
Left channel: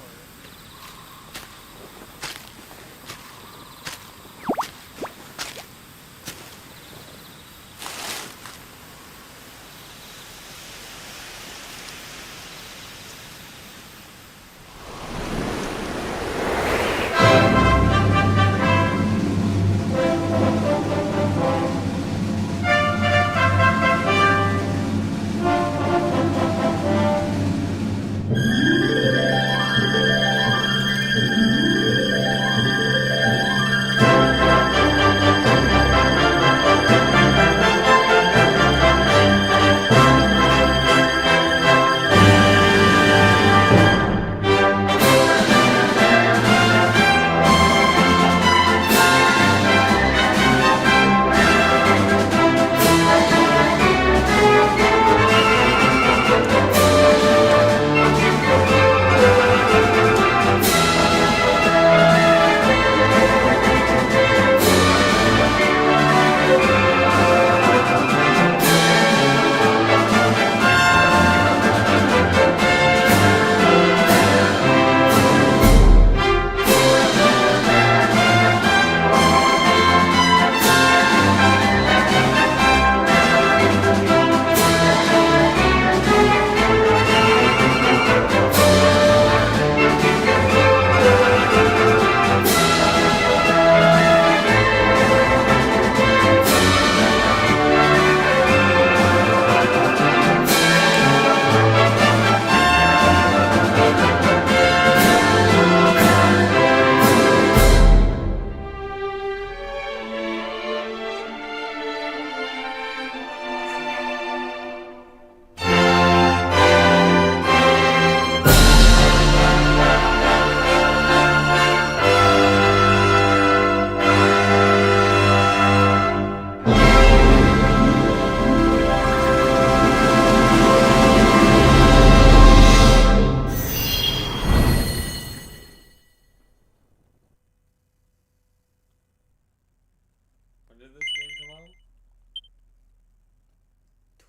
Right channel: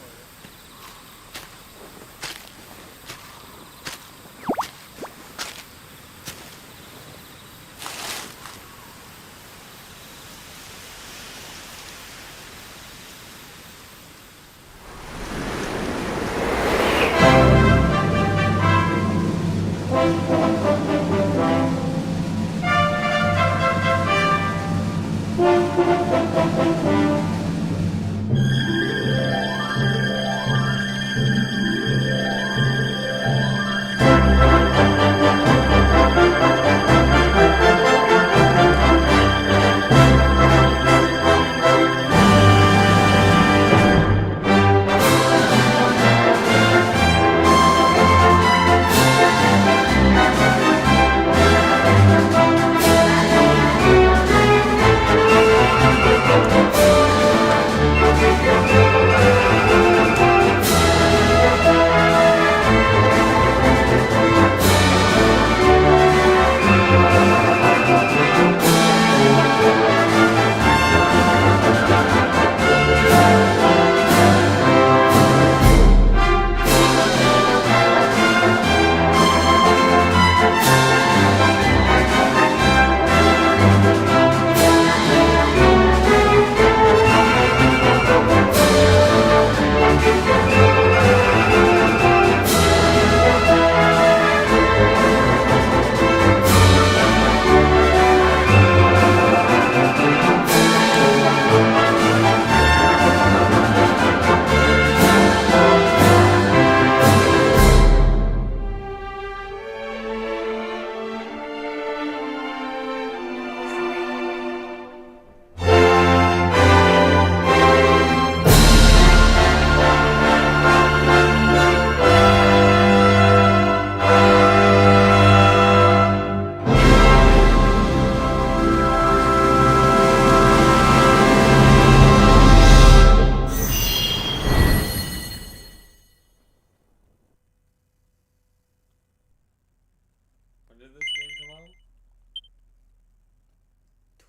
When did this game come out?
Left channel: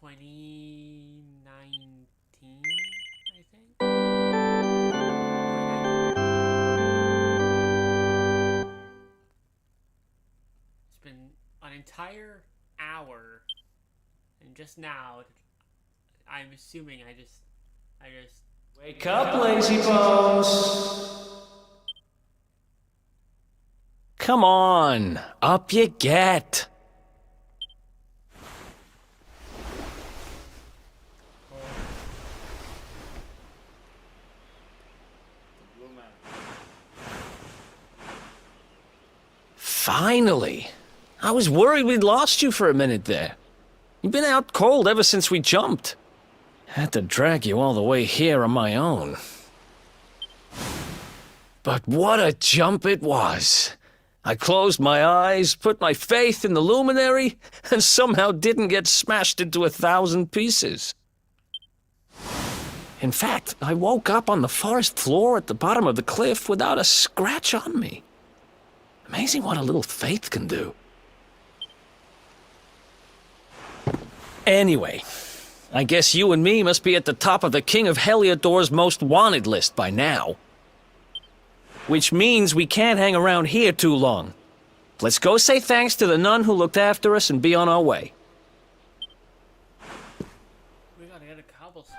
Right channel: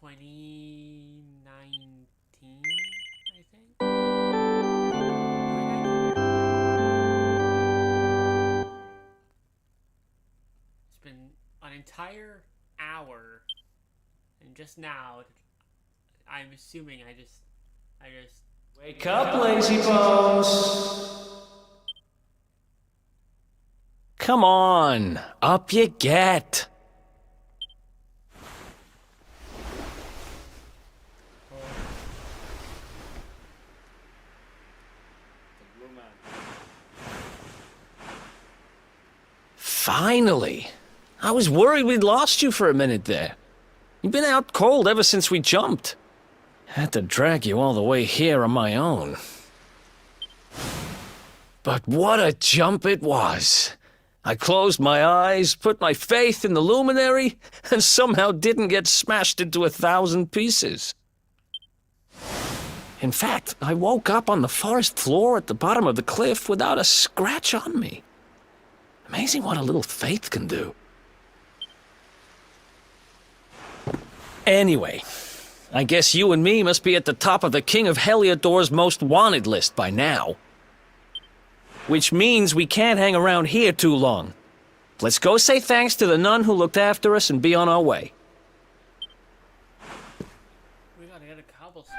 2019, I think. It's been an entire hour, and just now, I'm assuming I just Wake up, lazy bones! Come on, up you get. Finally! I was worried we'd lost you for a minute there. You've been out cold ever since we jumped. Had to drag you all the way here on my own. But what a jump it was! I closed my eyes, put my faith in the luminary, and somehow didn't get smashed into 1,000 pieces. In fact, I woke up on the forest floor at the bottom of the cliff without a scratch on me. Amazing what a little faith can do. Anyway, I guess you and me must be at the top of the King of Heliodor's most wanted list by now. Which means we can't hang around here too long. Let's go say thanks to the nun who looked after us and be on our way. We gotta get a cobblestone.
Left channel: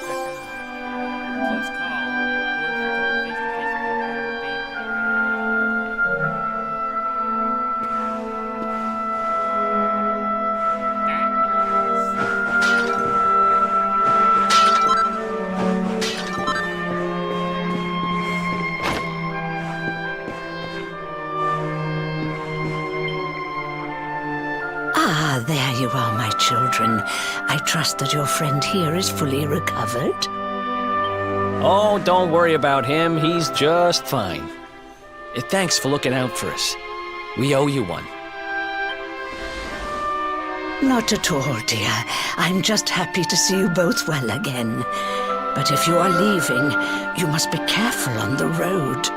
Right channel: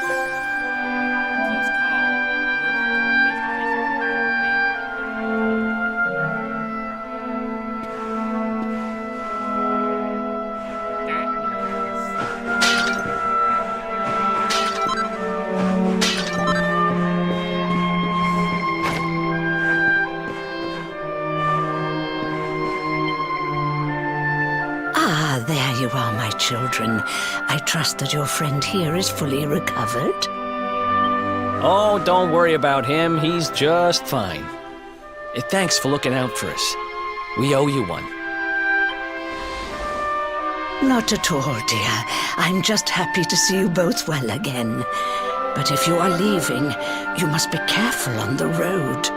Close call. Ah, there you are, my children. I trust that your friend here is fully recovered. Oh, don't worry about him. He's just fine. Thanks for looking out for us. We owe you one. Not at all, dear. I'm just happy to see you both well again. But if you are leaving, you must be careful on the road.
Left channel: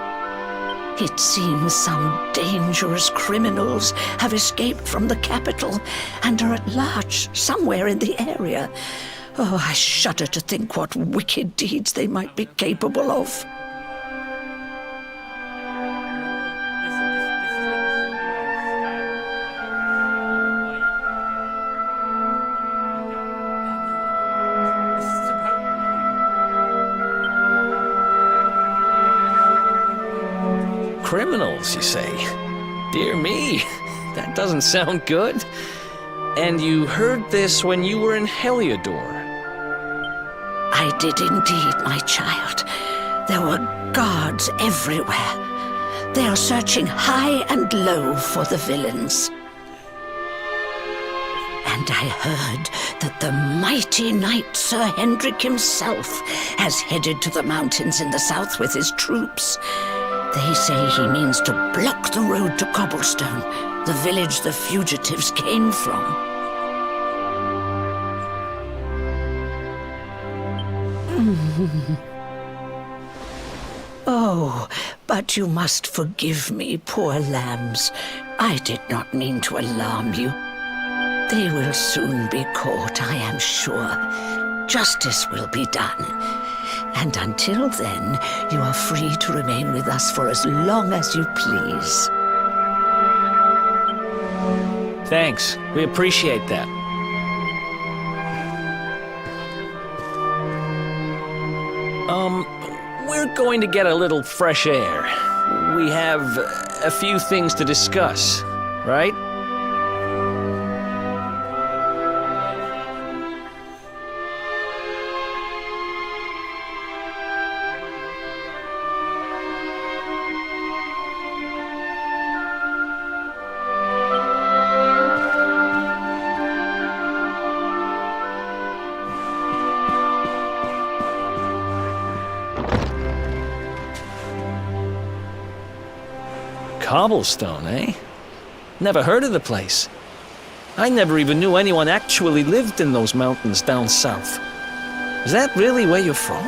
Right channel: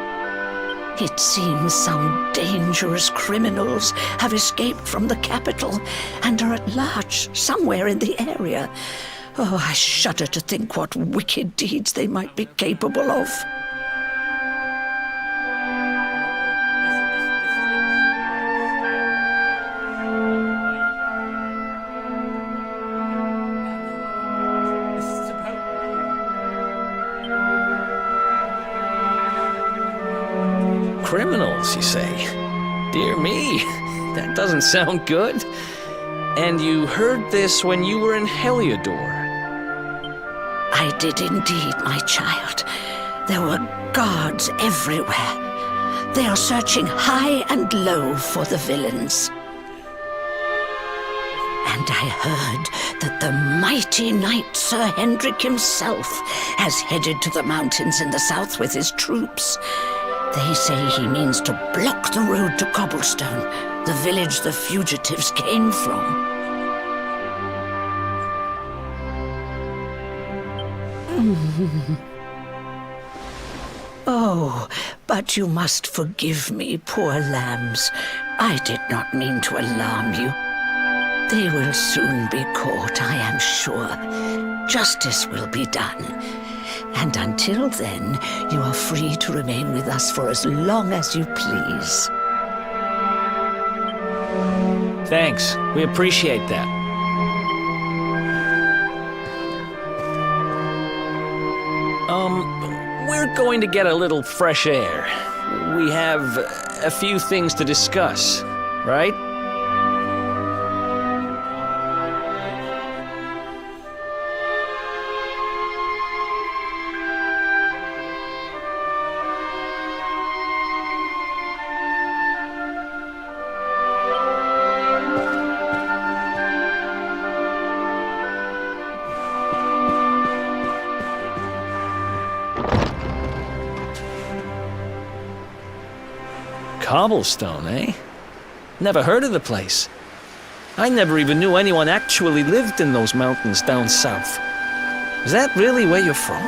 It seems some dangerous criminals have escaped from the capital and are at large somewhere in the area. Oh, I shudder to think what wicked deeds they might be capable of. Criminals, you say? Dear me, that doesn't sound good. And you heard this when you were in Heliodor? I did indeed, my child. There were guards everywhere. They are searching high and low for the villains. And I heard that the mighty knight Sir Hendrik himself has headed to the mountains in the south with his troops. They say he means to block the road to Cobblestone, the village the fugitives came from. Oh, but you must forgive me, poor lambs. I did not mean to alarm you. They will soon be caught, I am sure. Justice will be done. And until then, you are free to remain with us for as long as you please. Thanks. We appreciate that. We're going to get a little fresh air. We have a few things to discuss, right? Cobblestone, eh? Never heard of the place. I never even knew anyone actually lived in those mountains down south. Is that really where you're from?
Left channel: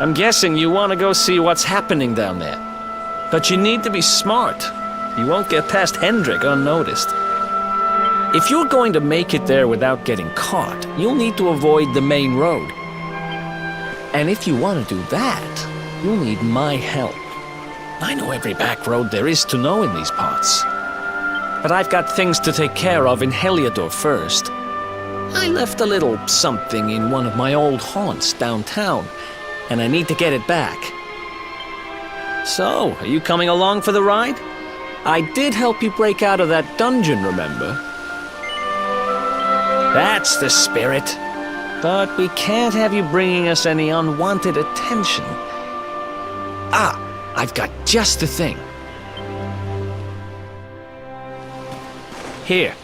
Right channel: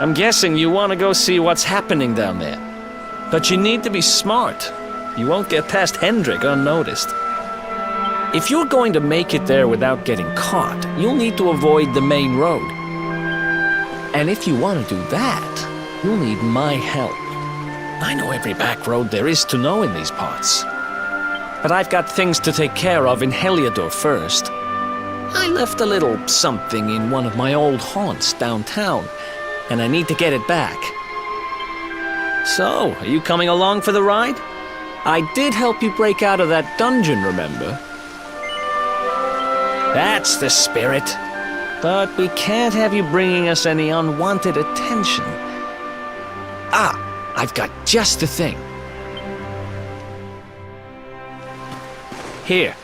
I'm guessing you want to go see what's happening down there. But you need to be smart. You won't get past Hendrik unnoticed. If you're going to make it there without getting caught, you'll need to avoid the main road. And if you want to do that, you'll need my help. I know every back road there is to know in these parts. But I've got things to take care of in Heliodor first. I left a little something in one of my old haunts downtown, and I need to get it back. So, are you coming along for the ride? I did help you break out of that dungeon, remember? That's the spirit. But we can't have you bringing us any unwanted attention. Ah! I've got just the thing. Here,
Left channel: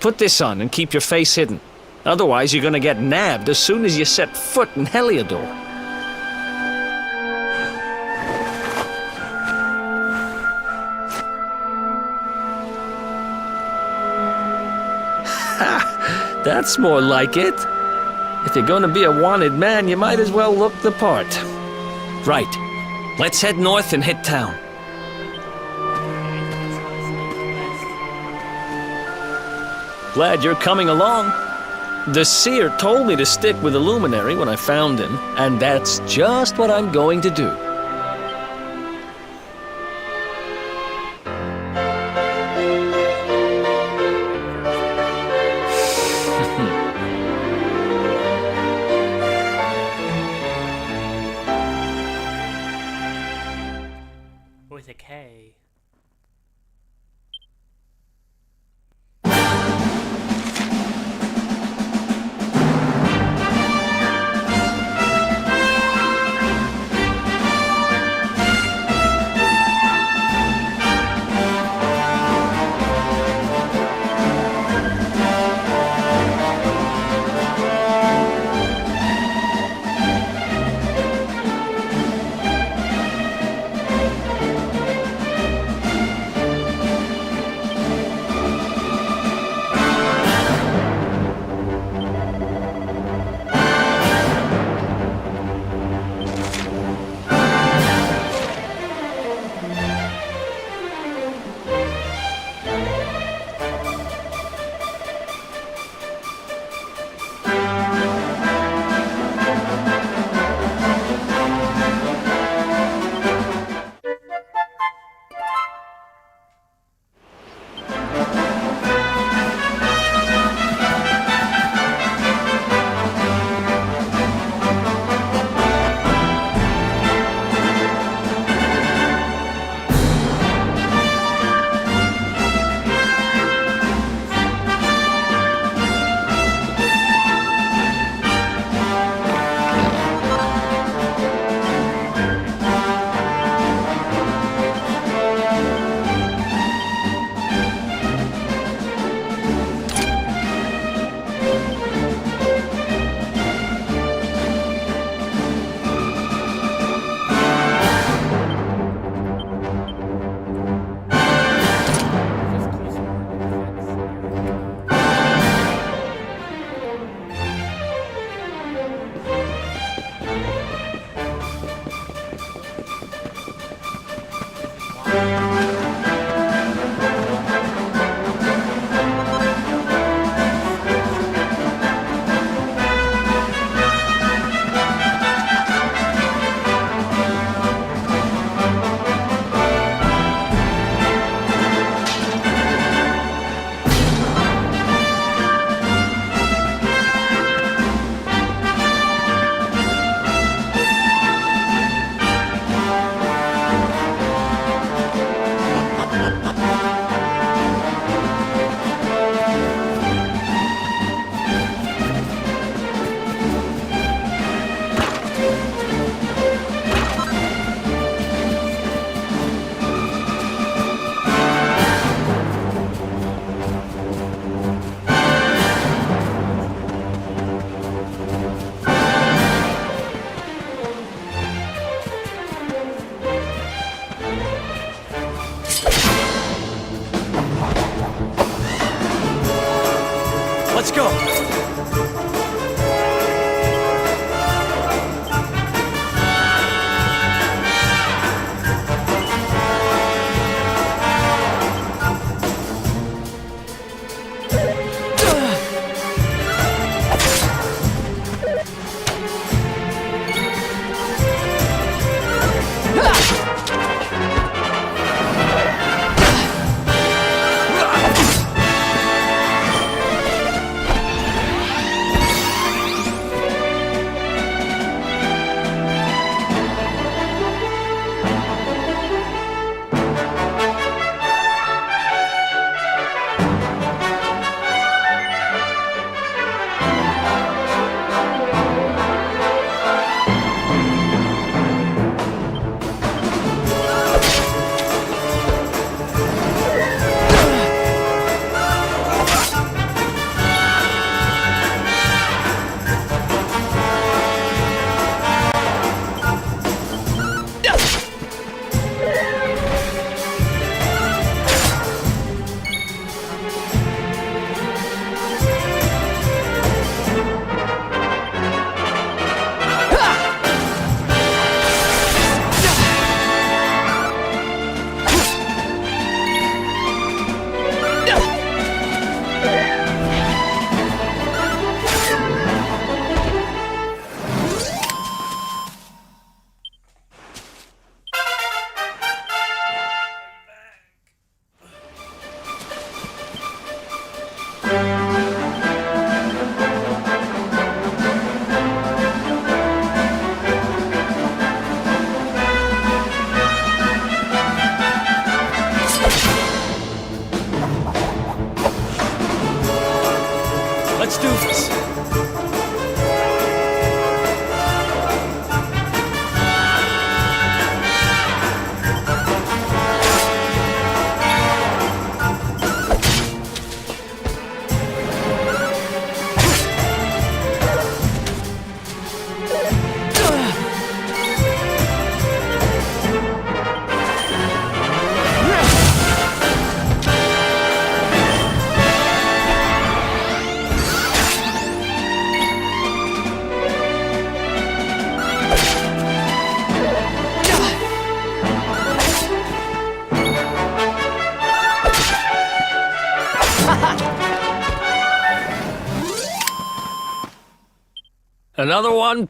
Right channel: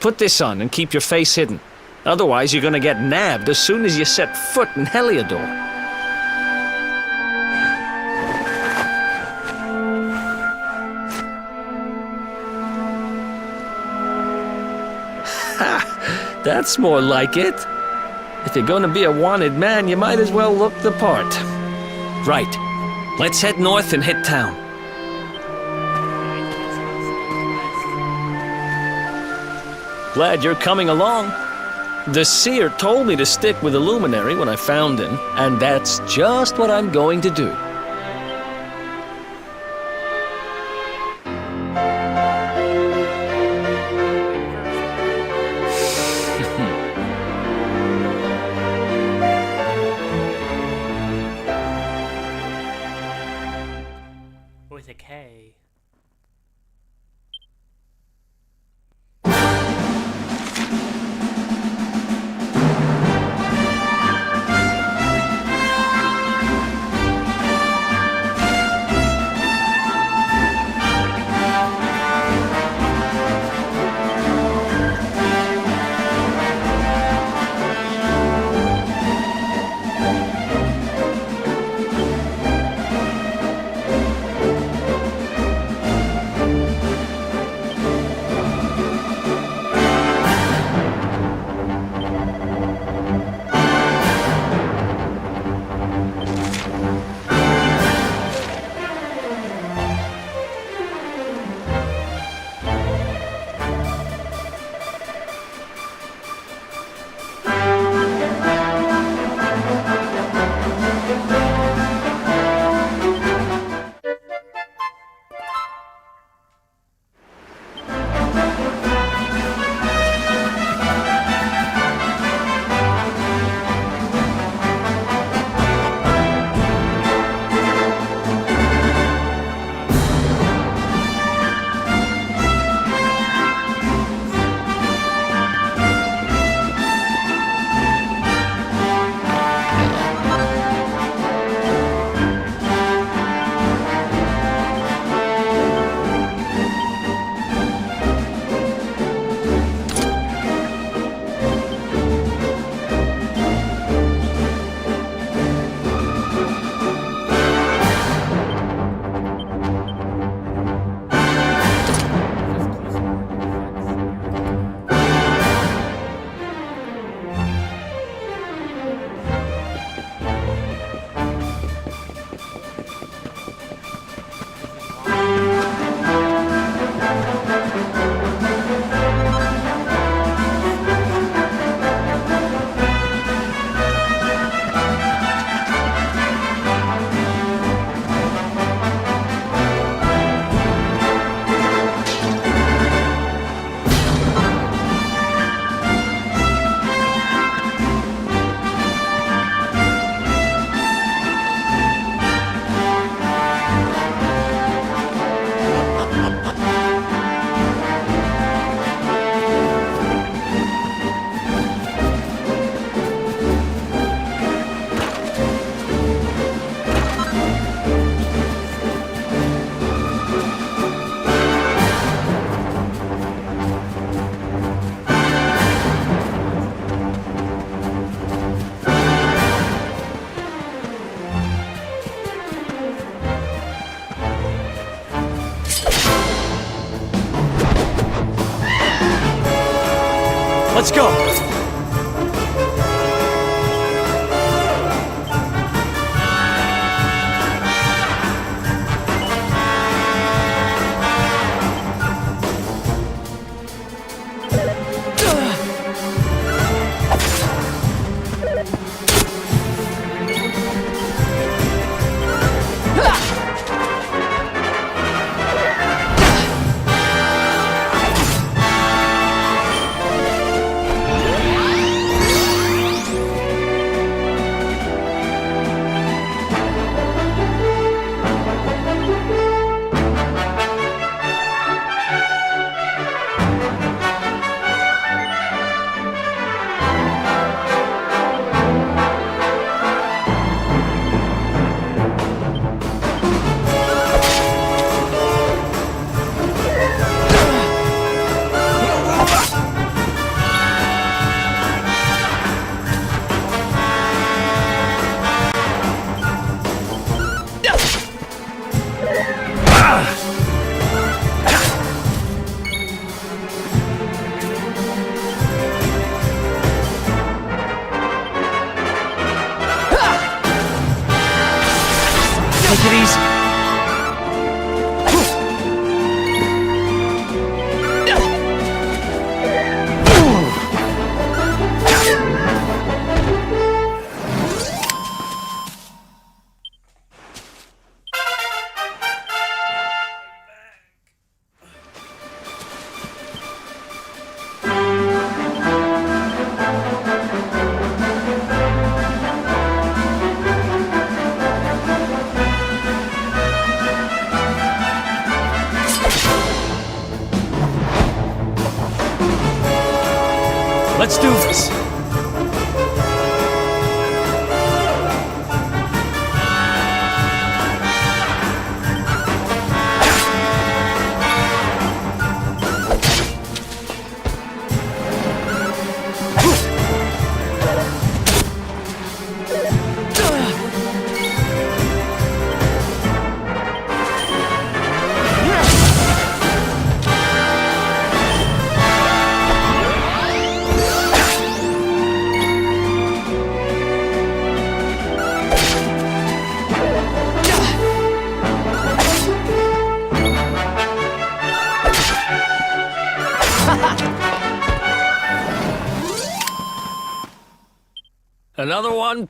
put this on and keep your face hidden. Otherwise, you're gonna get nabbed as soon as you set foot in Heliodor. Ha! That's more like it. If you're gonna be a wanted man, you might as well look the part. Right. Let's head north and hit town. Glad you're coming along. The seer told me to stick with the luminary when I found him, and that's just what I'm going to do. With a K. Let's do this. Another one.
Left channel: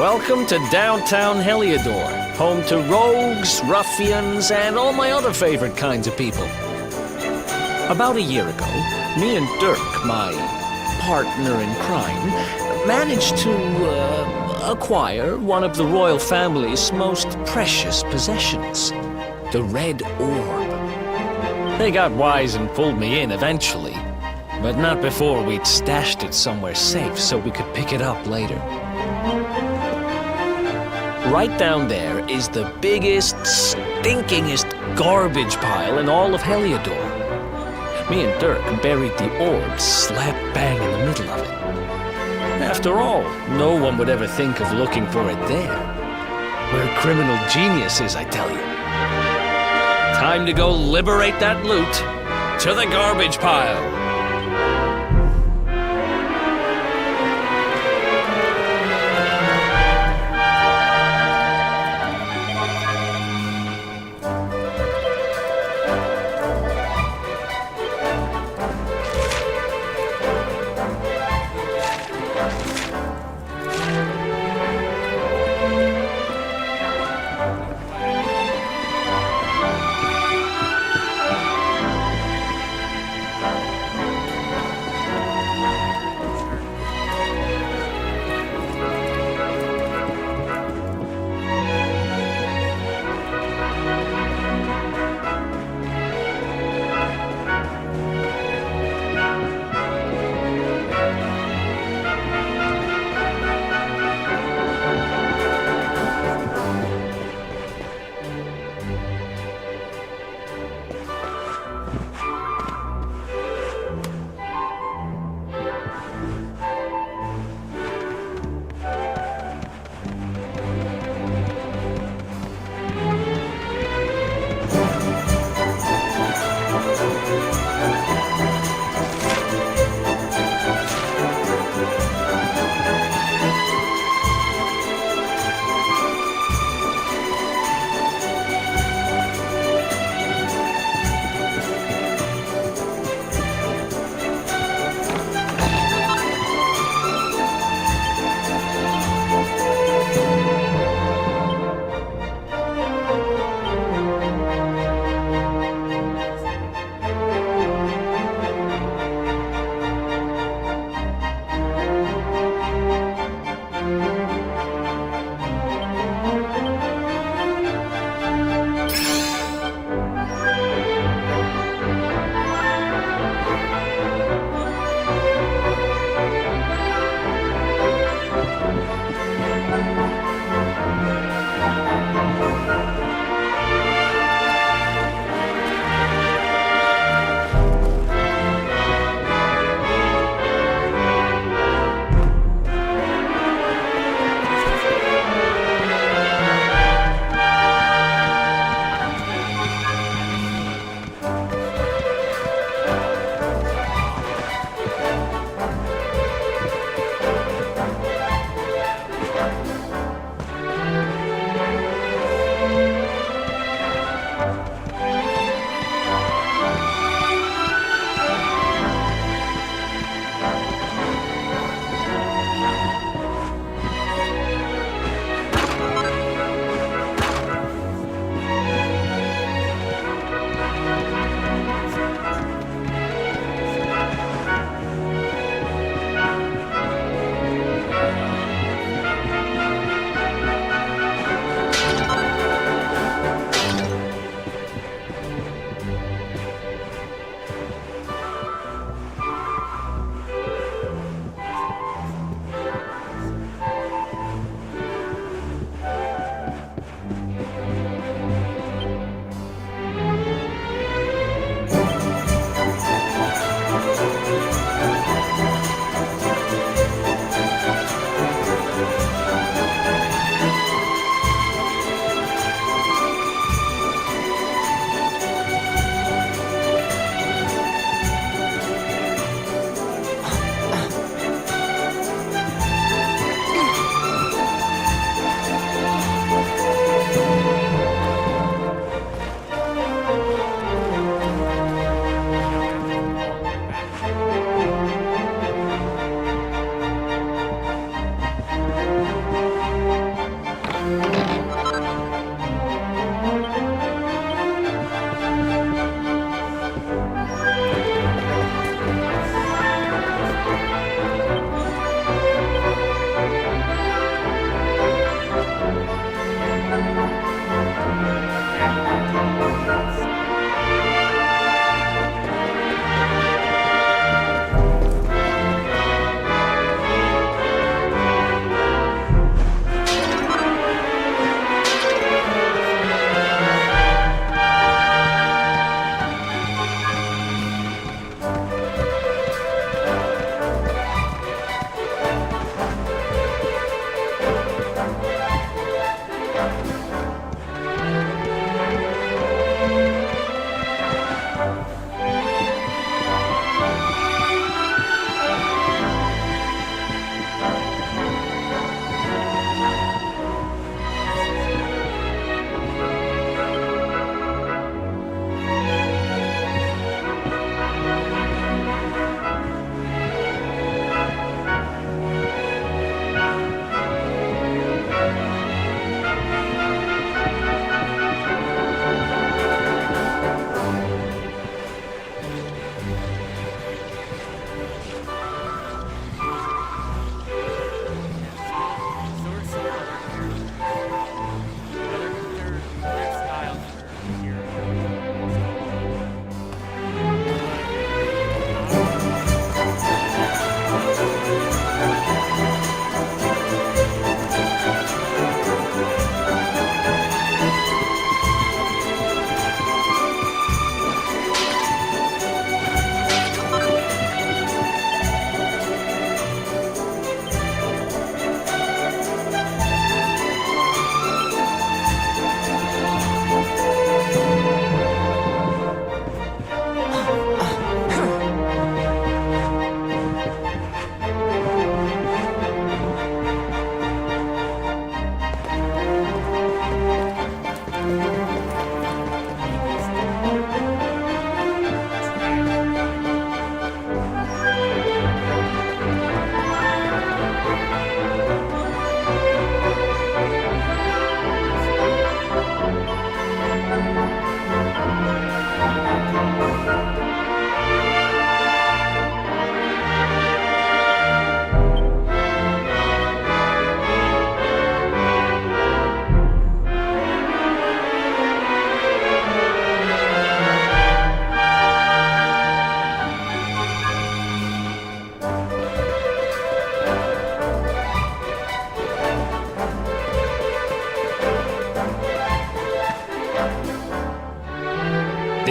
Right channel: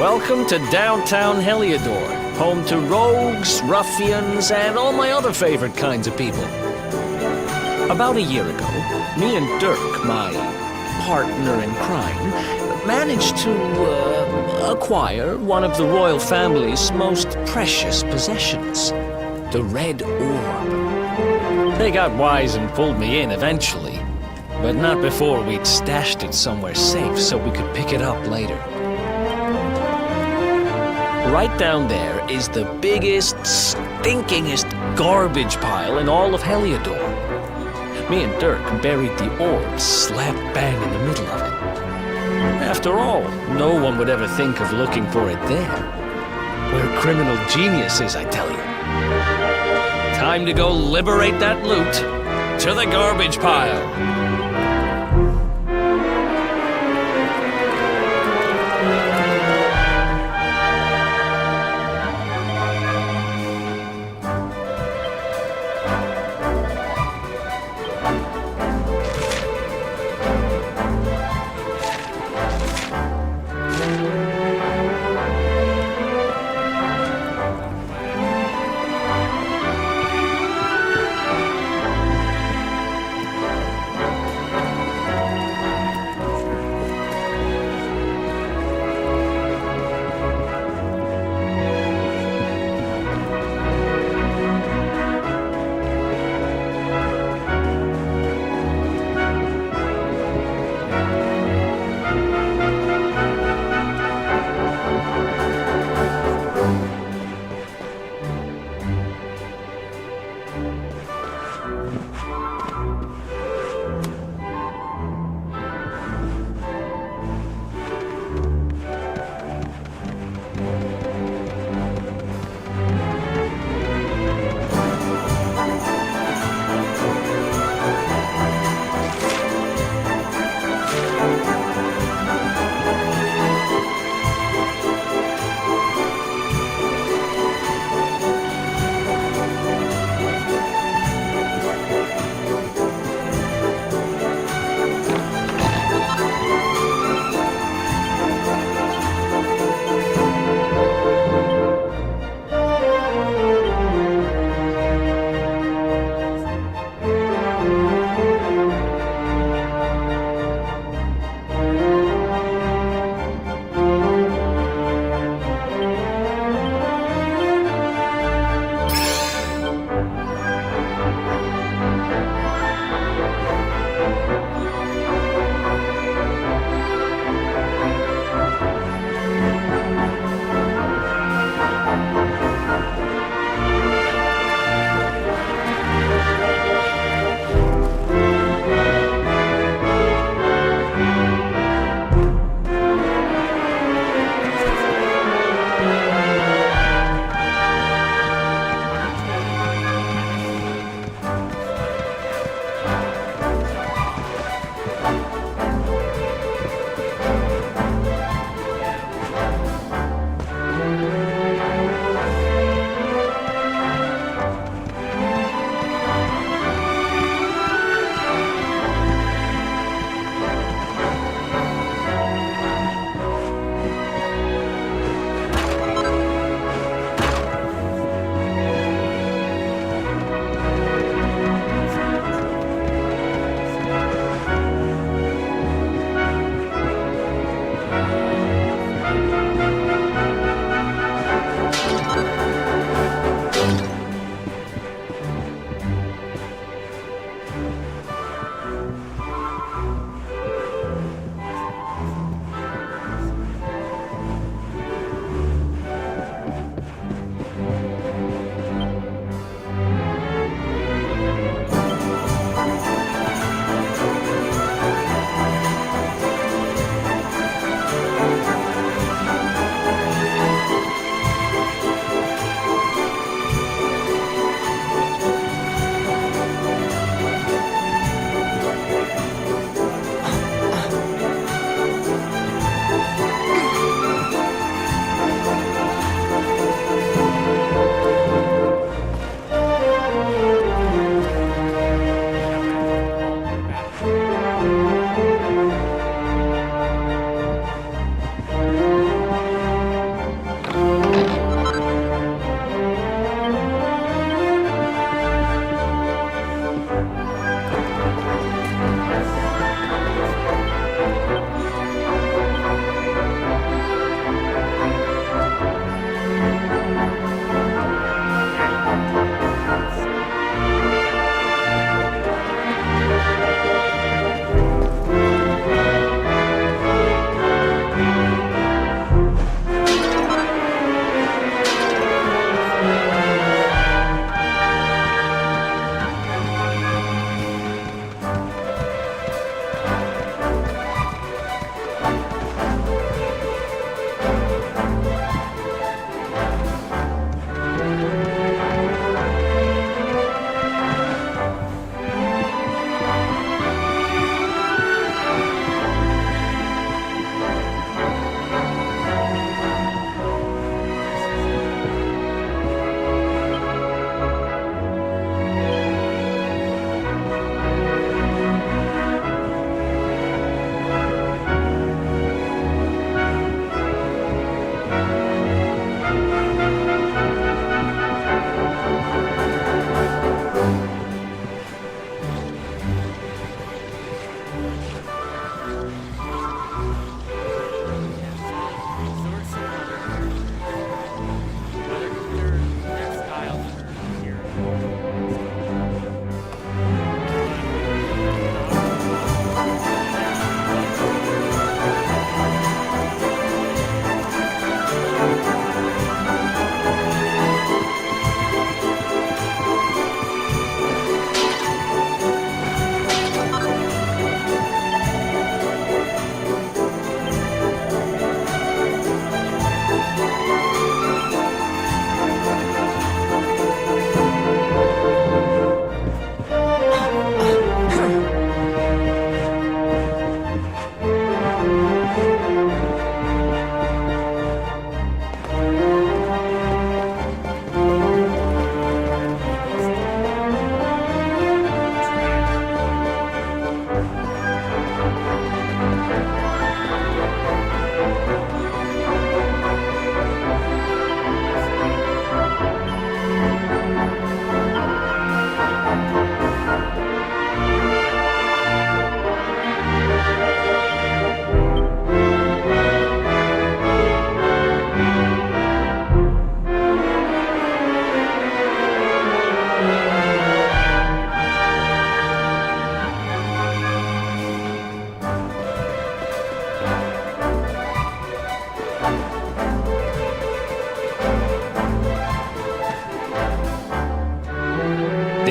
Welcome to downtown Heliodor, home to rogues, ruffians, and all my other favorite kinds of people. About a year ago, me and Dirk, my partner in crime, managed to acquire one of the royal family's most precious possessions, the Red Orb. They got wise and pulled me in eventually, but not before we'd stashed it somewhere safe so we could pick it up later. Right down there is the biggest, stinkingest garbage pile in all of Heliodor. Me and Dirk buried the orb slap bang in the middle of it. After all, no one would ever think of looking for it there. We're criminal geniuses, I tell you. Time to go liberate that loot to the garbage pile.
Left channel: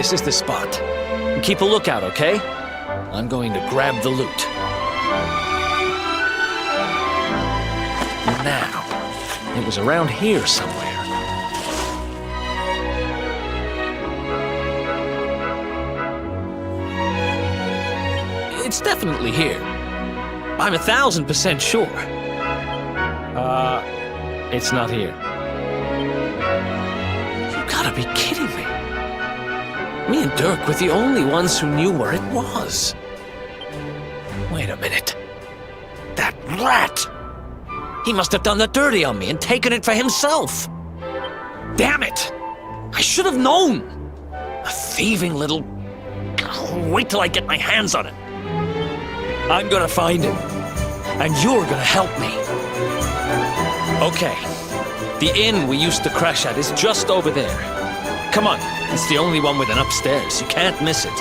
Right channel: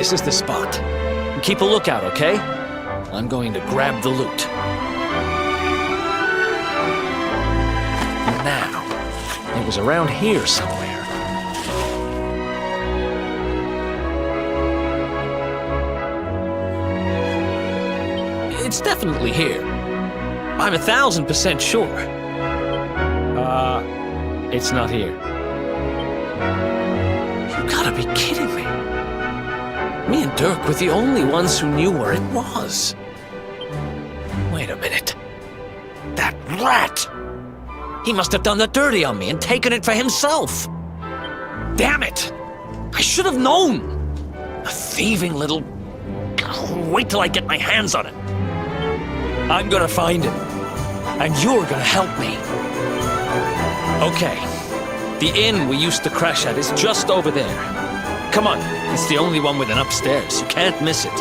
This is the spot. Keep a lookout, okay? I'm going to grab the loot. Now, it was around here somewhere. It's definitely here. I'm 1,000% sure. It's not here. You gotta be kidding me. Me and Dirk were the only ones who knew where it was. Wait a minute. That rat! He must have done the dirty on me and taken it for himself. Damn it! I should have known! A thieving little... Wait till I get my hands on it. I'm gonna find him. And you're gonna help me. Okay. The inn we used to crash at is just over there. Come on. It's the only one with an upstairs. You can't miss it.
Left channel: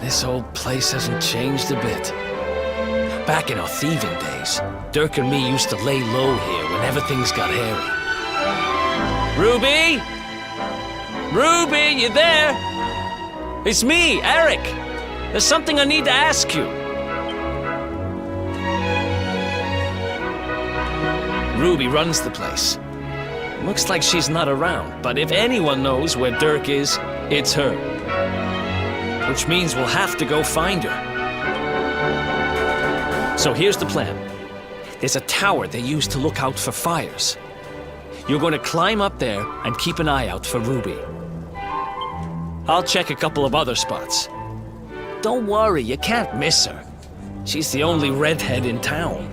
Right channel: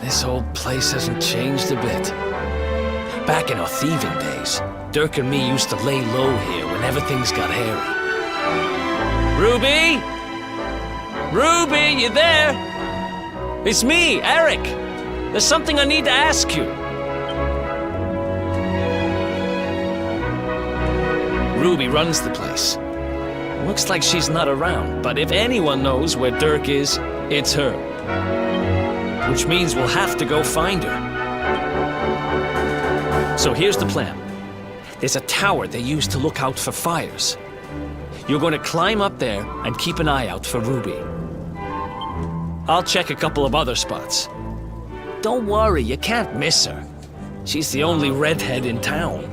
This old place hasn't changed a bit. Back in our thieving days, Dirk and me used to lay low here whenever things got hairy. Ruby? Ruby, you there? It's me, Eric. There's something I need to ask you. Ruby runs the place. Looks like she's not around, but if anyone knows where Dirk is, it's her. Which means we'll have to go find her. So here's the plan. There's a tower they use to look out for fires. You're going to climb up there and keep an eye out for Ruby. I'll check a couple of other spots. Don't worry, you can't miss her. She's the only redhead in town.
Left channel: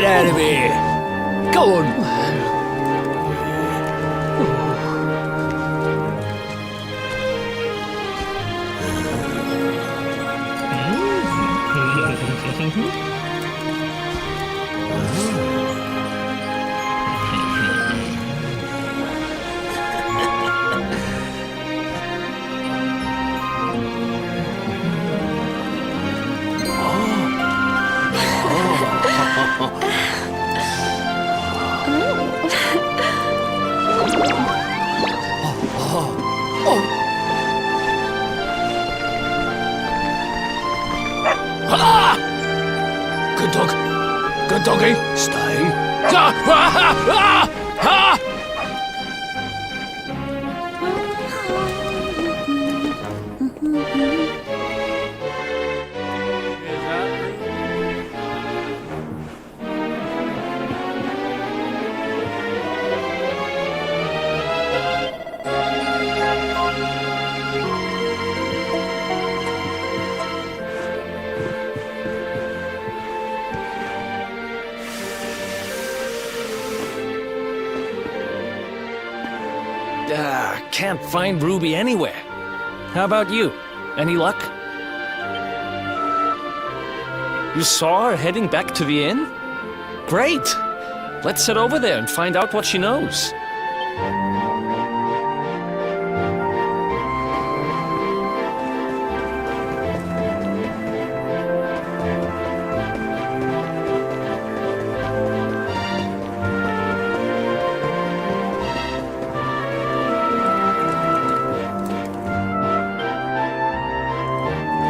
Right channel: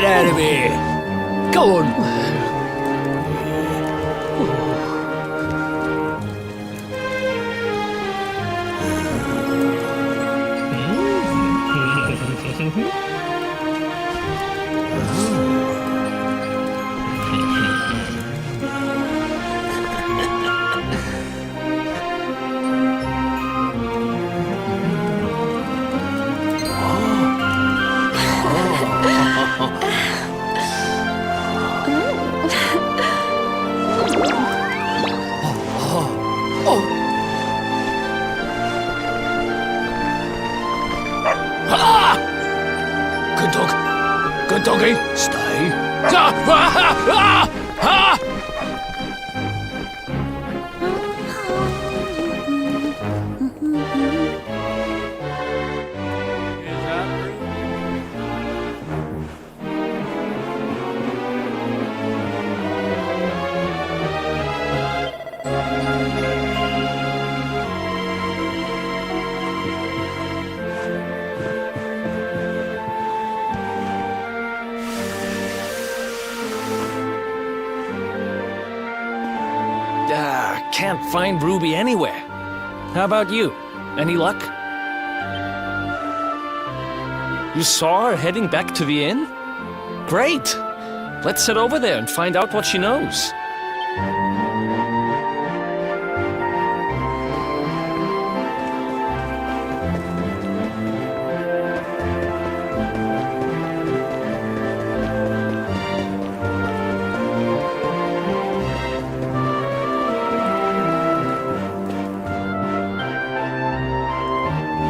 get out of here. Go on. Good dog. Good doggy. Stay. Is that Ruby? Can't find Ruby anywhere. How about you? Any luck? You saw her heading back to the inn? Great! Let's head over there and find out what she knows.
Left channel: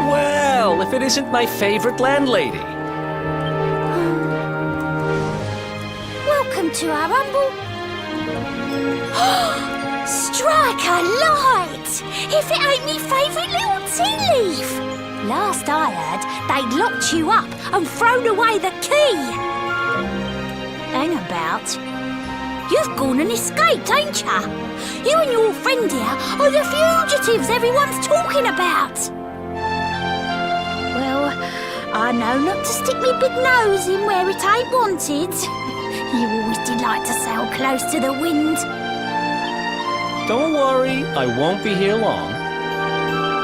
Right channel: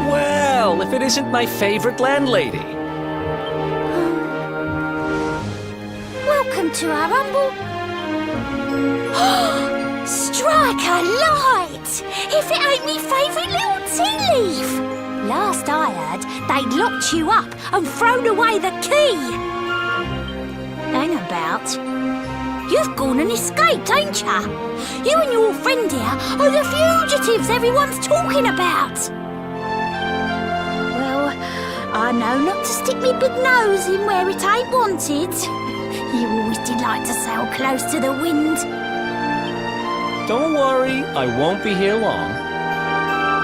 Well, if it isn't my favorite landlady. Welcome to our humble... Strike a light! If it ain't me favourite little tea leaf! Last I heard, they'd locked you up and thrown away the key! Hang about. You've gone and escaped, ain't ya? You and your friend here are the fugitives everyone's talking about! Well, I know not to stick me big nose in where it ain't wanted. You always did like to sail close to the wind. Don't worry, I won't be here long.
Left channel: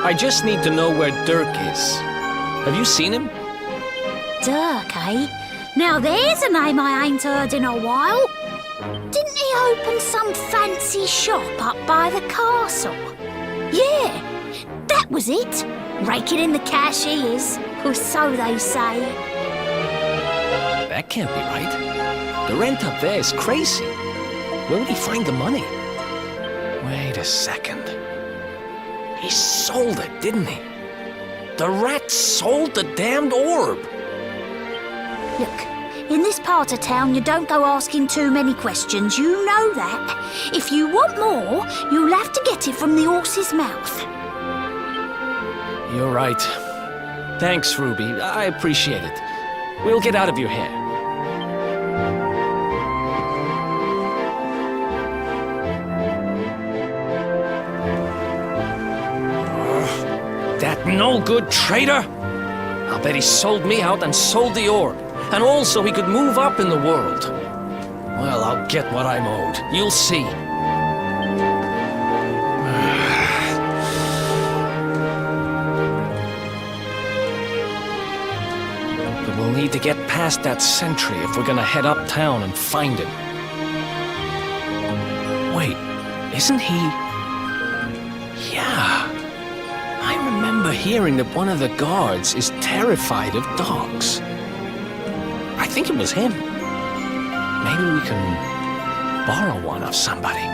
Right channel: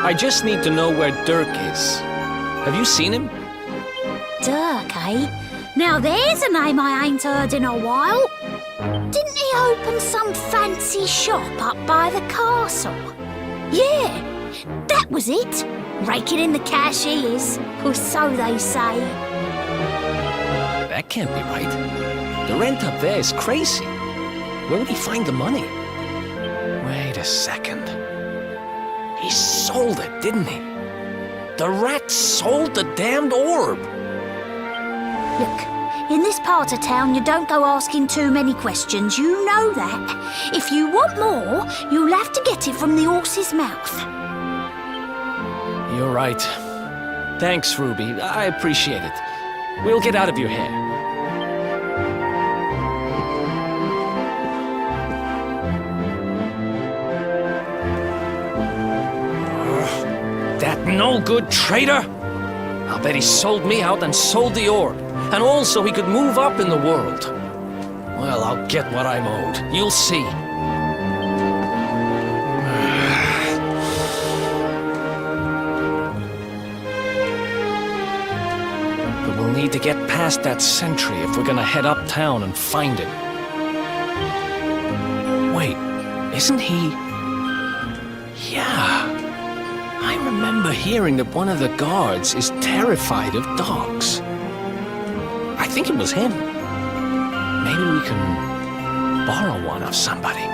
I just need to know where Dirk is. Have you seen him? Dirk, eh? Now there's a name I ain't heard in a while. Didn't he open some fancy shop up by the castle? Yeah, that was it. Raking in the cash he is, or so they say. That can't be right. The rent up there is crazy. Where would he find the money? Wait a second. He sold it, didn't he? The rat sold the damned orb. Look, in this part of town you don't go asking too many questions, you know that. If you want more, you'll have to get it from the horse's mouth. You're right. Thanks, Ruby. I appreciate it. We'll get out of your hair. That no-good traitor! I'll bet he sold me out and sold the orb. And also he could move up in the world. Well, I'll get what I'm owed. You'll see. But we'll need to get past that sentry if we're gonna head uptown and find him. Wait, isn't he... Yeah. I remember hearing that one of the guards is terrified of dogs. I think it was him. Maybe we can borrow one of somebody.